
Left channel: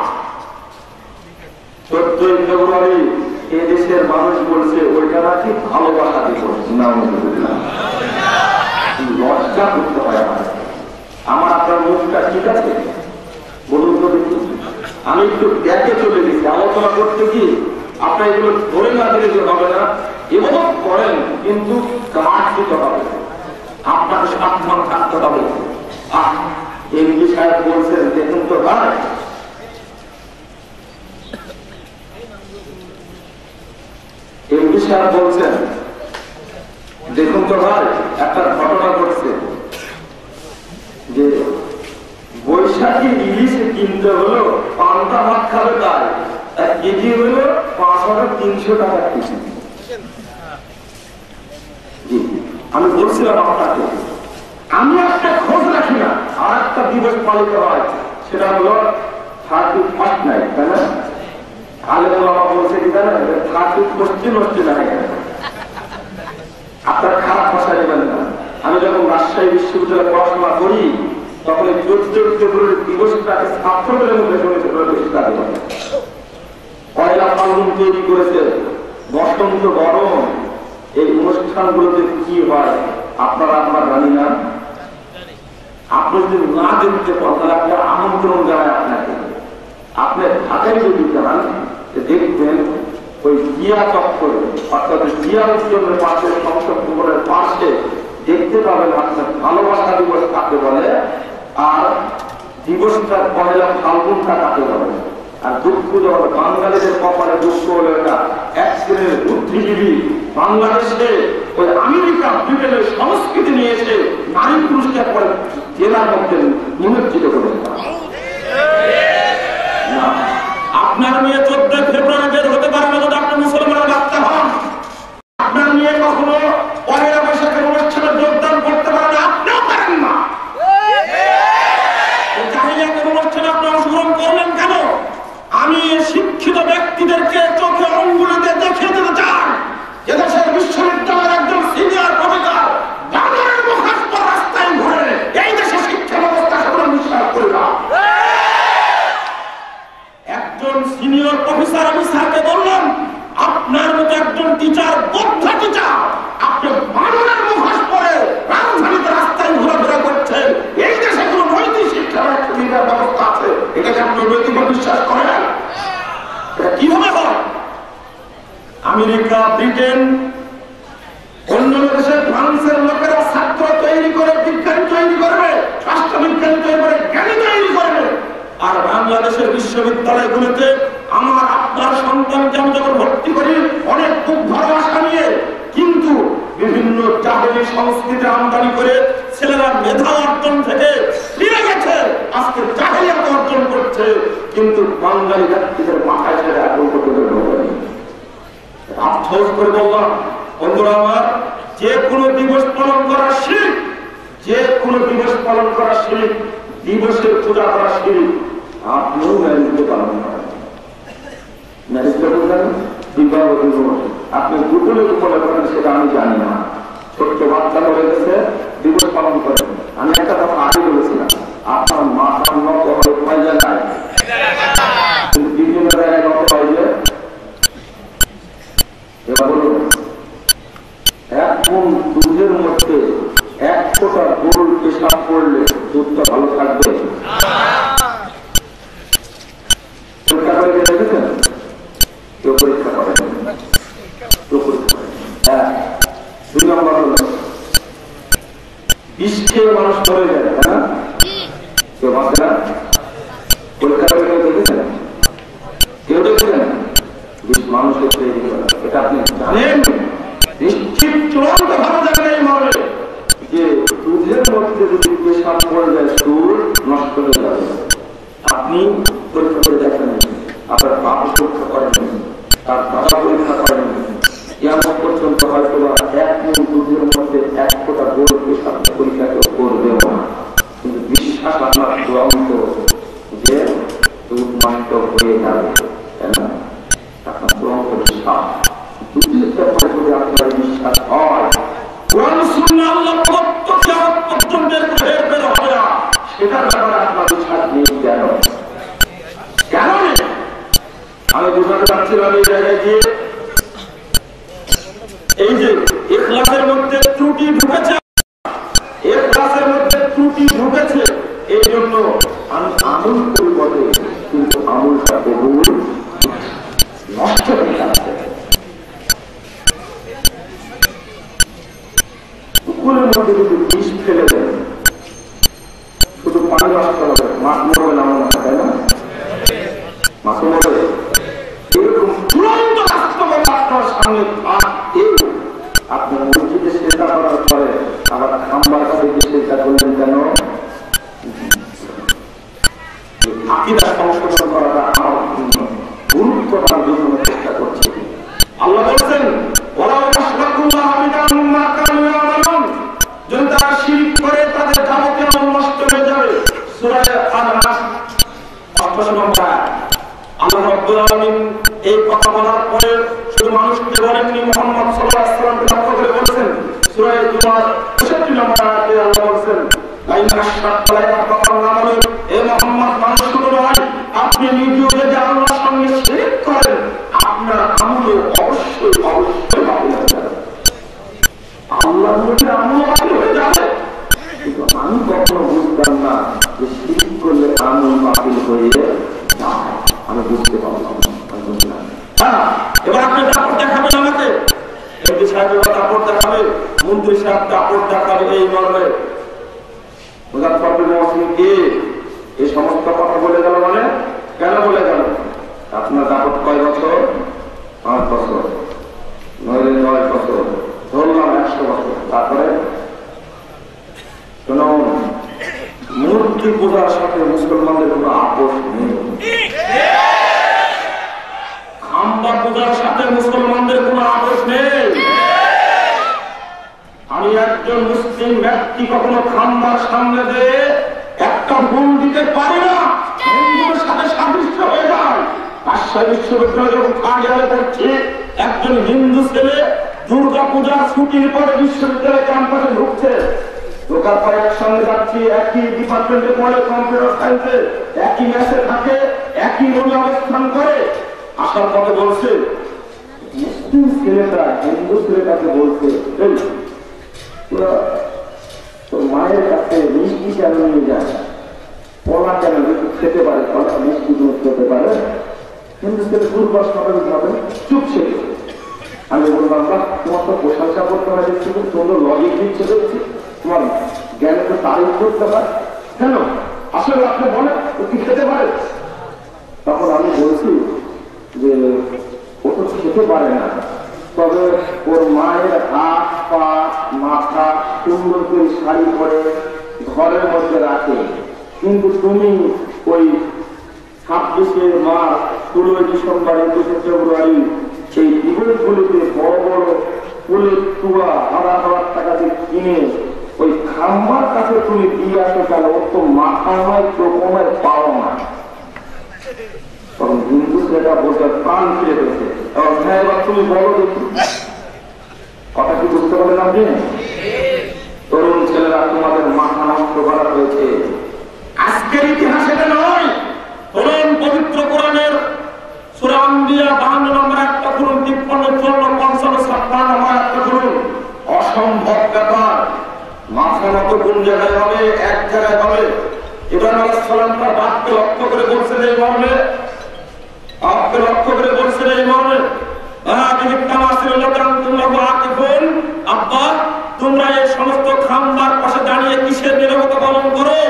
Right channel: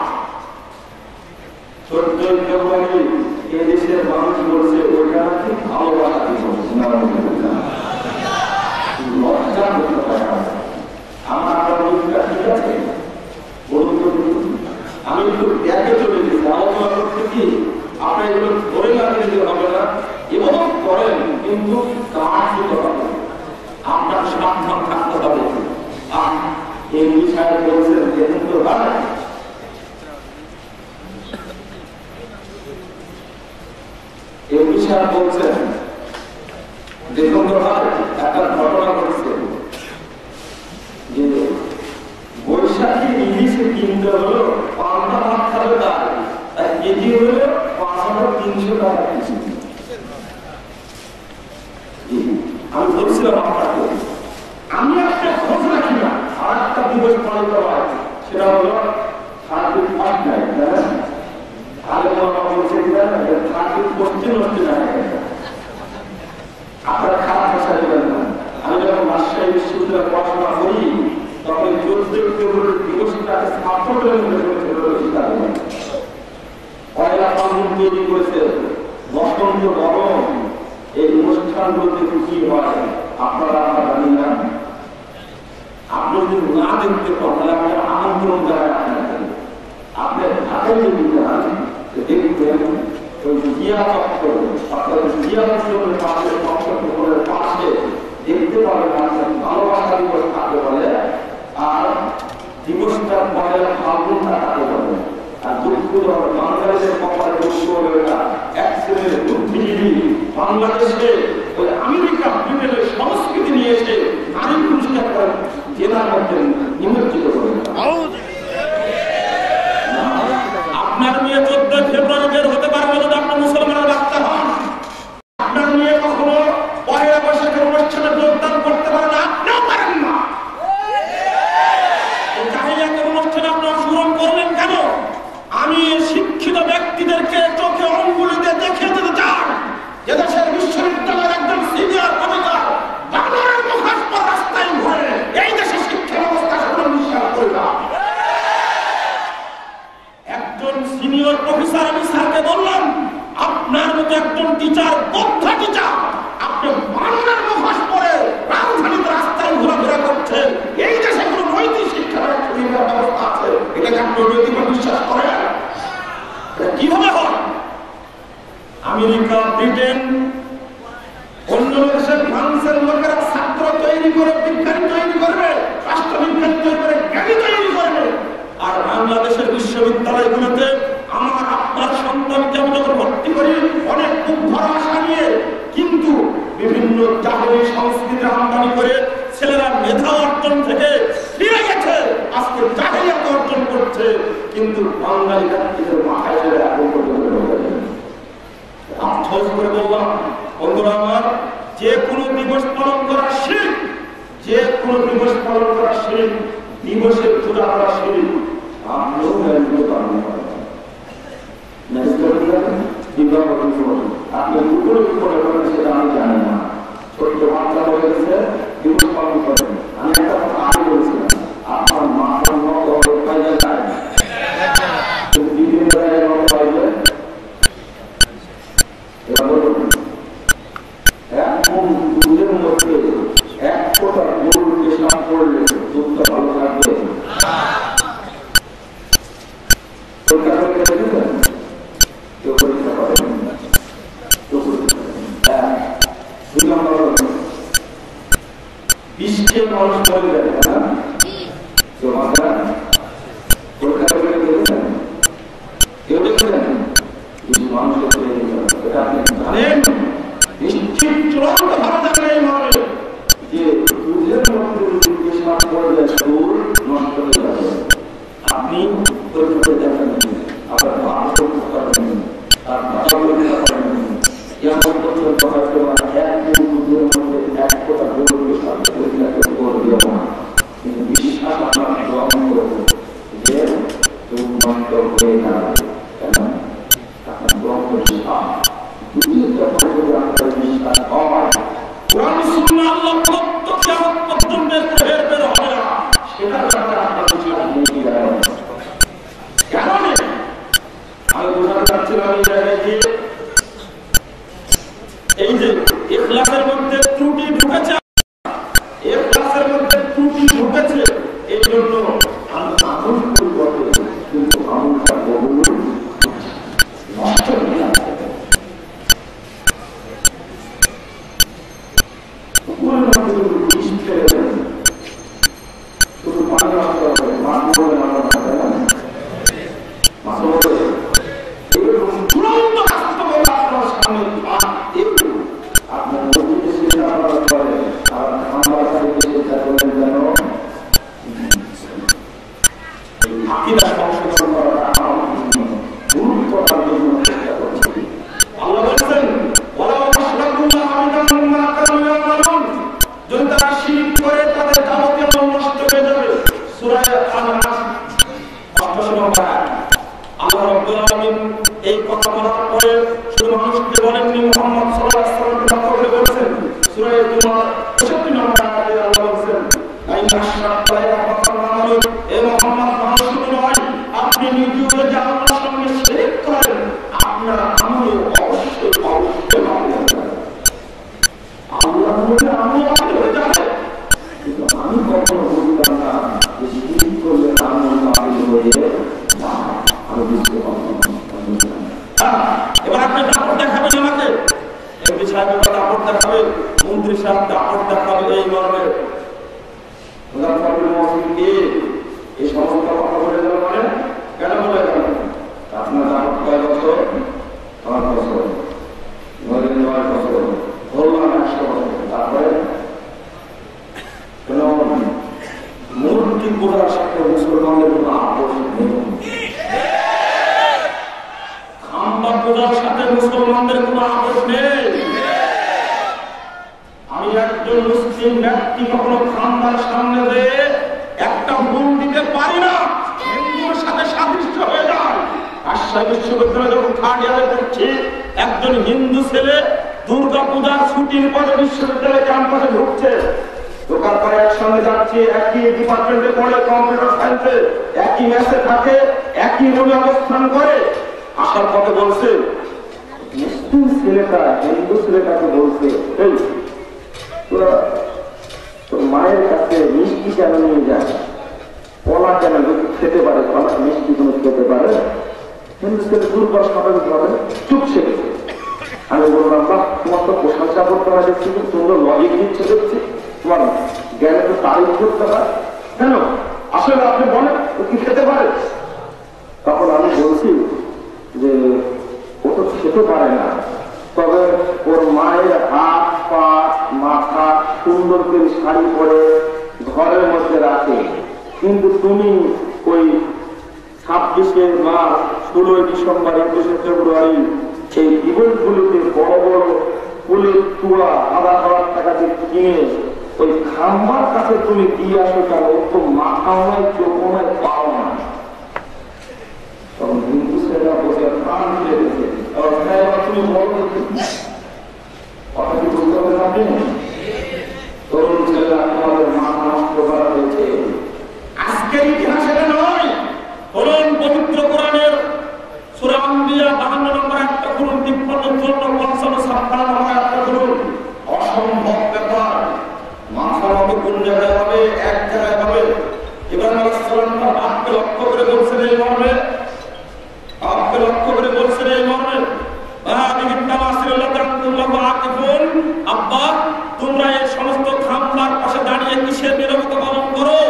14 ফেব্রুয়ারি এদেশের মানুষ বলছে ওইটা নাকি ভালোবাসা দিবস। লজ্জা করতে হয় আমার। আপনার মুখটা ঠিক আছে বলুন তো? আমি একটু ব্যাগে চলে গেছি আলোচনা করতে কি আপনার এগুলো ধরে না দিলে হবে না। এগুলো করেন কিন্তু কাজ দিতে হবে, আপনার সাবধান থাকতে হবে। এমপি সাহেব বলছেন দেখুন তো ভাই, এমপি সাহেব বলছেন দেখুন তো ভাই, একটা ঘটনা ঘটছে যে বৈশাখী ইলিশে কিনতে হলো পান্তা ভাত খাবে তার কেজি হলো 5,300 টাকা কেজি। আমি বলছিলাম আপনাকে, আমি একটা খোঁজ রাখি না। আর একটা দিবস পালিত হয়, সেটা হলো 31st নাইট, তাই না? আগে বাবা বলছে কি জানেন, 31st আপনার খারাপ ভাষা নেবেন না। আমি যখন রাজশাহী বিশ্ববিদ্যালয়ে পড়াশোনা করি তখন 14 ফেব্রুয়ারি দিবসটাকে ছাত্রদের মধ্যে পয়লা ফাল্গুন তৈরি করেছে, বসন্ত গরম। এই অনুষ্ঠানগুলোতে কি হয় আপনারা আমরা জানি না। আপনি যদি না দেখতে পান তাহলে আপনার আমন্ত্রণ দেওয়া আপনাকে, আপনার হাতের যদি যান দেখবেন ওই জিয়া চত্বর অর্থাৎ জিয়া উদ্যোগের পাশে সংসদের পাশে দেখতে পাবেন আপনার ভালোবাসা দিবস কাকে বলে, আর দিবসটা পয়লা ফাল্গুনটা কাকে বলে। আর দুঃখ দেওয়া বাঙালিদের কপালে দুঃখ হলো এটা এক শ্রেণীর বুদ্ধিজীবী বাংলাদেশে ওই আমেরিকা ব্রিটেনের সংস্কৃতি নিয়েছে, নারী পুরুষকে পরে জেলার মধ্যে নিমজ্জিত করে। আপনার মেয়ে 14 ফেব্রুয়ারি বের হতে পারবে যদি আপনি মুসলমানের বাচ্চা হন। আপনার মেয়ে কখনো পয়লা বৈশাখের অনুষ্ঠানে যোগদান করতে পারেন না, আপনিও পারেন না। জাহিলিয়াতের অনুষ্ঠানে আপনি অংশগ্রহণ করলেন কেন? আমি শিক্ষিত ব্যক্তিদেরকে চোখে অঙ্গুলিতে দেখিয়ে দিতে চাই যে দেশের বিশ্ববিদ্যালয়ের একজন সিনিয়র প্রফেসর বাংলার মুখোশ পরা রাস্তায় ঘুরে এই দেশে শিক্ষা ব্যবস্থা সামনে বিশ্বাস করি না। একজন সিনিয়র প্রফেসর, আমি স্যারকে বললাম আপনার মতো একজন টিচার, বৌদ্ধ টিচার, আপনি বাংলার মুখোশ পরে রাজধানীতে রাস্তায় ঘোরাফেরা করছেন, এই দেশে কোন নৈতিক শিক্ষার ব্যবস্থা আছে? এটাকে আপনি নৈতিক বিশ্বাস করেন? আমেরিকা, ব্রিটেন, অন্য দেশের ফ্রান্সের লোকেরা ছাত্র তৈরি করে, বিজ্ঞানী তৈরি করবে, রাষ্ট্রবিজ্ঞানী তৈরি করে, জ্ঞানী তৈরি করবে। আর বাংলাদেশের বিশ্ববিদ্যালয়গুলোতে আমার আপনার সন্তানকে আমি যখন ভর্তি করি অনেক খুব ভালোবাসা নিয়ে, কিন্তু বিভিন্ন জাহেরি সংস্কৃতি আমদানি করে ছেলেরা মেধা অর্জন থেকে ফিরে গেছে, আজকে জাহেরিয়াত অর্জন করছে, কিন্তু বাঙালি জাতিদের মাথায় ছেড়ে এখন পর্যন্ত আফসোস করে বললাম, বন্ধুরা আমার, যে কোনো দিবস পালন করা শিরক, যে কোনো দিবস পালন করা শিরক, দিবসের পূজা করা শিরক। আপনিও ম্যারিজে পালন করেন, ম্যারিজটা করেন বিবাহ দিবস, আপনি দুপুরে উপরে করেন সেটা আমি জানি না। ছোট্ট বাচ্চা হয়ে গেছে দিবস পালন করেন। আমি একটা কথা আগে বলেছিলাম, আপনার মাথার মতো ফায়দা নাই, দ্বিতীয় বেলায় মতো ফায়দা। এবার বলুন, এখন দুধের মধ্যে এক ফোঁটা গরুর পেশাব করলে দুধটা ভালো থাকবে? পরীক্ষা করে দেখেছেন? কেউ পরীক্ষা করেন? কেউ পরীক্ষা করেন? হ্যাঁ। 2 নম্বর হল বিষ খেয়ে মানুষ মরে যায়, হ্যাঁ, কেউ বাঁচে না। পরীক্ষা করে দেখেছেন? কেউ দেখেছেন? বিষ মানুষের খেয়ে এটা আপনি জানেন? নিশ্চিত চূড়ান্ত ভালো জায়গায় মরে যে দুধের মধ্যে যদি পেশাব করে যায় সুর নষ্ট হয়ে যাবে। আপনি পরীক্ষা করে দেখেন, আপনার পাপ পরীক্ষা করেন, তার বাবা পরীক্ষা করেন, কেমন পর্যন্ত হয়তো দুধের মধ্যে এক ফোঁটা গরুর পেশাব পরীক্ষা করবেও না, কিন্তু বিশ্বাস আপনার গ্রহণ করবে যে দুধ মানিত হয়ে যাবে। কেন? আপনার গ্রহণ করে বিশ্বাস হয় কোরআন সুন্নাহ আল্লাহ প্রদত্ত কিয়ামত পর্যন্ত বের হবে না, সেটা ব্যাপারে আপনার বিশ্বাস নেই। কেন নেই? আমি বোঝাতে পারছিলাম এই জায়গায় গিয়ে, এই যে ইখলাসের মধ্যে ত্রুটি ঢুকেছে, ইখলাসের মধ্যে ত্রুটি ঢুকেছে, এই জন্য আমি আমল পরিবর্তন, কিন্তু আমলটা বহু নষ্ট হয়ে যাচ্ছে। পুকুরের মধ্যে যদি বিষ ফেলে দেন, শুধু পানি নষ্ট হবে, মাছ মরবে না, তাই না? মাছ মরবে। এরকম চূড়ান্ত বাস্তবতা আপনার সামনে, আপনার মসজিদে চিন্তা করার পরে আবার খাম্বার কাছে চিন্তা করলেন কেন? আকিদা সংশোধন করাটা আমার গুরুত্বপূর্ণ জন্য চেষ্টা করছি। আল্লাহ বলছেন, যদি তারা শিরক করে তাদের যাবতীয় আমল নষ্ট হয়ে যাবে। সূরা আন-নাস 8 নম্বর আয়াত। আল্লাহ রাব্বুল আলামিন এই কথা বলার পরে শুধু মানুষকে বলেননি, মুহাম্মদ সাল্লাল্লাহু আলাইহি ওয়াসাল্লামকে লক্ষ্য করে বলেছেন। সূরা জুমার 65 নম্বর আয়াতে আল্লাহ বলেছেন, আইনা আশরাকতা ইয়াহবাতুল আমাল। এ মুহাম্মদ, মানুষ শুধু নয়, আপনি নিজেও যদি আল্লাহর সঙ্গে শিরক করেন, আপনার আমল অবশ্যই ভালো হয়ে যাবে। আল্লাহর মধ্যে আমল ভালো হয়ে যাবে, কিন্তু আমি কখনো বুঝতাম না যে শিরক করলে আমল বাতিল হয়ে যায়। আমি বুঝতে পারলাম। এবার আপনি দাপট দেখাবেন আমাকে, এমপি সাহেবের দাপট দেখাবে, মন্ত্রী সাহেব দাপট দেখাবে, এই মর্মে এই সমস্ত কথা বলে গেল। মানে কেন বলে গেল? আপনার দাপট কয় বছর? 5 বছর, 9 বছর, ধরলাম 100 বছর। তারপরে কোন মূর্তি পূজার সাথে মুসলমানদের কোন আপোষ নেই, খাম্বা পূজার সাথে মুসলমানদের কোন আপোষ নেই। আমি একজন মুসলিম ব্যক্তি কখনো খাম্বার সামনে দিয়ে একটা ভুল দিতে পারি না, হিন্দুর সাথে সাদৃশ্য হয়ে যায়। রাজশাহী বিশ্ববিদ্যালয়ে যখন 3rd ইয়ারে পড়ছি, একজন হিন্দু ছেলে দুর্গা পূজার ছুটির পরে বিশ্ববিদ্যালয় ক্যাম্পাসে ঢুকছে। ঢোকার পরে একসঙ্গে যাচ্ছি, একই ডিপার্টমেন্টে পড়ে, কম্পিউটার সায়েন্সে, একই ম্যাচে থাকে, একই রুমে অবস্থান করে। আসার পথে বলছে, মুসলিম ছেলেটা হিন্দু ছেলেটাকে বলছে, তোরা তোর মায়ের কাছে মিষ্টি কেন নিয়ে যায়, পলা কেন খেতে পারে, মিষ্টি তুমি খেতে পারে। হিন্দু ছেলে দুর্বল স্বাভাবিক ভাবে চুপ সে আল্লাহ তোমার তো প্রশংসা করতে হয় দেখছি, তোমরা লজিক দিচ্ছে দেখছি, তোমার জ্ঞানে তো তারিফ করতে হয় কেন? আসলে আপনি বলেন ও কি খেতে পারে? তখন আমি বলছি যে ও তো খেতে পারে না, তবে ওর মায়ের হাত পা মাথা সুন্দর করে শাড়ি পরে ঘরের মধ্যে রাখে, কিন্তু তুমি ওই 26শে মার্চ 16ই ডিসেম্বর 21শে ফেব্রুয়ারি সেই ইভেন্টগুলিতে বড় বড় ফুলের তুয়া 1000 টাকা দিয়ে কিনে ওই খাম্বার কাছে তুমি দিয়ে আসো কেন? ও তো মাথা নয়, চোখ নয়, পাও না। তখন হিন্দু ছেলেরা বোঝার প্রাণ ফিরে গেছে, তুমি বলো কথা কি বুঝতে পারেন আপনি? তরুণ ছেলেরা তোমাদের মাথা নষ্ট করা হয়েছে। আজকের ইতিহাস এটা নয়, কোরআন পবিত্র কোরআনের সূরা আম্বিয়া 52 নম্বর একটা করুন, 53, 54, 55, 56 নম্বর একটা করুন। অসম্ভব ব্যাপার, মাথা নত কোন জায়গায় হবে? এক জায়গায় হবে। ইব্রাহিম আলাইহিস সালাম তার বাপকে লক্ষ্য করে বলছেন এই মর্মে, বাপকে লক্ষ্য করে বলছেন এই মর্মে, আব্বা তোমরা এই সমস্ত খাম্বার পাশে দাঁড়িয়ে কিসের নীরবতা পালন করো?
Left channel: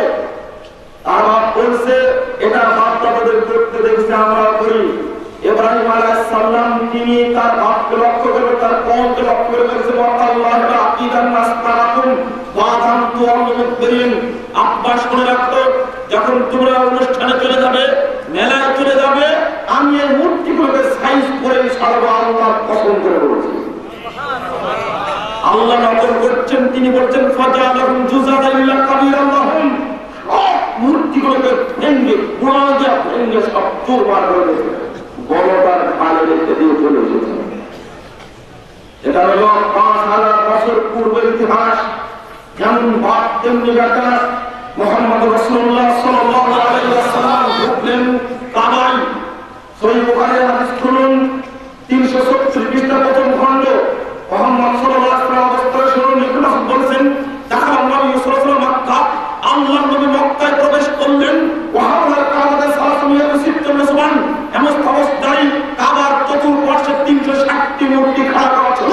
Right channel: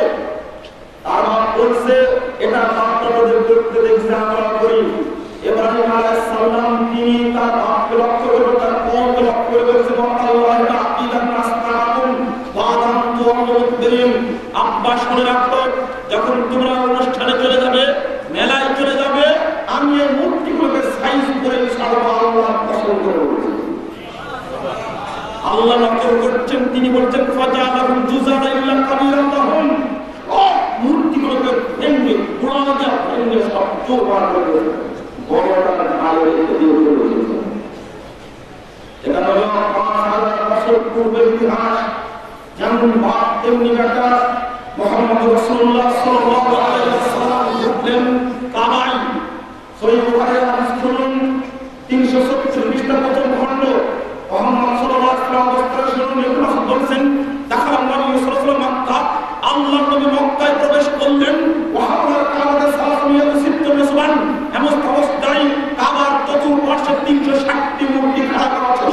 আর বাপ বলছে এটা বাচ্চাদের করতে দেখছি আমরা করি। ইব্রাহিম আলাইহিস সালাম তিনি তার বাপকে লক্ষ্য করে তার কওমকে লক্ষ্য করে বলছেন আব্বা শুনে রাখতো, যখন তোমরা অনুষ্ঠানে চলে যাবে, মেলায় চলে যাবে, আমি এই মূর্তিগুলোকে সাইজ করে সারবো, আল্লাহ পছন্দ করে বলছি। আল্লাহ নজর করছেন, তিনি বলছেন মূর্তিগুলোকে ভেঙ্গে পুরাজা ভেঙ্গে সব চোরবার করে বড়টার ভালো রেখে দিয়ে চলে এসেছেন। এটা হল 5000 বছর পূর্বের ইতিহাস। যেমন বাপ তেমনি বেটা। মুহাম্মদ রাসূলুল্লাহ সাল্লাল্লাহু আলাইহি ওয়াসাল্লাম ঢুকলেন কাবায়। সহিহ বুখারীর হাদিস শুনুন, 370 পৃষ্ঠা প্রথম খণ্ড। মুহাম্মদ সাল্লাল্লাহু আলাইহি ওয়াসাল্লাম বলতে শুনুন, ইকরাম বলেন, যখন নবী সাল্লাল্লাহু মক্কা, আল্লাহর নবী মক্কায় প্রবেশ করলেন, ওয়াহাওয়া কাবাতে সালাতুল্লাহ সিত্তুন সুবান, এমন অবস্থায় কাবার চতুর্পাশে 360টি মূর্তি খাড়া করা ছিল।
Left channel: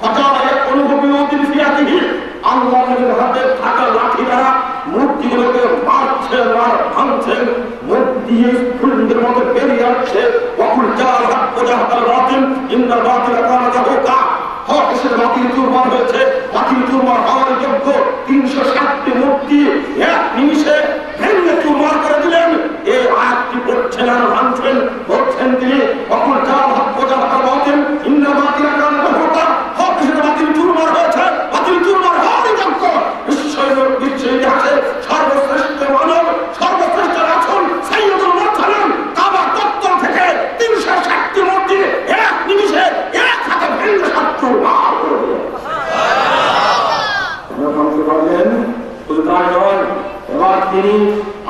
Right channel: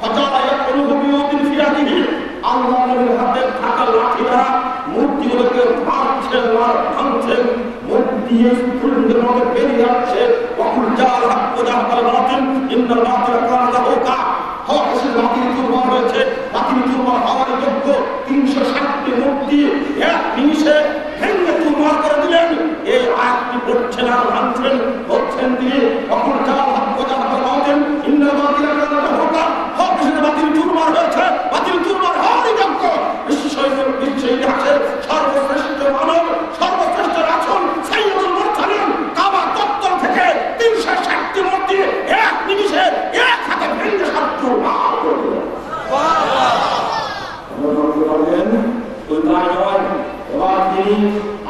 ফাজালা ইয়াকুলু বিওয়াদিহি, আল্লাহ নবীর হাতে থাকা লাঠি দ্বারা মূর্তিগুলোকে মারছেন, ভাঙছেন, মূর্তি ফুলের মতো বেরিয়ে আসছে। ওয়াকুল জাল হক ওয়াজাহাল বাতিল ইন্নাল বাতিল কানা যাহুকা, হক এসে বাতিল চুরমার হয়েছে, বাতিল চুরমার হওয়ার যোগ্য। 360টি মূর্তি এক নিমিষে ভেঙে চুরমার করে দিলেন। এই আয়াতটি পড়ছেন আর ভাঙছেন, বলছেন তিনি ওয়াকুল জাল হক ওয়াজাহাল বাতিল ইন্নাল বাতিল কানা যাহুকা, হক এসে বাতিল চুরমার হয়েছে, বাতিল চুরমার হওয়ারই যোগ্য। বিশ্ব ইতিহাসে সর্বশ্রেষ্ঠ মানব, সর্বশ্রেষ্ঠ রাসূল সাইয়্যিদুল মুরসালিন কাবা চত্বর থেকে 360টি মূর্তি এক নিমিষে এক হাতে ভেঙে সব চুরমার করে দিলেন। এবার তিনি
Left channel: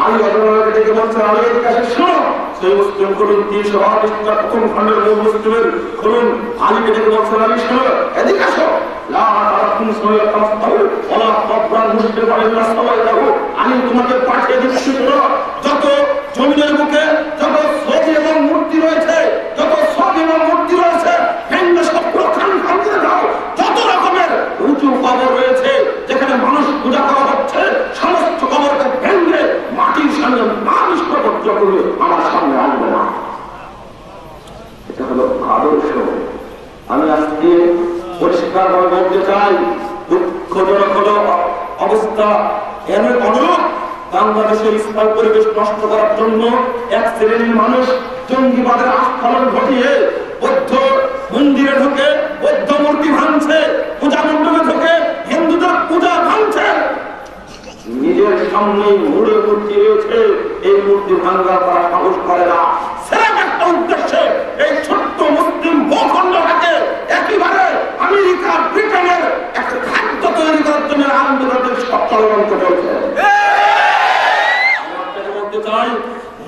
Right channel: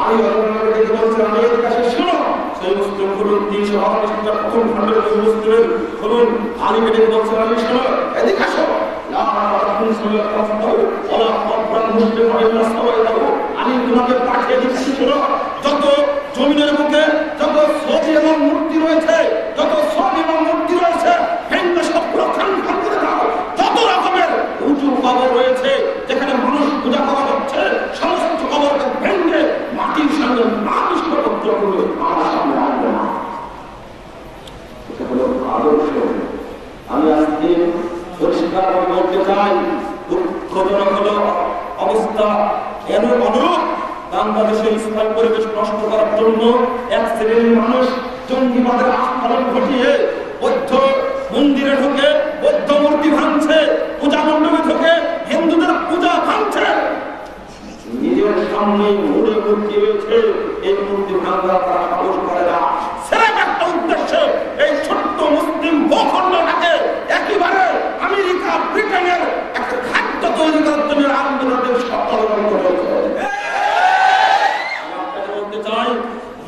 আলী রাদিয়াল্লাহু আনহু বলছেন, আলীর কাছে শুনো, সেই মুসলিম করুন 328 প্রথম খণ্ডের মুসলিমের করুন, আলীকে ডেকে বলছেন, আলী শুনো, এদিকে আসো, আমি তোমাকে পাঠিয়ে দিচ্ছি, যত জমিনের বুকে যত ছবি এবং মূর্তি রয়েছে, যত ছবি এবং মূর্তি রয়েছে, সব প্রখান করে দাও। যত রকমের উঁচু কবর রয়েছে যেখানে মানুষ পূজা করা হচ্ছে, সমস্ত কবরকে ভেঙে মাটির সঙ্গে মানুষ পবিত্র করে আমার সামনে আনবে না। এটা হলো আদর্শ। আমি আজকে পরিষ্কার বলতে চাই, দুঃখজনক হলো অবস্থা এমন অনুরূপ, বাংলাদেশে ইসলাম পরিবেশ নষ্ট করার জন্য এক শ্রেণীর মানুষ জঙ্গিবাদের আস্ফালন ঘটিয়ে বৌদ্ধ মন্দিরে ঢুকে বৌদ্ধ মূর্তি ভাঙছে, পূজা মণ্ডপে ঢুকে হিন্দুদের পূজা ভাঙছে। নিজের সামনে মুড়ে মূর্তি রয়েছে, এই মূর্তি ভাঙা তারা সাহস করে না। সেরকম একটা উদ্দেশ্যে এই ছোট্ট মুসলিম ভূখণ্ডটাকে একেবারে আমেরিকা ব্রিটেনের একটা খাদ্য তৈরি করার জন্য আন্দোলনের ষড়যন্ত্র চলছে। আমি আপনাকে বলতে চাই,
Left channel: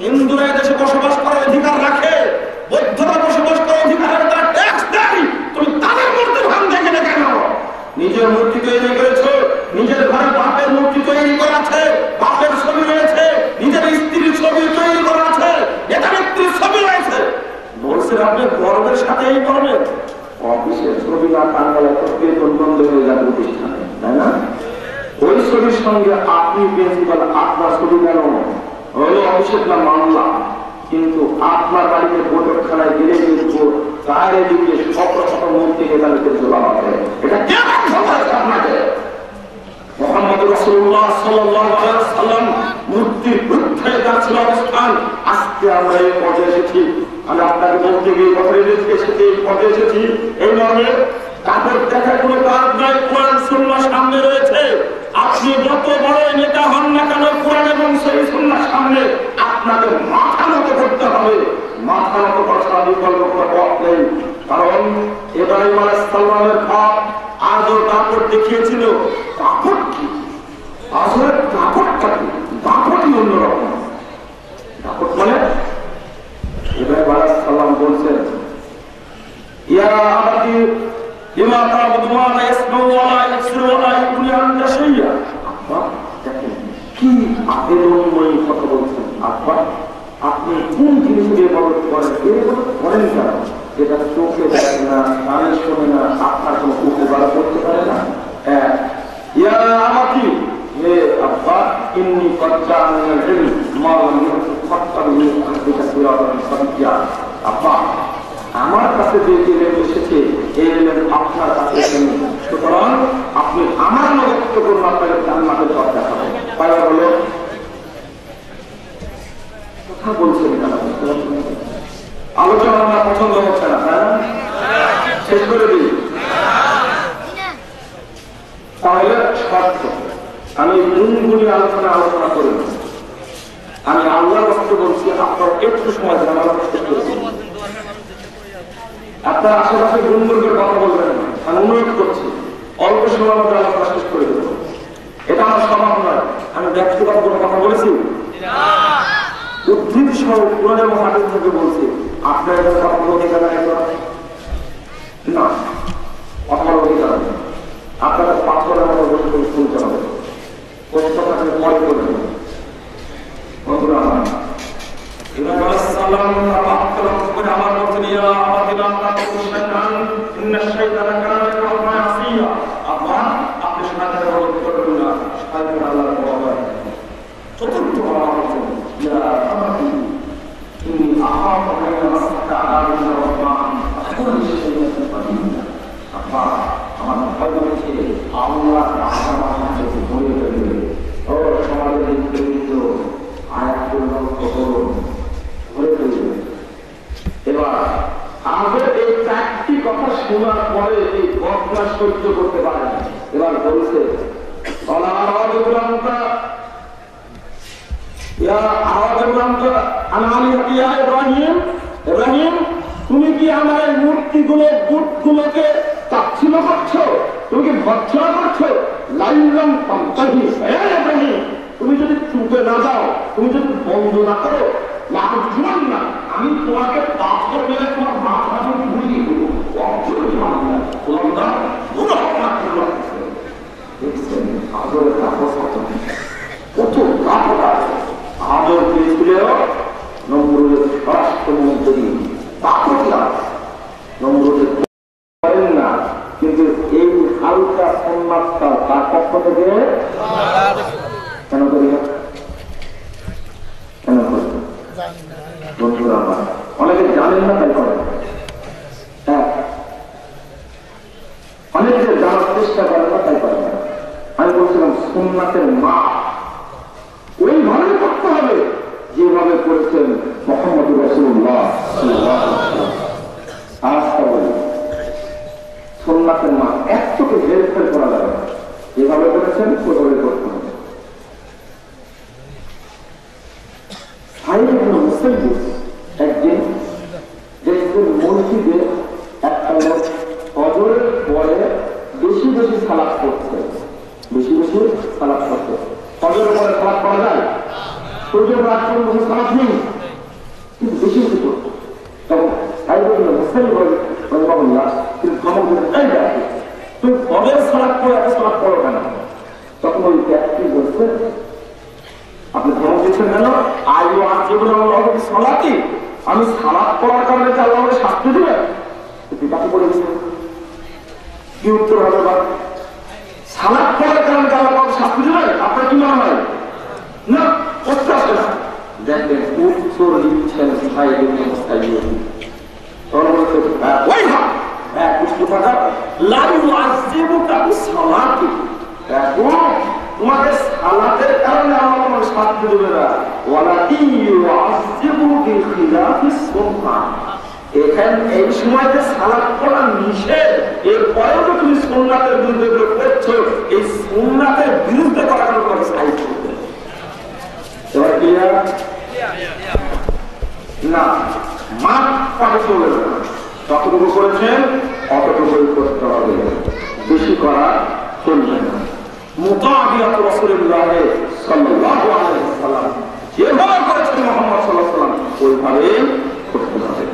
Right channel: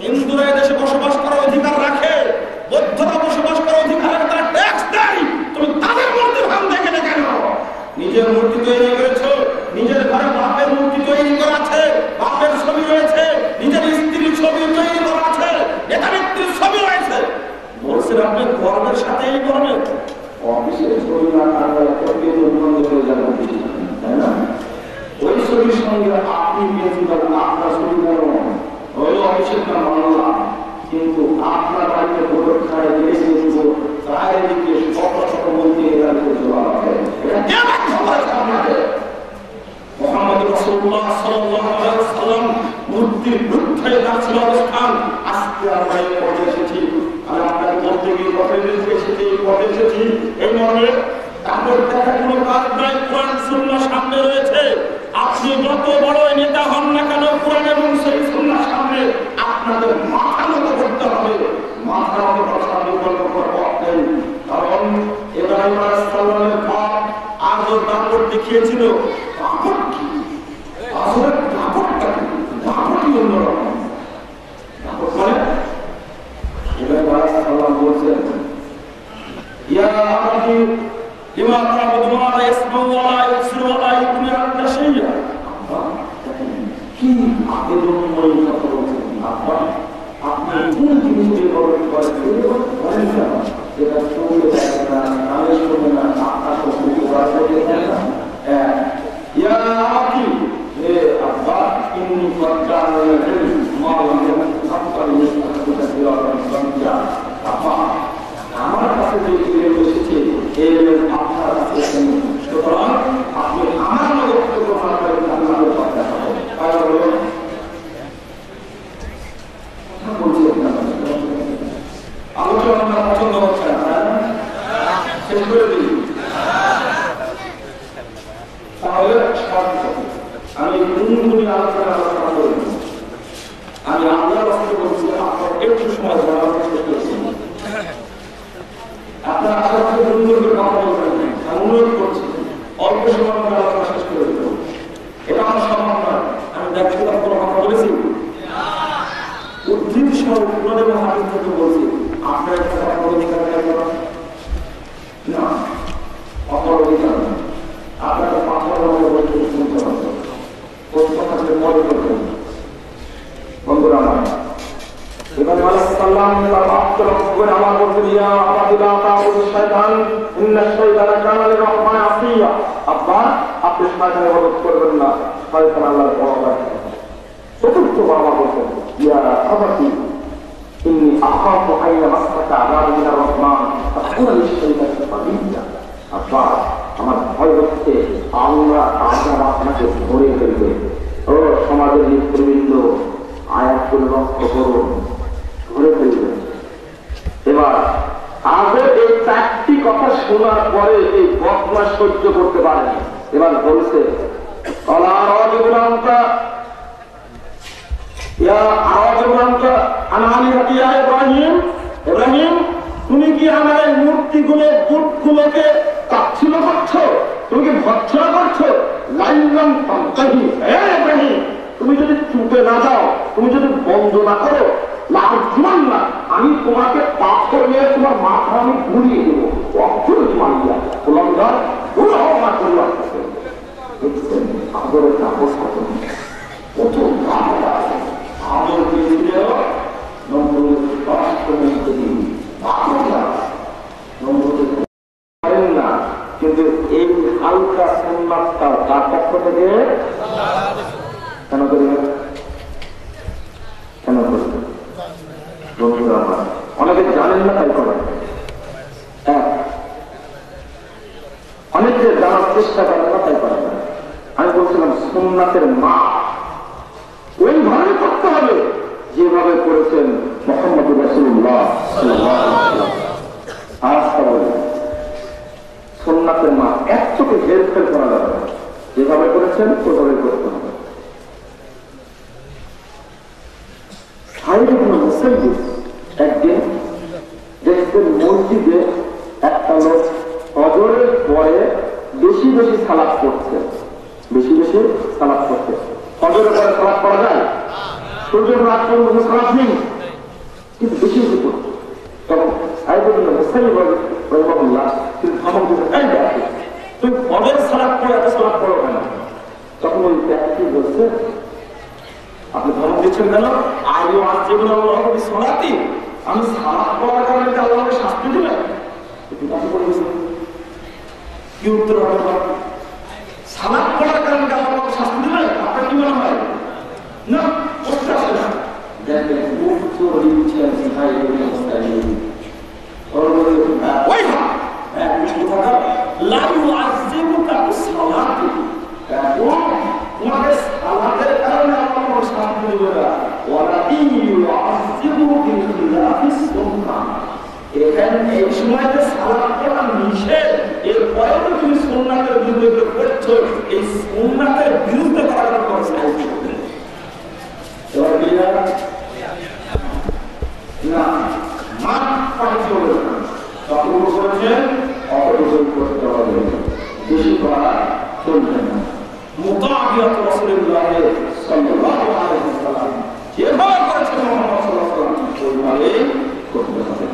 হিন্দুরা দেশে বসবাস করার অধিকার রাখে, বৌদ্ধরা বসবাস করার অধিকার রাখে, তারা ট্যাক্স দেয়। তুমি তাদের মূর্তি ভাঙতে গেলে কেন? নিজের মূর্তি তৈরি করেছো, নিজের ঘরে বাপের মূর্তি তৈরি করা আছে, বাপের ছবি রয়েছে, নিজের স্ত্রীর ছবি তৈরি করা আছে, নেতা নেত্রীর ছবি রয়েছে, বলছেন আপনি গর্বের সাথে এই করবেন। অফিসের ছবি ছবির সঙ্গে আপনি প্রিন্সিপাল, আপনার ছবি কেন ওই অফিসের নাম মামলা, কিন্তু আপনার বাড়িতে ভোটখানায় গেলে কিন্তু গায়ের দিকে শত মন্ত্রী এলাকাতে চলা হবে। এটা কেমন সমাজ আপনাদের? মুহাম্মদ রাসূলুল্লাহ সাল্লাল্লাহু আলাইহি ওয়াসাল্লাম মূর্তির বিরুদ্ধে যাচ্ছিল অবস্থান, আজকে আমরা এই পর্যায়ে এসেছি। আমি আপনাকে বলতে গিয়ে কথা এসেছি, এই পর্যায়ে এসেছি এই মর্মে কাপড় দেখা কোনো কাজ নাই, কোরআন সুন্নাহ সামনে রয়েছে। আপনি যত বড় নেতা হন না কেন, কোরআন এবং সেই সুন্নাহ সামনে আপনাদের মাথা নত করতে হবে। মাথা নত করার বিকল্প পথ নেই, কারণ ইব্রাহিম আলাইহিস সালামের বাপ আজও কাপড় দেখিয়েছিল। কাপড় কি আসলে? কাপড়টা কি? কাপড়ই অন্যরকম। কাপড় মানে ইব্রাহিম আলাইহিস সালাম বলছেন, ইয়া আবাদি লিমা তা'বুদু মা লা ইয়াসমাউ ওয়া লা ইবসিরু ওয়া লা ইউগনি আনকা শাইয়্যা। কি আবেদনময় কথা বলছেন আব্বা, আপনি কোন জিনিস ব্যবহার করেন না, যেটা চোখে দেখে না, কানে শোনে না, আপনার চোখে বার করতে পারে না। ইয়া আবাদি, হে আব্বা, ইন্নী কদ জা'আনি আল-ইলম মা লাম ইয়াকুন সাবিয়া। আব্বা, আমার কাছে যে ইলম এসেছে এই ইলম আপনার কাছে এসেছে, সুতরাং আপনি আমার বক্তব্য মানবেন, আপনাদের কথা হবে। কথা বলছেন না, আলোচনা আপনার পছন্দ হচ্ছে না, শেষ করে দিই। তাহলে শর্ত আমি গুণগুলি আলোচনা করে আমি আল্লাহর বক্তব্য বলছি, আপনার একটু সময় জানার চেষ্টা করছি। আপনার আশেপাশে গুণগুলির কথা বলবেন, আমি অনুরোধ করছি অল্প সময় মধ্যে আলোচনা শেষ করে দেব। এটা আমার সম্ভব নয়। আমি ব্যক্তিগত কোনো কথা বলেছি উদ্ধৃত সহ কোরআন এবং হাদিস থেকে বলছি, আপনার কাছে আপনার অধিকার না, আপনার অধিকার আপনার পাথরের মতো বলতে শুনতে হবে। কষ্ট থাকলে মনে করবেন বন্ধুরা আমার। ইব্রাহিম আলাইহিস সালাম তার আত্মরক্ষা করে আমার বলতেন, ইয়া আবাদিলা তা'বুদু শাইতান ইন্না শাইতানা কানা লির-রাহমানি আসিয়া। আব্বা, আপনি শয়তানের ইবাদত করবেন না, শয়তান আল্লাহর পরোয়া। চতুর্থ বাবা বলছেন, ইয়া আবাদি ইন্নী আখাফু আন ইয়ামাসসাকা আযাবুন মিনার রাহমান ফাকুনা লিশ-শাইতানি কারিনা। আব্বা, আমার ভয় হচ্ছে আল্লাহ আযাব আপনাকে ধরে ফেলবে। ও সমাজের নেতৃবৃন্দ, আয়াতগুলো লক্ষ্য করুন, ধরে ফেলবে। এবার আগে এই চারটি কথা শোনার পরে এই বদনা সহ্য করতে পারেন। এবার বলছে, ইব্রাহিম, তুমি কি আমার এই মূর্তিগুলো বুটগুলোকে তাচ্ছিল্য করছো? তুমি কি ভর্ৎসনা করছো? লাইলাম তামতাহি, হে ইব্রাহিম, তুমি যদি চুপে না যাও, তুমি যদি বন্ধ না করো, লাজমান না, আমি তোমাকে পাথর নিয়ে তোমার মাথা আমি ঘুরিয়ে দেবো। অক্ষরে মানিয়া ওলঙ্গা পুরো না করলাম। দেখছেন আদরের কাগজ কত আদর পেয়েছিল নম্বরের রাষ্ট্রমন্ত্রী নম্বরের করেন না, কিন্তু এই হালকা সম্মানটা তার পক্ষ থেকে কেন করি না? কেন করি? বন্ধুরা আমার, অনেকে জানেন না তাই করেন। অনেকে জানার চেষ্টা করেন না তাই করেন। আমি বলছিলাম সুন্নাতের মা ওইভাবে করতে হবে যেভাবে করেছেন মুহাম্মদ রাসূলুল্লাহ সাল্লাল্লাহু আলাইহি ওয়াসাল্লাম। সুন্নাতের মা একটুকে হেরফের করা যাবে না, যেভাবে করেছেন ওইভাবে করতে হবে। একদিন দেখছেন মসজিদে একটা লোক ফজরের পরে বেশি বেশি সালাত করছে, বেশি বেশি সালাত করছে। ফজরের পরে সালাত করা যায়, সূর্যের রাত পর্যন্ত সালাত নেই, কিন্তু বেশি বেশি করছে। তখন তুমি ফজরের সালাত করে এত সালাত করো কেন? তখন ওই ব্যক্তি বলছে, আপনি ধমক দিচ্ছেন কেন? আজও আজকে বলে আমার সালাতি, আমি সালাত করার কারণে আল্লাহ আমাকে শাস্তি দিলেন। পিতাকে বলে দিচ্ছেন কি উত্তর হবে? সালাদ করার কারণে আল্লাহ শাস্তি দেবেন? আপনার কি মনে হয়? না, করতে আসবে না। দেখবেন উত্তর দিচ্ছেন ভাই ওই কথাটা লাইউ আসজিবুকা বিসসালাতি, তোমাকে সালাতের কারণে আল্লাহ শাস্তি দেবে না। ওয়ালা ইউআযিবু বিখিলাফিস সুন্নাহ, এখানে এই সময়তে সালাত পড়া নিষেধ, এরপরেও তো তুমি সুন্নাতের বিরুদ্ধে করছো, এই সুন্নাতের বিরুদ্ধে করার কোনো সাহায্য করবে না। মাঠ পানি চলে যাবে, যতটুকু করেছেন অতটুকু করতে হবে, বেশি করা চলবে না। মুতাবিআত রাসূলুল্লাহ সাল্লাল্লাহু আলাইহি ওয়াসাল্লাম যেভাবে করেছেন মুহাম্মদ সাল্লাল্লাহু আলাইহি ওয়াসাল্লাম ওইভাবে করতে হবে।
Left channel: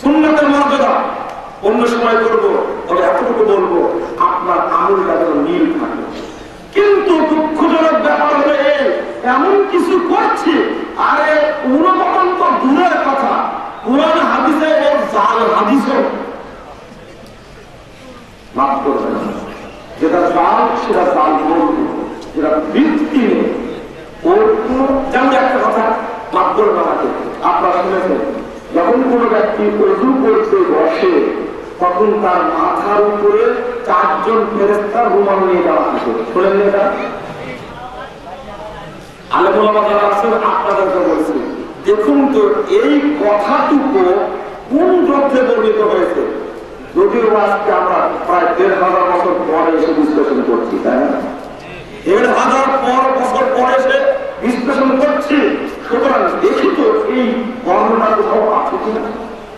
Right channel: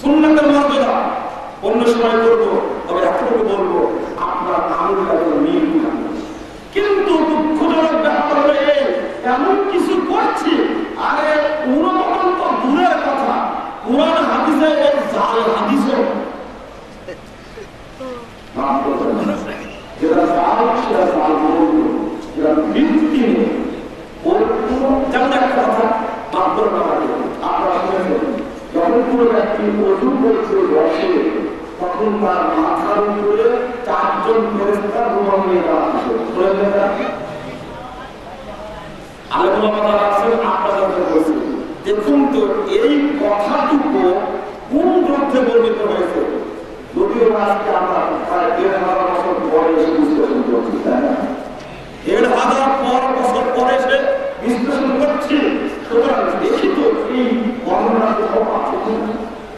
সুন্নাতের মর্যাদা অন্য সময় করবো, তবে এতটুকু বলবো আপনার আমল কাজে মিল থাকে। কিন্তু দুঃখজনক ব্যাপার হলো এমন কিছু করছি, আরে উন্নতন তো দূরের কথা, কোরআন হাদিসে এর জাল হাদিসও মাফ করবেন না। যেটা জাল সেটা জাল বলবে, যেটা ভিত্তি নেই ওর কোনো, যেমন একটা কথা মাফ করবেন আমাকে, আপনারা শুনেছেন যখন কোনো ব্যক্তি ওযু করতে বসে তখন তার মাথার উপরে 4 জন ফেরেশতা রুমাল নিয়ে দেওয়া থাকে। শুনেছেন না? দেখুন তো এই কথাটুকু কোন গ্রন্থে বর্ণিত হয়েছে? যদিও আজকে আমরা প্রায় ১,৫০০ বছর পরে এসে বিশ্লেষণ করছি, তাই না? ১,৫০০ বছর পরে এসে বিশ্লেষণ করছি। সুতরাং দেখি তো এই বর্ণনা কোথাও আছে কিনা,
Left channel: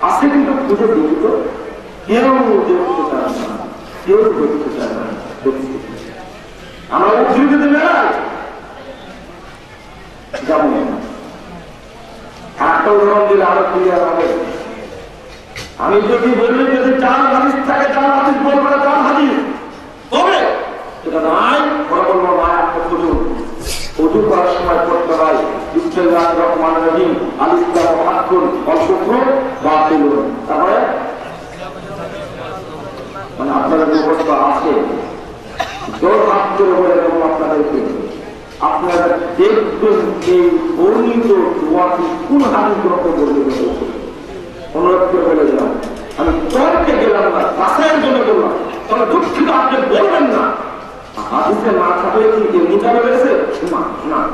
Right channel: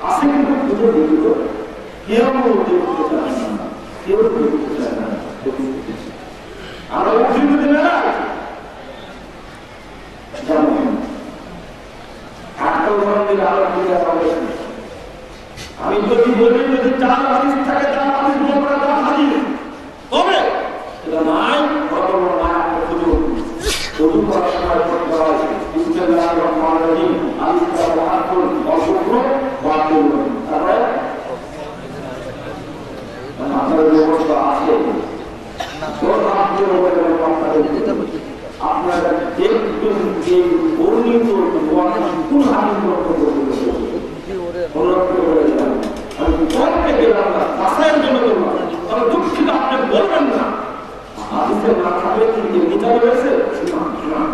আছে কিন্তু খুঁজে দেখি তো। কেউ দেখতে চান না, কেউ দেখতে চান না। আমরা উদ্ধৃতিতে মেলায় একটা উদাহরণ দিলে আরো ক্লিয়ার হবে। আমি যদি বলি যদি 4 হাদিস থাকে, 4 হাদিস বলবো না, 4 হাদিস তবে এটা নাই, বলবো না। ওযু করার সময় করতে হয় বিসমিল্লাহির রহমানির রহিম, আলিফ লাম মিম হারফুন অশুক্র বাতিল। তারপরে মানে আপনাদের যে অবস্থা আছে জোর হাত করে বলে আপনাদের আপনারা দেখবেন যে বর্ণিত কোন হাদিস গ্রহণ করতে অনুরোধ করে বলে দিলাম। আমি তর্কে গেলাম না, বাসায়ের জন্য করলাম, তবে দুঃখিত আপনি বলবেন না হাদিসে না থাকলে কি মিটারে রয়েছে না,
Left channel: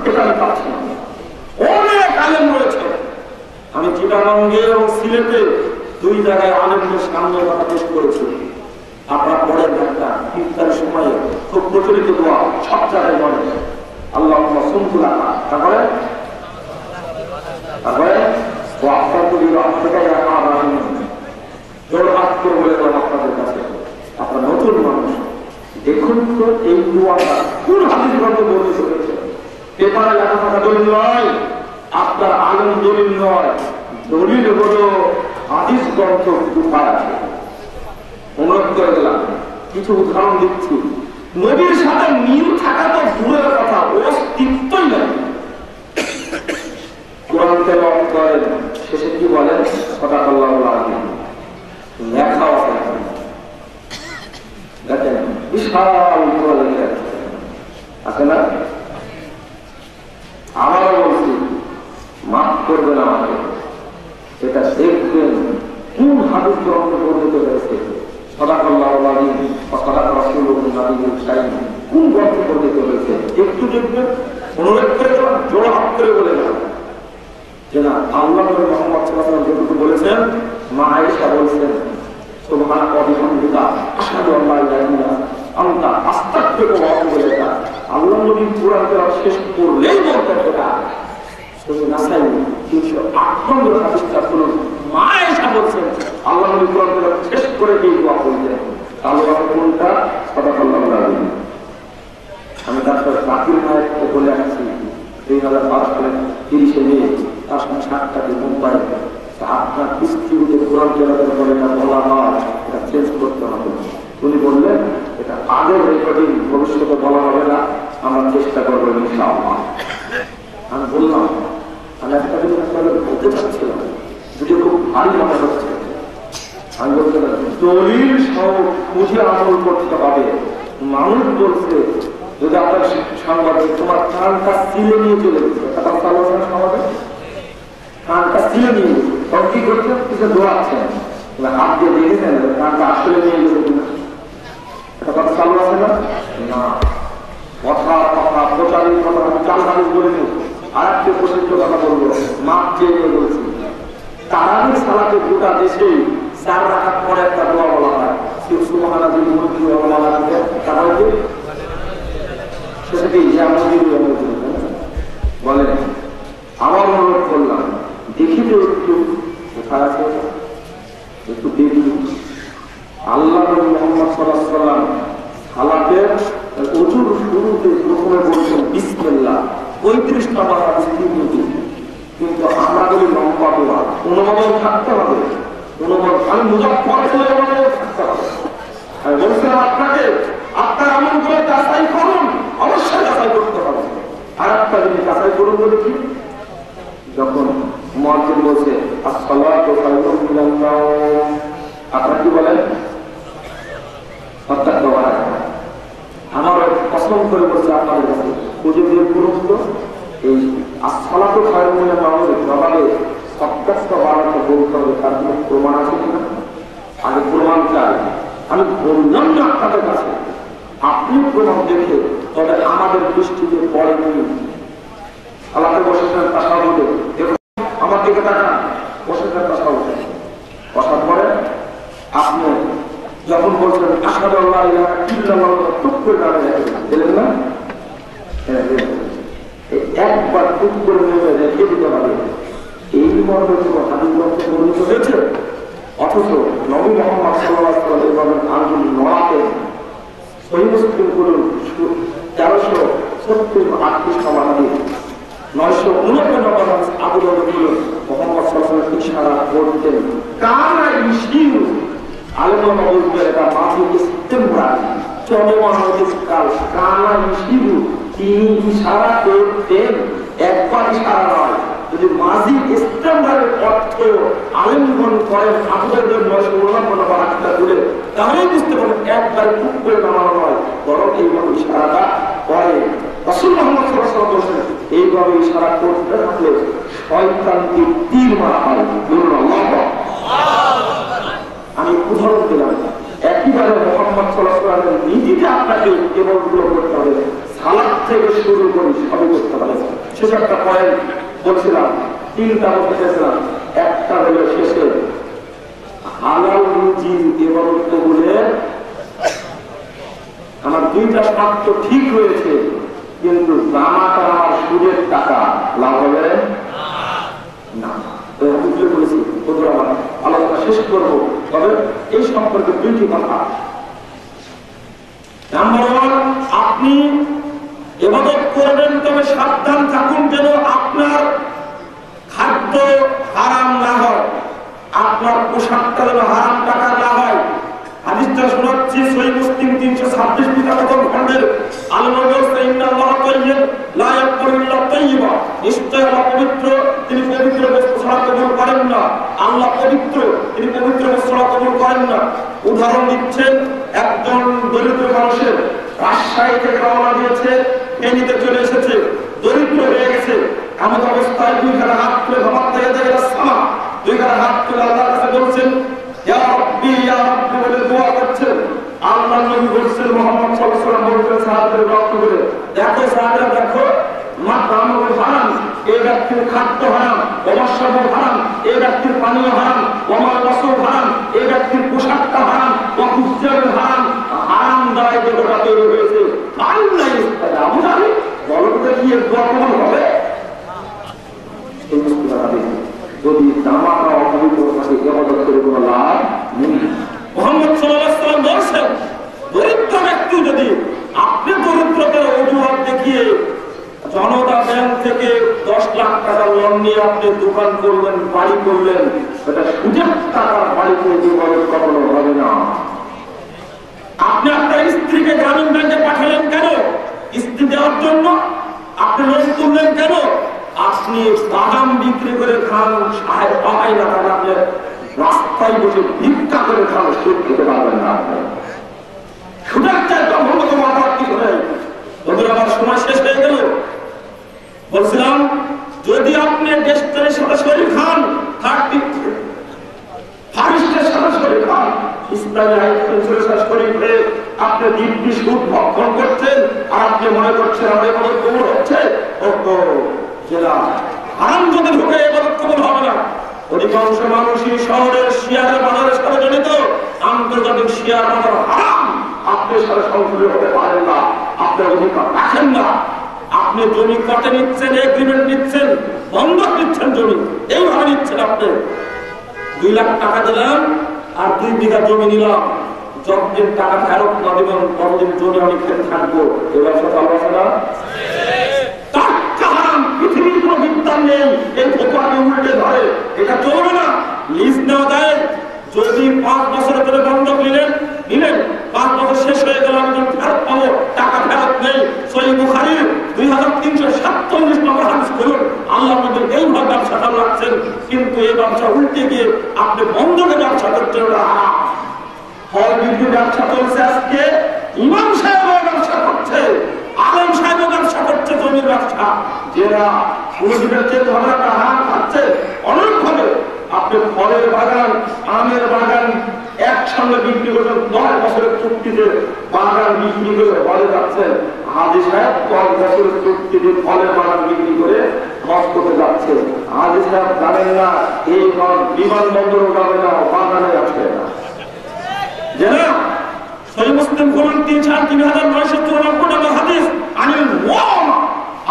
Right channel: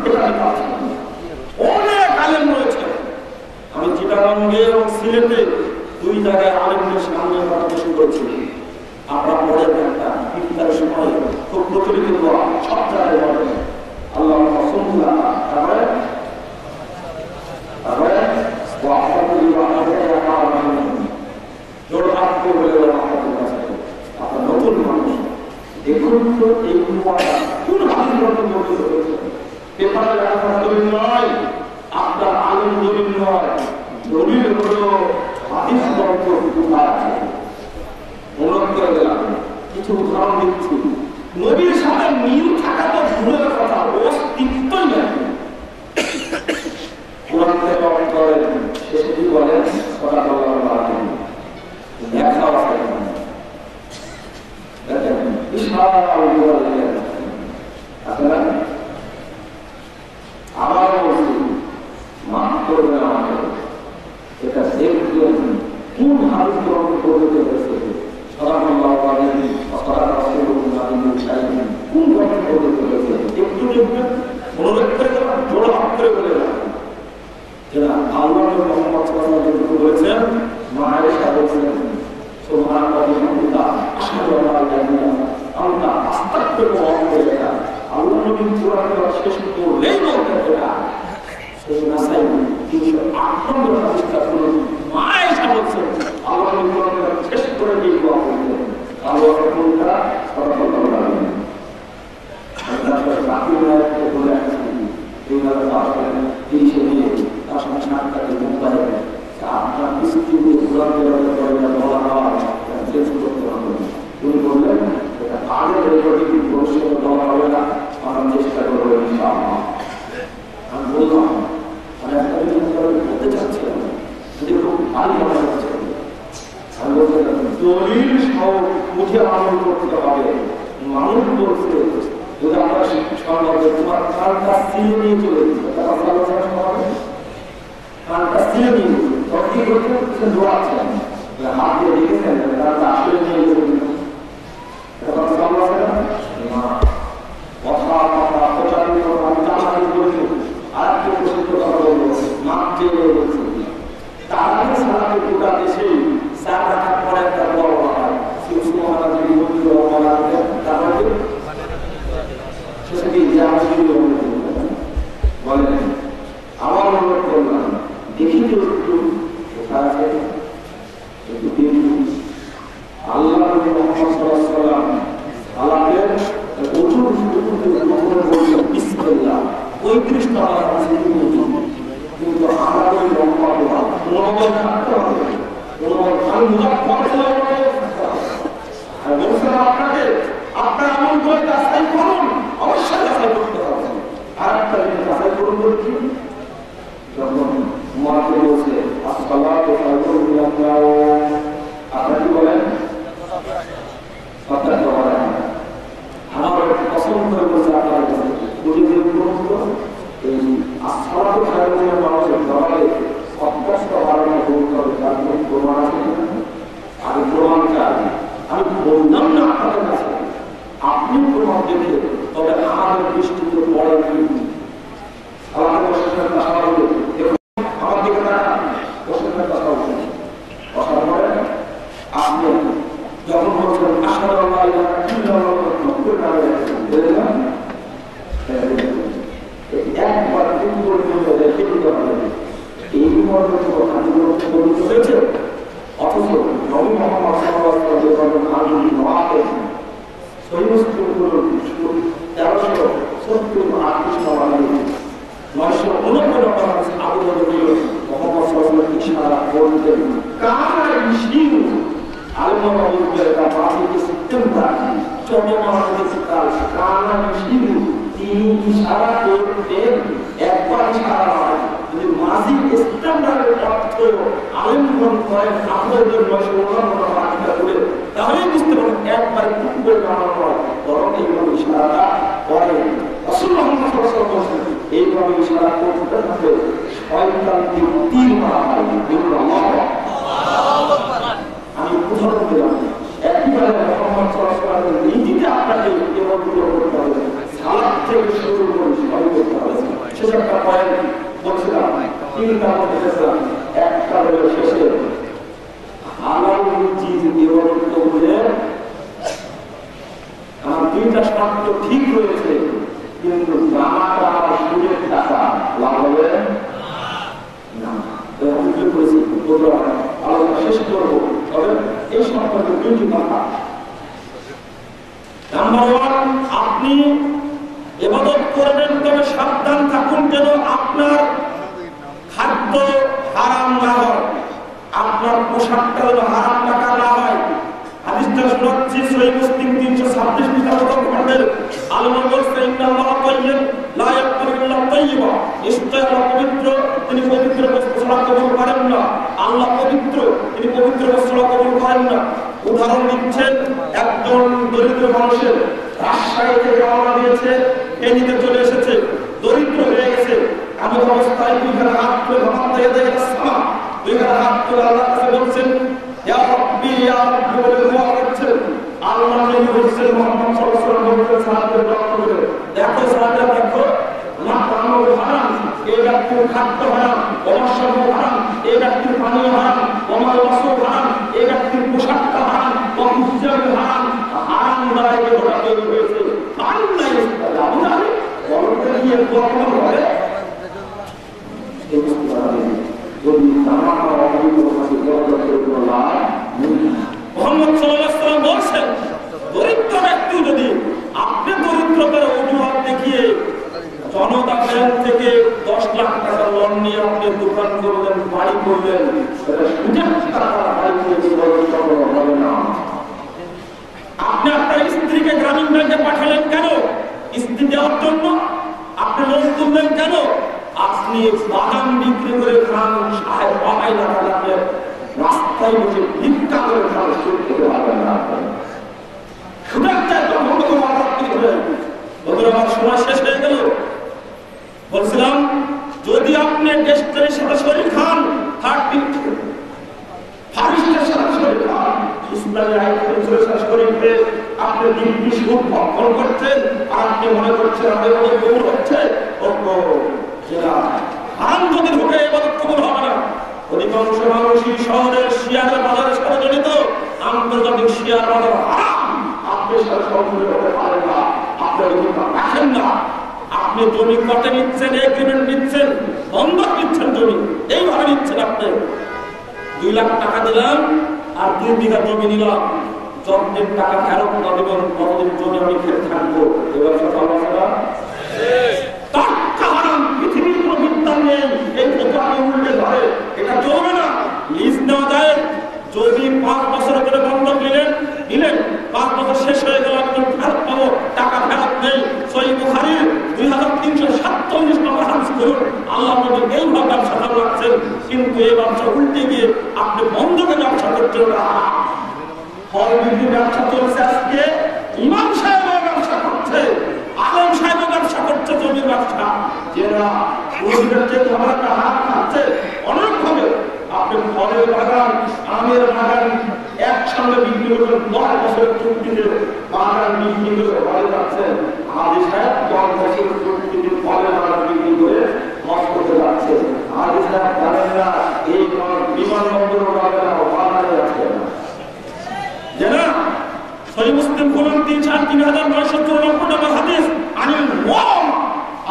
এটা আমি পাচ্ছি না। অনেক আলেম রয়েছে, আমি চিটাগাঙ্গে ও সিলেটে 2 জায়গায় আলেমদের সামনে কথা পেশ করেছি। আপনারা পড়েন একটা ইফতারের সময় খুব প্রচলিত দোয়া, সব জায়গায় বলে আল্লাহুম্মা সুল্লি আলা, তারপরে আপনার নতুন মানুষ দেখুন তো এই দোয়াটা কোন হাদিস গ্রন্থে বর্ণিত হয়েছে? পেপারে লেখা থাকা দলিল নয়, আপনার আলেম দলিল নয়, দলিল হলো হাদিস গ্রন্থ কিছু পাওয়া যায়। অনুরোধ করে দিলাম, কিছু উদাহরণ দিচ্ছি। নবীর সাথে মিল থাকা তো দূরের কথা, অস্তিত্বই নেই। কোরআন তেলাওয়াত করেন, শেষে কি বলেন? সাদাকাল্লাহুল আযীম। লেখাও আছে, দেখেন বিশাল আছে না? আবারও বলছি, মাফ করবেন আমাকে, এটা দেখবেন কোন হাদিস গ্রহণ করতে হয়েছে। সাদাকাল্লাহুল আযীম, সাদাকা রাসূলুল্লাহ কোন গ্রহণ করতে হয়েছে একটু দেখবেন। অনুরোধ করে জোড়া হাত করে বলে না যে না, আল্লাহ মুহাম্মদ সাল্লাল্লাহু আলাইহি ওয়াসাল্লাম বলেছেন, মা আয়েশা বলেছেন সুবহানাল্লাহি ওয়া বিহামদিহি আশহাদু আল্লা ইলাহা ইল্লাল্লাহ আনতা আস্তাগফিরুকা ওয়া আতুবু ইলাইক। আল্লাহ নবী কোরআন তেলাওয়াত শেষ করলেই বলতে হবে শুধু নাসাই 308 নম্বর হাদিসটা শুনুন। মা আয়েশা বলেছেন আল্লাহ নবী কোরআন তেলাওয়াত শেষ করে দিয়ে দোয়া করলেন, আল্লাহ কোনটা সাদাকাল্লাহুল আযীম। আমি তারপর বাকি মায়ের বলে আসছি 2005 সালে 30 মে তার সঙ্গে 7টাকে মুম্বাই আপনার স্ত্রীকে কোরআন তেলাওয়াত করে না বলা হয়, চেঞ্জ করতে হবে। উনি বললেন এটা আগে রেকর্ডিং, ভবিষ্যতে বলা হবে না, আমরা চেষ্টা করবো ইনশাআল্লাহ। আমি বললাম আমি একটা জিনিস বলতে চাচ্ছিলাম, যদি খুব ভারী কথা হচ্ছে আমি বলছিলাম দলিল সহ বুঝে আমল করতে হবে। মানুষ বলছে যদি আমরা সমাজে তোমার কানটা সিলে নিয়ে চলে গেছে, সমাজে কানটা সিলে নিয়ে গেছে, তখন কি করছে? কিছু দোয়াচ্ছেন, হাত দিয়ে দেখেছেন কানটা আসলে নিয়ে গেছে কিনা, এটা কথা চালু আছে না? কথা কথা প্রচারিত কথা চালু করে আর একটু প্রসিদ্ধ কথা বলবো, মাপ চেয়ে বলছি তারাই সালাতে গোটা দেশে 4 রাকাত পরে একটা দোয়া বলা হয়, সুবহানাল্লাহ যদি মসজিদে বলা হয় তাহলে সেটাকে জামাতের বলেন। আমার অনুরোধ করলাম দেখি তো একটু একটু দেখি আল্লাহ মুহাম্মদ সাল্লাল্লাহু আলাইহি ওয়াসাল্লাম সালাতের ওযুর শুরুতে যখন বলছেন বিসমিল্লাহ 35টা বার আছে কিন্তু আমাদের লম্বা দোয়া অনুমোদন থাকতে হবে, অনুমোদন আমি মুজাফফর আর বলছিলাম আপনাকে আপনার আমল করে যাচাই করুন, অবশ্যই যাচাই করতে হবে। আর একটা জিনিস যাচাই করুন বলছি, যখন মুয়াজ্জিন বলছে আসসালাতু খায়রুম মিনান নাওম, আপনারা কি বলেন? অর্থাৎ দোয়া আমার পছন্দ করে বলছে আপনাদের কাছে খুঁজে বের করুন তো এই আসসালাতু খায়রুম মিনান নাওমের জবাবে 50টা বানানো বলতে হবে, তার কোনো প্রমাণ আছে কিনা? আগে প্রমাণ চাই। আমি বললাম না আপনাদের কাছে, আপনি প্রমাণ দেখে তবে আমাদের দৃষ্টিতে পড়ে নিয়ে আল্লাহ বসেছেন তাসা বলতে আমার দিকে তাকান, বসেছেন তাসা বলতে বসার পরে আপনি যখন বলছেন আশহাদু আল্লা ইলাহা ইল্লাল্লাহ টুকরে নামে দেখলেন না একবার টুকরে নিয়ে রেখে দিতে হবে। এই মর্মের কথা আমি বলতে বলিত হয়েছে, অথচ নবী মুহাম্মদ সাল্লাল্লাহু আলাইহি ওয়াসাল্লাম আনহুল নওয়াতে সহিহ মুসলিম করুন 1370 সমানে 999 নম্বর আবু দাউদ মুহাম্মদ সাল্লাল্লাহু আলাইহি ওয়াসাল্লাম ইশারা করতেন কানা ইশিরু আলমা মাউদুকা বাকি ইস্তেমরার চলমান কাল কানা ইশিরু তিনি ইশারা করতেন, একবার ইশারা নয়, যদি মাজি ইস্তেমরারের অর্থ আলিমগণ করেন আপনাদের 999 নম্বর আটটা করে তাহলেই বুঝতে পারেন একবার খুব করে নামানো নয়, বরং এইভাবে ইশারাটা করে রাসূলুল্লাহ মুহাম্মদ সাল্লাল্লাহু আলাইহি ওয়াসাল্লাম এইভাবে ইশারা করতে থাকলে শয়তানকে তীর মারা হয়। বলুন আল্লাহু আকবার। আমি উদাহরণ দিলাম, একইভাবে মুহাম্মদ সাল্লাল্লাহু আলাইহি ওয়াসাল্লাম নিজেকে আপনাকে কেবল পুরো করতে হবে, সালাত থেকে শুরু করে সবই করতে হবে। সেটা একটা পয়েন্ট বলছিলাম, 3টা বলতেছিলাম, একটা হলো শেষে হালাল রুজি ইবাদত করে আমার 2টা শর্ত ঠিক রয়েছে, কিন্তু জামাটা আমার সুদের টাকা লাভ হবে না। আলোচনা শেষ করবো, তবে এই সম্পর্কে 2টি কথা। নাম্বার 1, আপনি ইবাদত করবেন, তবে সাবধান থাকুন যেন আপনার খাদ্য হারাম না হয়, আপনার পোশাকটা যেন হারাম টাকা না হয়। হাদিসটা শোনাচ্ছি সহিহ মুসলিম 326 নম্বর খণ্ডের আলমা বলছে ইন্নাল্লাহা তাইয়্যিব লা ইয়াকবালু ইল্লা তাইয়্যিবা, নিশ্চয় আল্লাহ পবিত্র, তিনি পবিত্র বস্তু ছাড়া কবুল করেন না। আল্লাহ পবিত্র, তিনি পবিত্র বস্তু ছাড়া কবুল করেন না। উদাহরণ দিচ্ছেন, একজন দরিদ্র মানুষের রাজশাহী থেকে রওনা দিয়েছে, ফেনীতে চলে এসেছে, দরিদ্র হয়ে গেছে, এমন অবস্থায় 2 হাত তুলে ভাত থেকে দেখে সামা 2 হাত তুলে আল্লাহর কাছে বলছেন ইয়া রাব্বি ইয়া রাব্বি বলে দোয়া করছেন। আল্লাহ নবী বলেছেন, মুহাম্মদ সাল্লাল্লাহু আলাইহি ওয়াসাল্লাম বলেছেন সাহাবীদের রক্ত করে দেখো, সাহাবীরা দেখো, আমার দামও হারাম, এই ব্যক্তির খাদ্য হারাম, আমার সব হারাম, এই ব্যক্তির পানীয় হারাম, আমার বস্ত্র হারাম, এই ব্যক্তির পোশাকটা হারাম, বস্ত্র হারাম, হারাম দ্বারা যে ওটা তৈরি হয়েছে। আল্লাহ আমরা বলতে গিয়ে দোয়া কেমন হবে? যদি জামাটা অপবিত্র থাকে ইবাদত করে কোনো লাভ নেই। মুহাম্মদ সাল্লাল্লাহু আলাইহি ওয়াসাল্লাম বলেছেন, দরিদ্র ব্যক্তি যদি আপনি দরিদ্রতার অজুহাত দেখিয়ে জনতা ব্যাংক থেকে 10 লাখ টাকা লোন নিয়ে আপনি দোকান করলেন, বাড়ি করলেন, সেটা সুদের টাকা বাড়ি করে ইবাদত কখনো হবে না। আপনি আপনার স্ত্রীকে গ্রামীণ ব্যাংকে পাঠালেন কেন? স্ত্রী দেওয়ার জন্য। আপনি লোন তুললেন কেন? আপনি বাদাম বিক্রি করে খান, সহায় না, আপনি রাস্তা রাস্তায় বসে ভিক্ষা করে খাওয়া সুখ খেতে পারবেন না। সুযোগটাই ব্রহ্মকে মারাত্মক হয়ে ওদের আমার সময় শেষ হয়ে গেল। বলছিলাম যদি আপনি দেশ থেকে সরাসরি খান, সরাসরি খান, সরাসরি করে আপনি দিব্যি সুখ ভক্ষণ করছেন, আর আপনি মনে করছেন আমাদের মতো কবুল হচ্ছে, হারাম যদি ঢুকে এবার কবুল হবে না। অধিকাংশ মানুষই শহরের শেয়ার বাজারের সাথে জড়িত, আন্তর্জাতিক শেয়ার বাজার হারাম, আপনার সাথে সংযোগ হতে পারেন না, আপনার অধিকার রাখেন না। আপনি জমি কটে নিচ্ছেন, এগ্রিমেন্ট নিচ্ছেন, বন্ধক নিচ্ছেন, জমি এইভাবে নিচ্ছেন। আপনি 2 লাখ টাকা দিলাম আর 2 বিঘা জমি নিলাম, যতদিন টাকা ফেরত না দেবেন ততদিন জমি আমি খেতে থাকবো। এবার পৃথিবীর কোন বিদ্যান নেই, এই প্রকারে উল্টে ধরে, এটা চলবে না। লিজ নেওয়া যায়, যদি 5 বছরের ধরে বন্ধক নিলেন 5 বছর শেষ হয়ে গেল, একজন ফেরত পাবো, টাকা ফেরত নেই। সহিহ বুখারীর 2347 নম্বর হাদিস বলুন, আল্লাহ নবী এইভাবে ব্যবসা চালু রাখছেন, কিন্তু এই ব্যবসা উল্টে গিয়ে আপনি বন্ধকে ব্যবসা করছেন। ফল বিক্রি ব্যবসা চলছে, আজকে ইমাম সাহেবও ব্যবসা করছে, আলেম সাহেবও ব্যবসা করছে, জমির ব্যবসা। যারা খাচ্ছে অনেকভাবে, আপনি ফলের বাগান, আমের বাগান একসঙ্গে বিক্রি করছেন, 9 বছরের চুক্তিতে বাগান বিক্রি করে ফলে যাচ্ছেন। হাজি সাহেব 10 বছরের চুক্তিতে ফলের বাগান বিক্রি করে নষ্ট করতে যাচ্ছে। হাজি সাহেব জানেন না এই বিমানবন্দর যাবে না, বাগানে যাচ্ছে না। জানা সহিহ মুসলিম বলুন 3994 নম্বর হাদিস, আনিল মুআমা,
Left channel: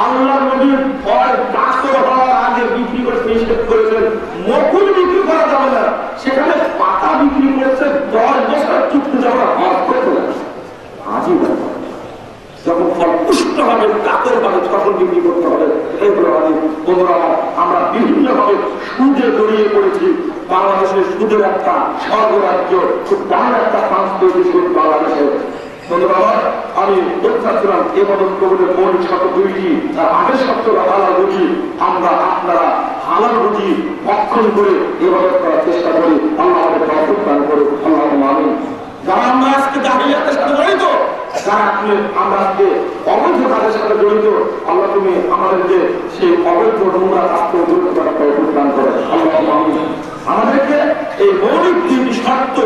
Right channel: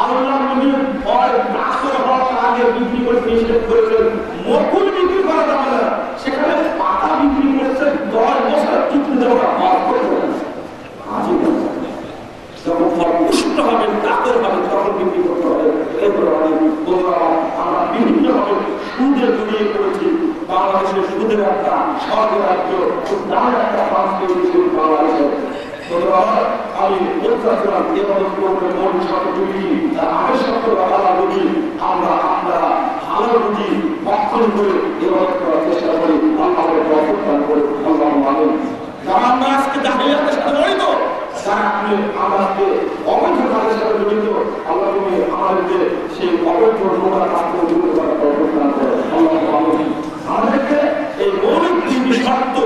আল্লাহর নবী ফল নষ্ট হওয়ার আগে বিক্রি করে নিষেধ করেছেন, মকুল বিক্রি করা যাবে না। সেখানে পাতা বিক্রি করেছে 10 বছর চুক্তি যাওয়া হজ করতে হবে। হাজি যখন ফল পুষ্ট হবে, কাতর হবে, তখন বিক্রি করতে হবে। এগুলো আমরা বিভিন্নভাবে সুদে জড়িয়ে পড়েছি। বাংলাদেশের সুদের একটা স্বর্গরাজ্য, খুব দাম একটা সংস্কৃতি সুদ বাংলাদেশের। আমি বলছিলাম এবাদত করলে মন শত দুইটি, তার আগের শব্দ হালাল রুজি, আমরা আপনারা হালাল রুজি ভক্ষণ করে এবাদত করার চেষ্টা করি। আল্লাহ আমাদের তৌফিক দান করে, আল্লাহুম্মা আমিন। যারা আমরা আজকে জাহিলিয়াতের সাথে জড়িত, যারা আমরা আজকে অবৈধ কাজের সাথে জড়িত, আল্লাহ তুমি আমাদেরকে সেই অবৈধ নমুনা কাজ করে জড়িত করার তৌফিক দান করে, আল্লাহুম্মা আমিন। আমাদেরকে এই মৌলিক 3টি শর্ত,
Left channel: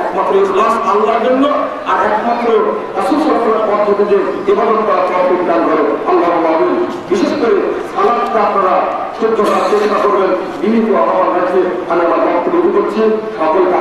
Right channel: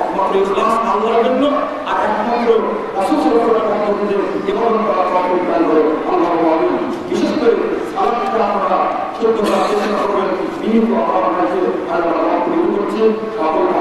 একমাত্র ইখলাস আল্লাহর জন্য, আর একমাত্র রাসূল সাল্লাল্লাহু আলাইহি পদ্ধতিতে ইবাদত করার তৌফিক দান করে, আল্লাহুম্মা আমিন। বিশেষ করে সালাতটা আপনারা শুদ্ধ করার চেষ্টা করবেন। বিভিন্ন আহ্বান আছে, আমি আমার বক্তব্য করছি, সকলকে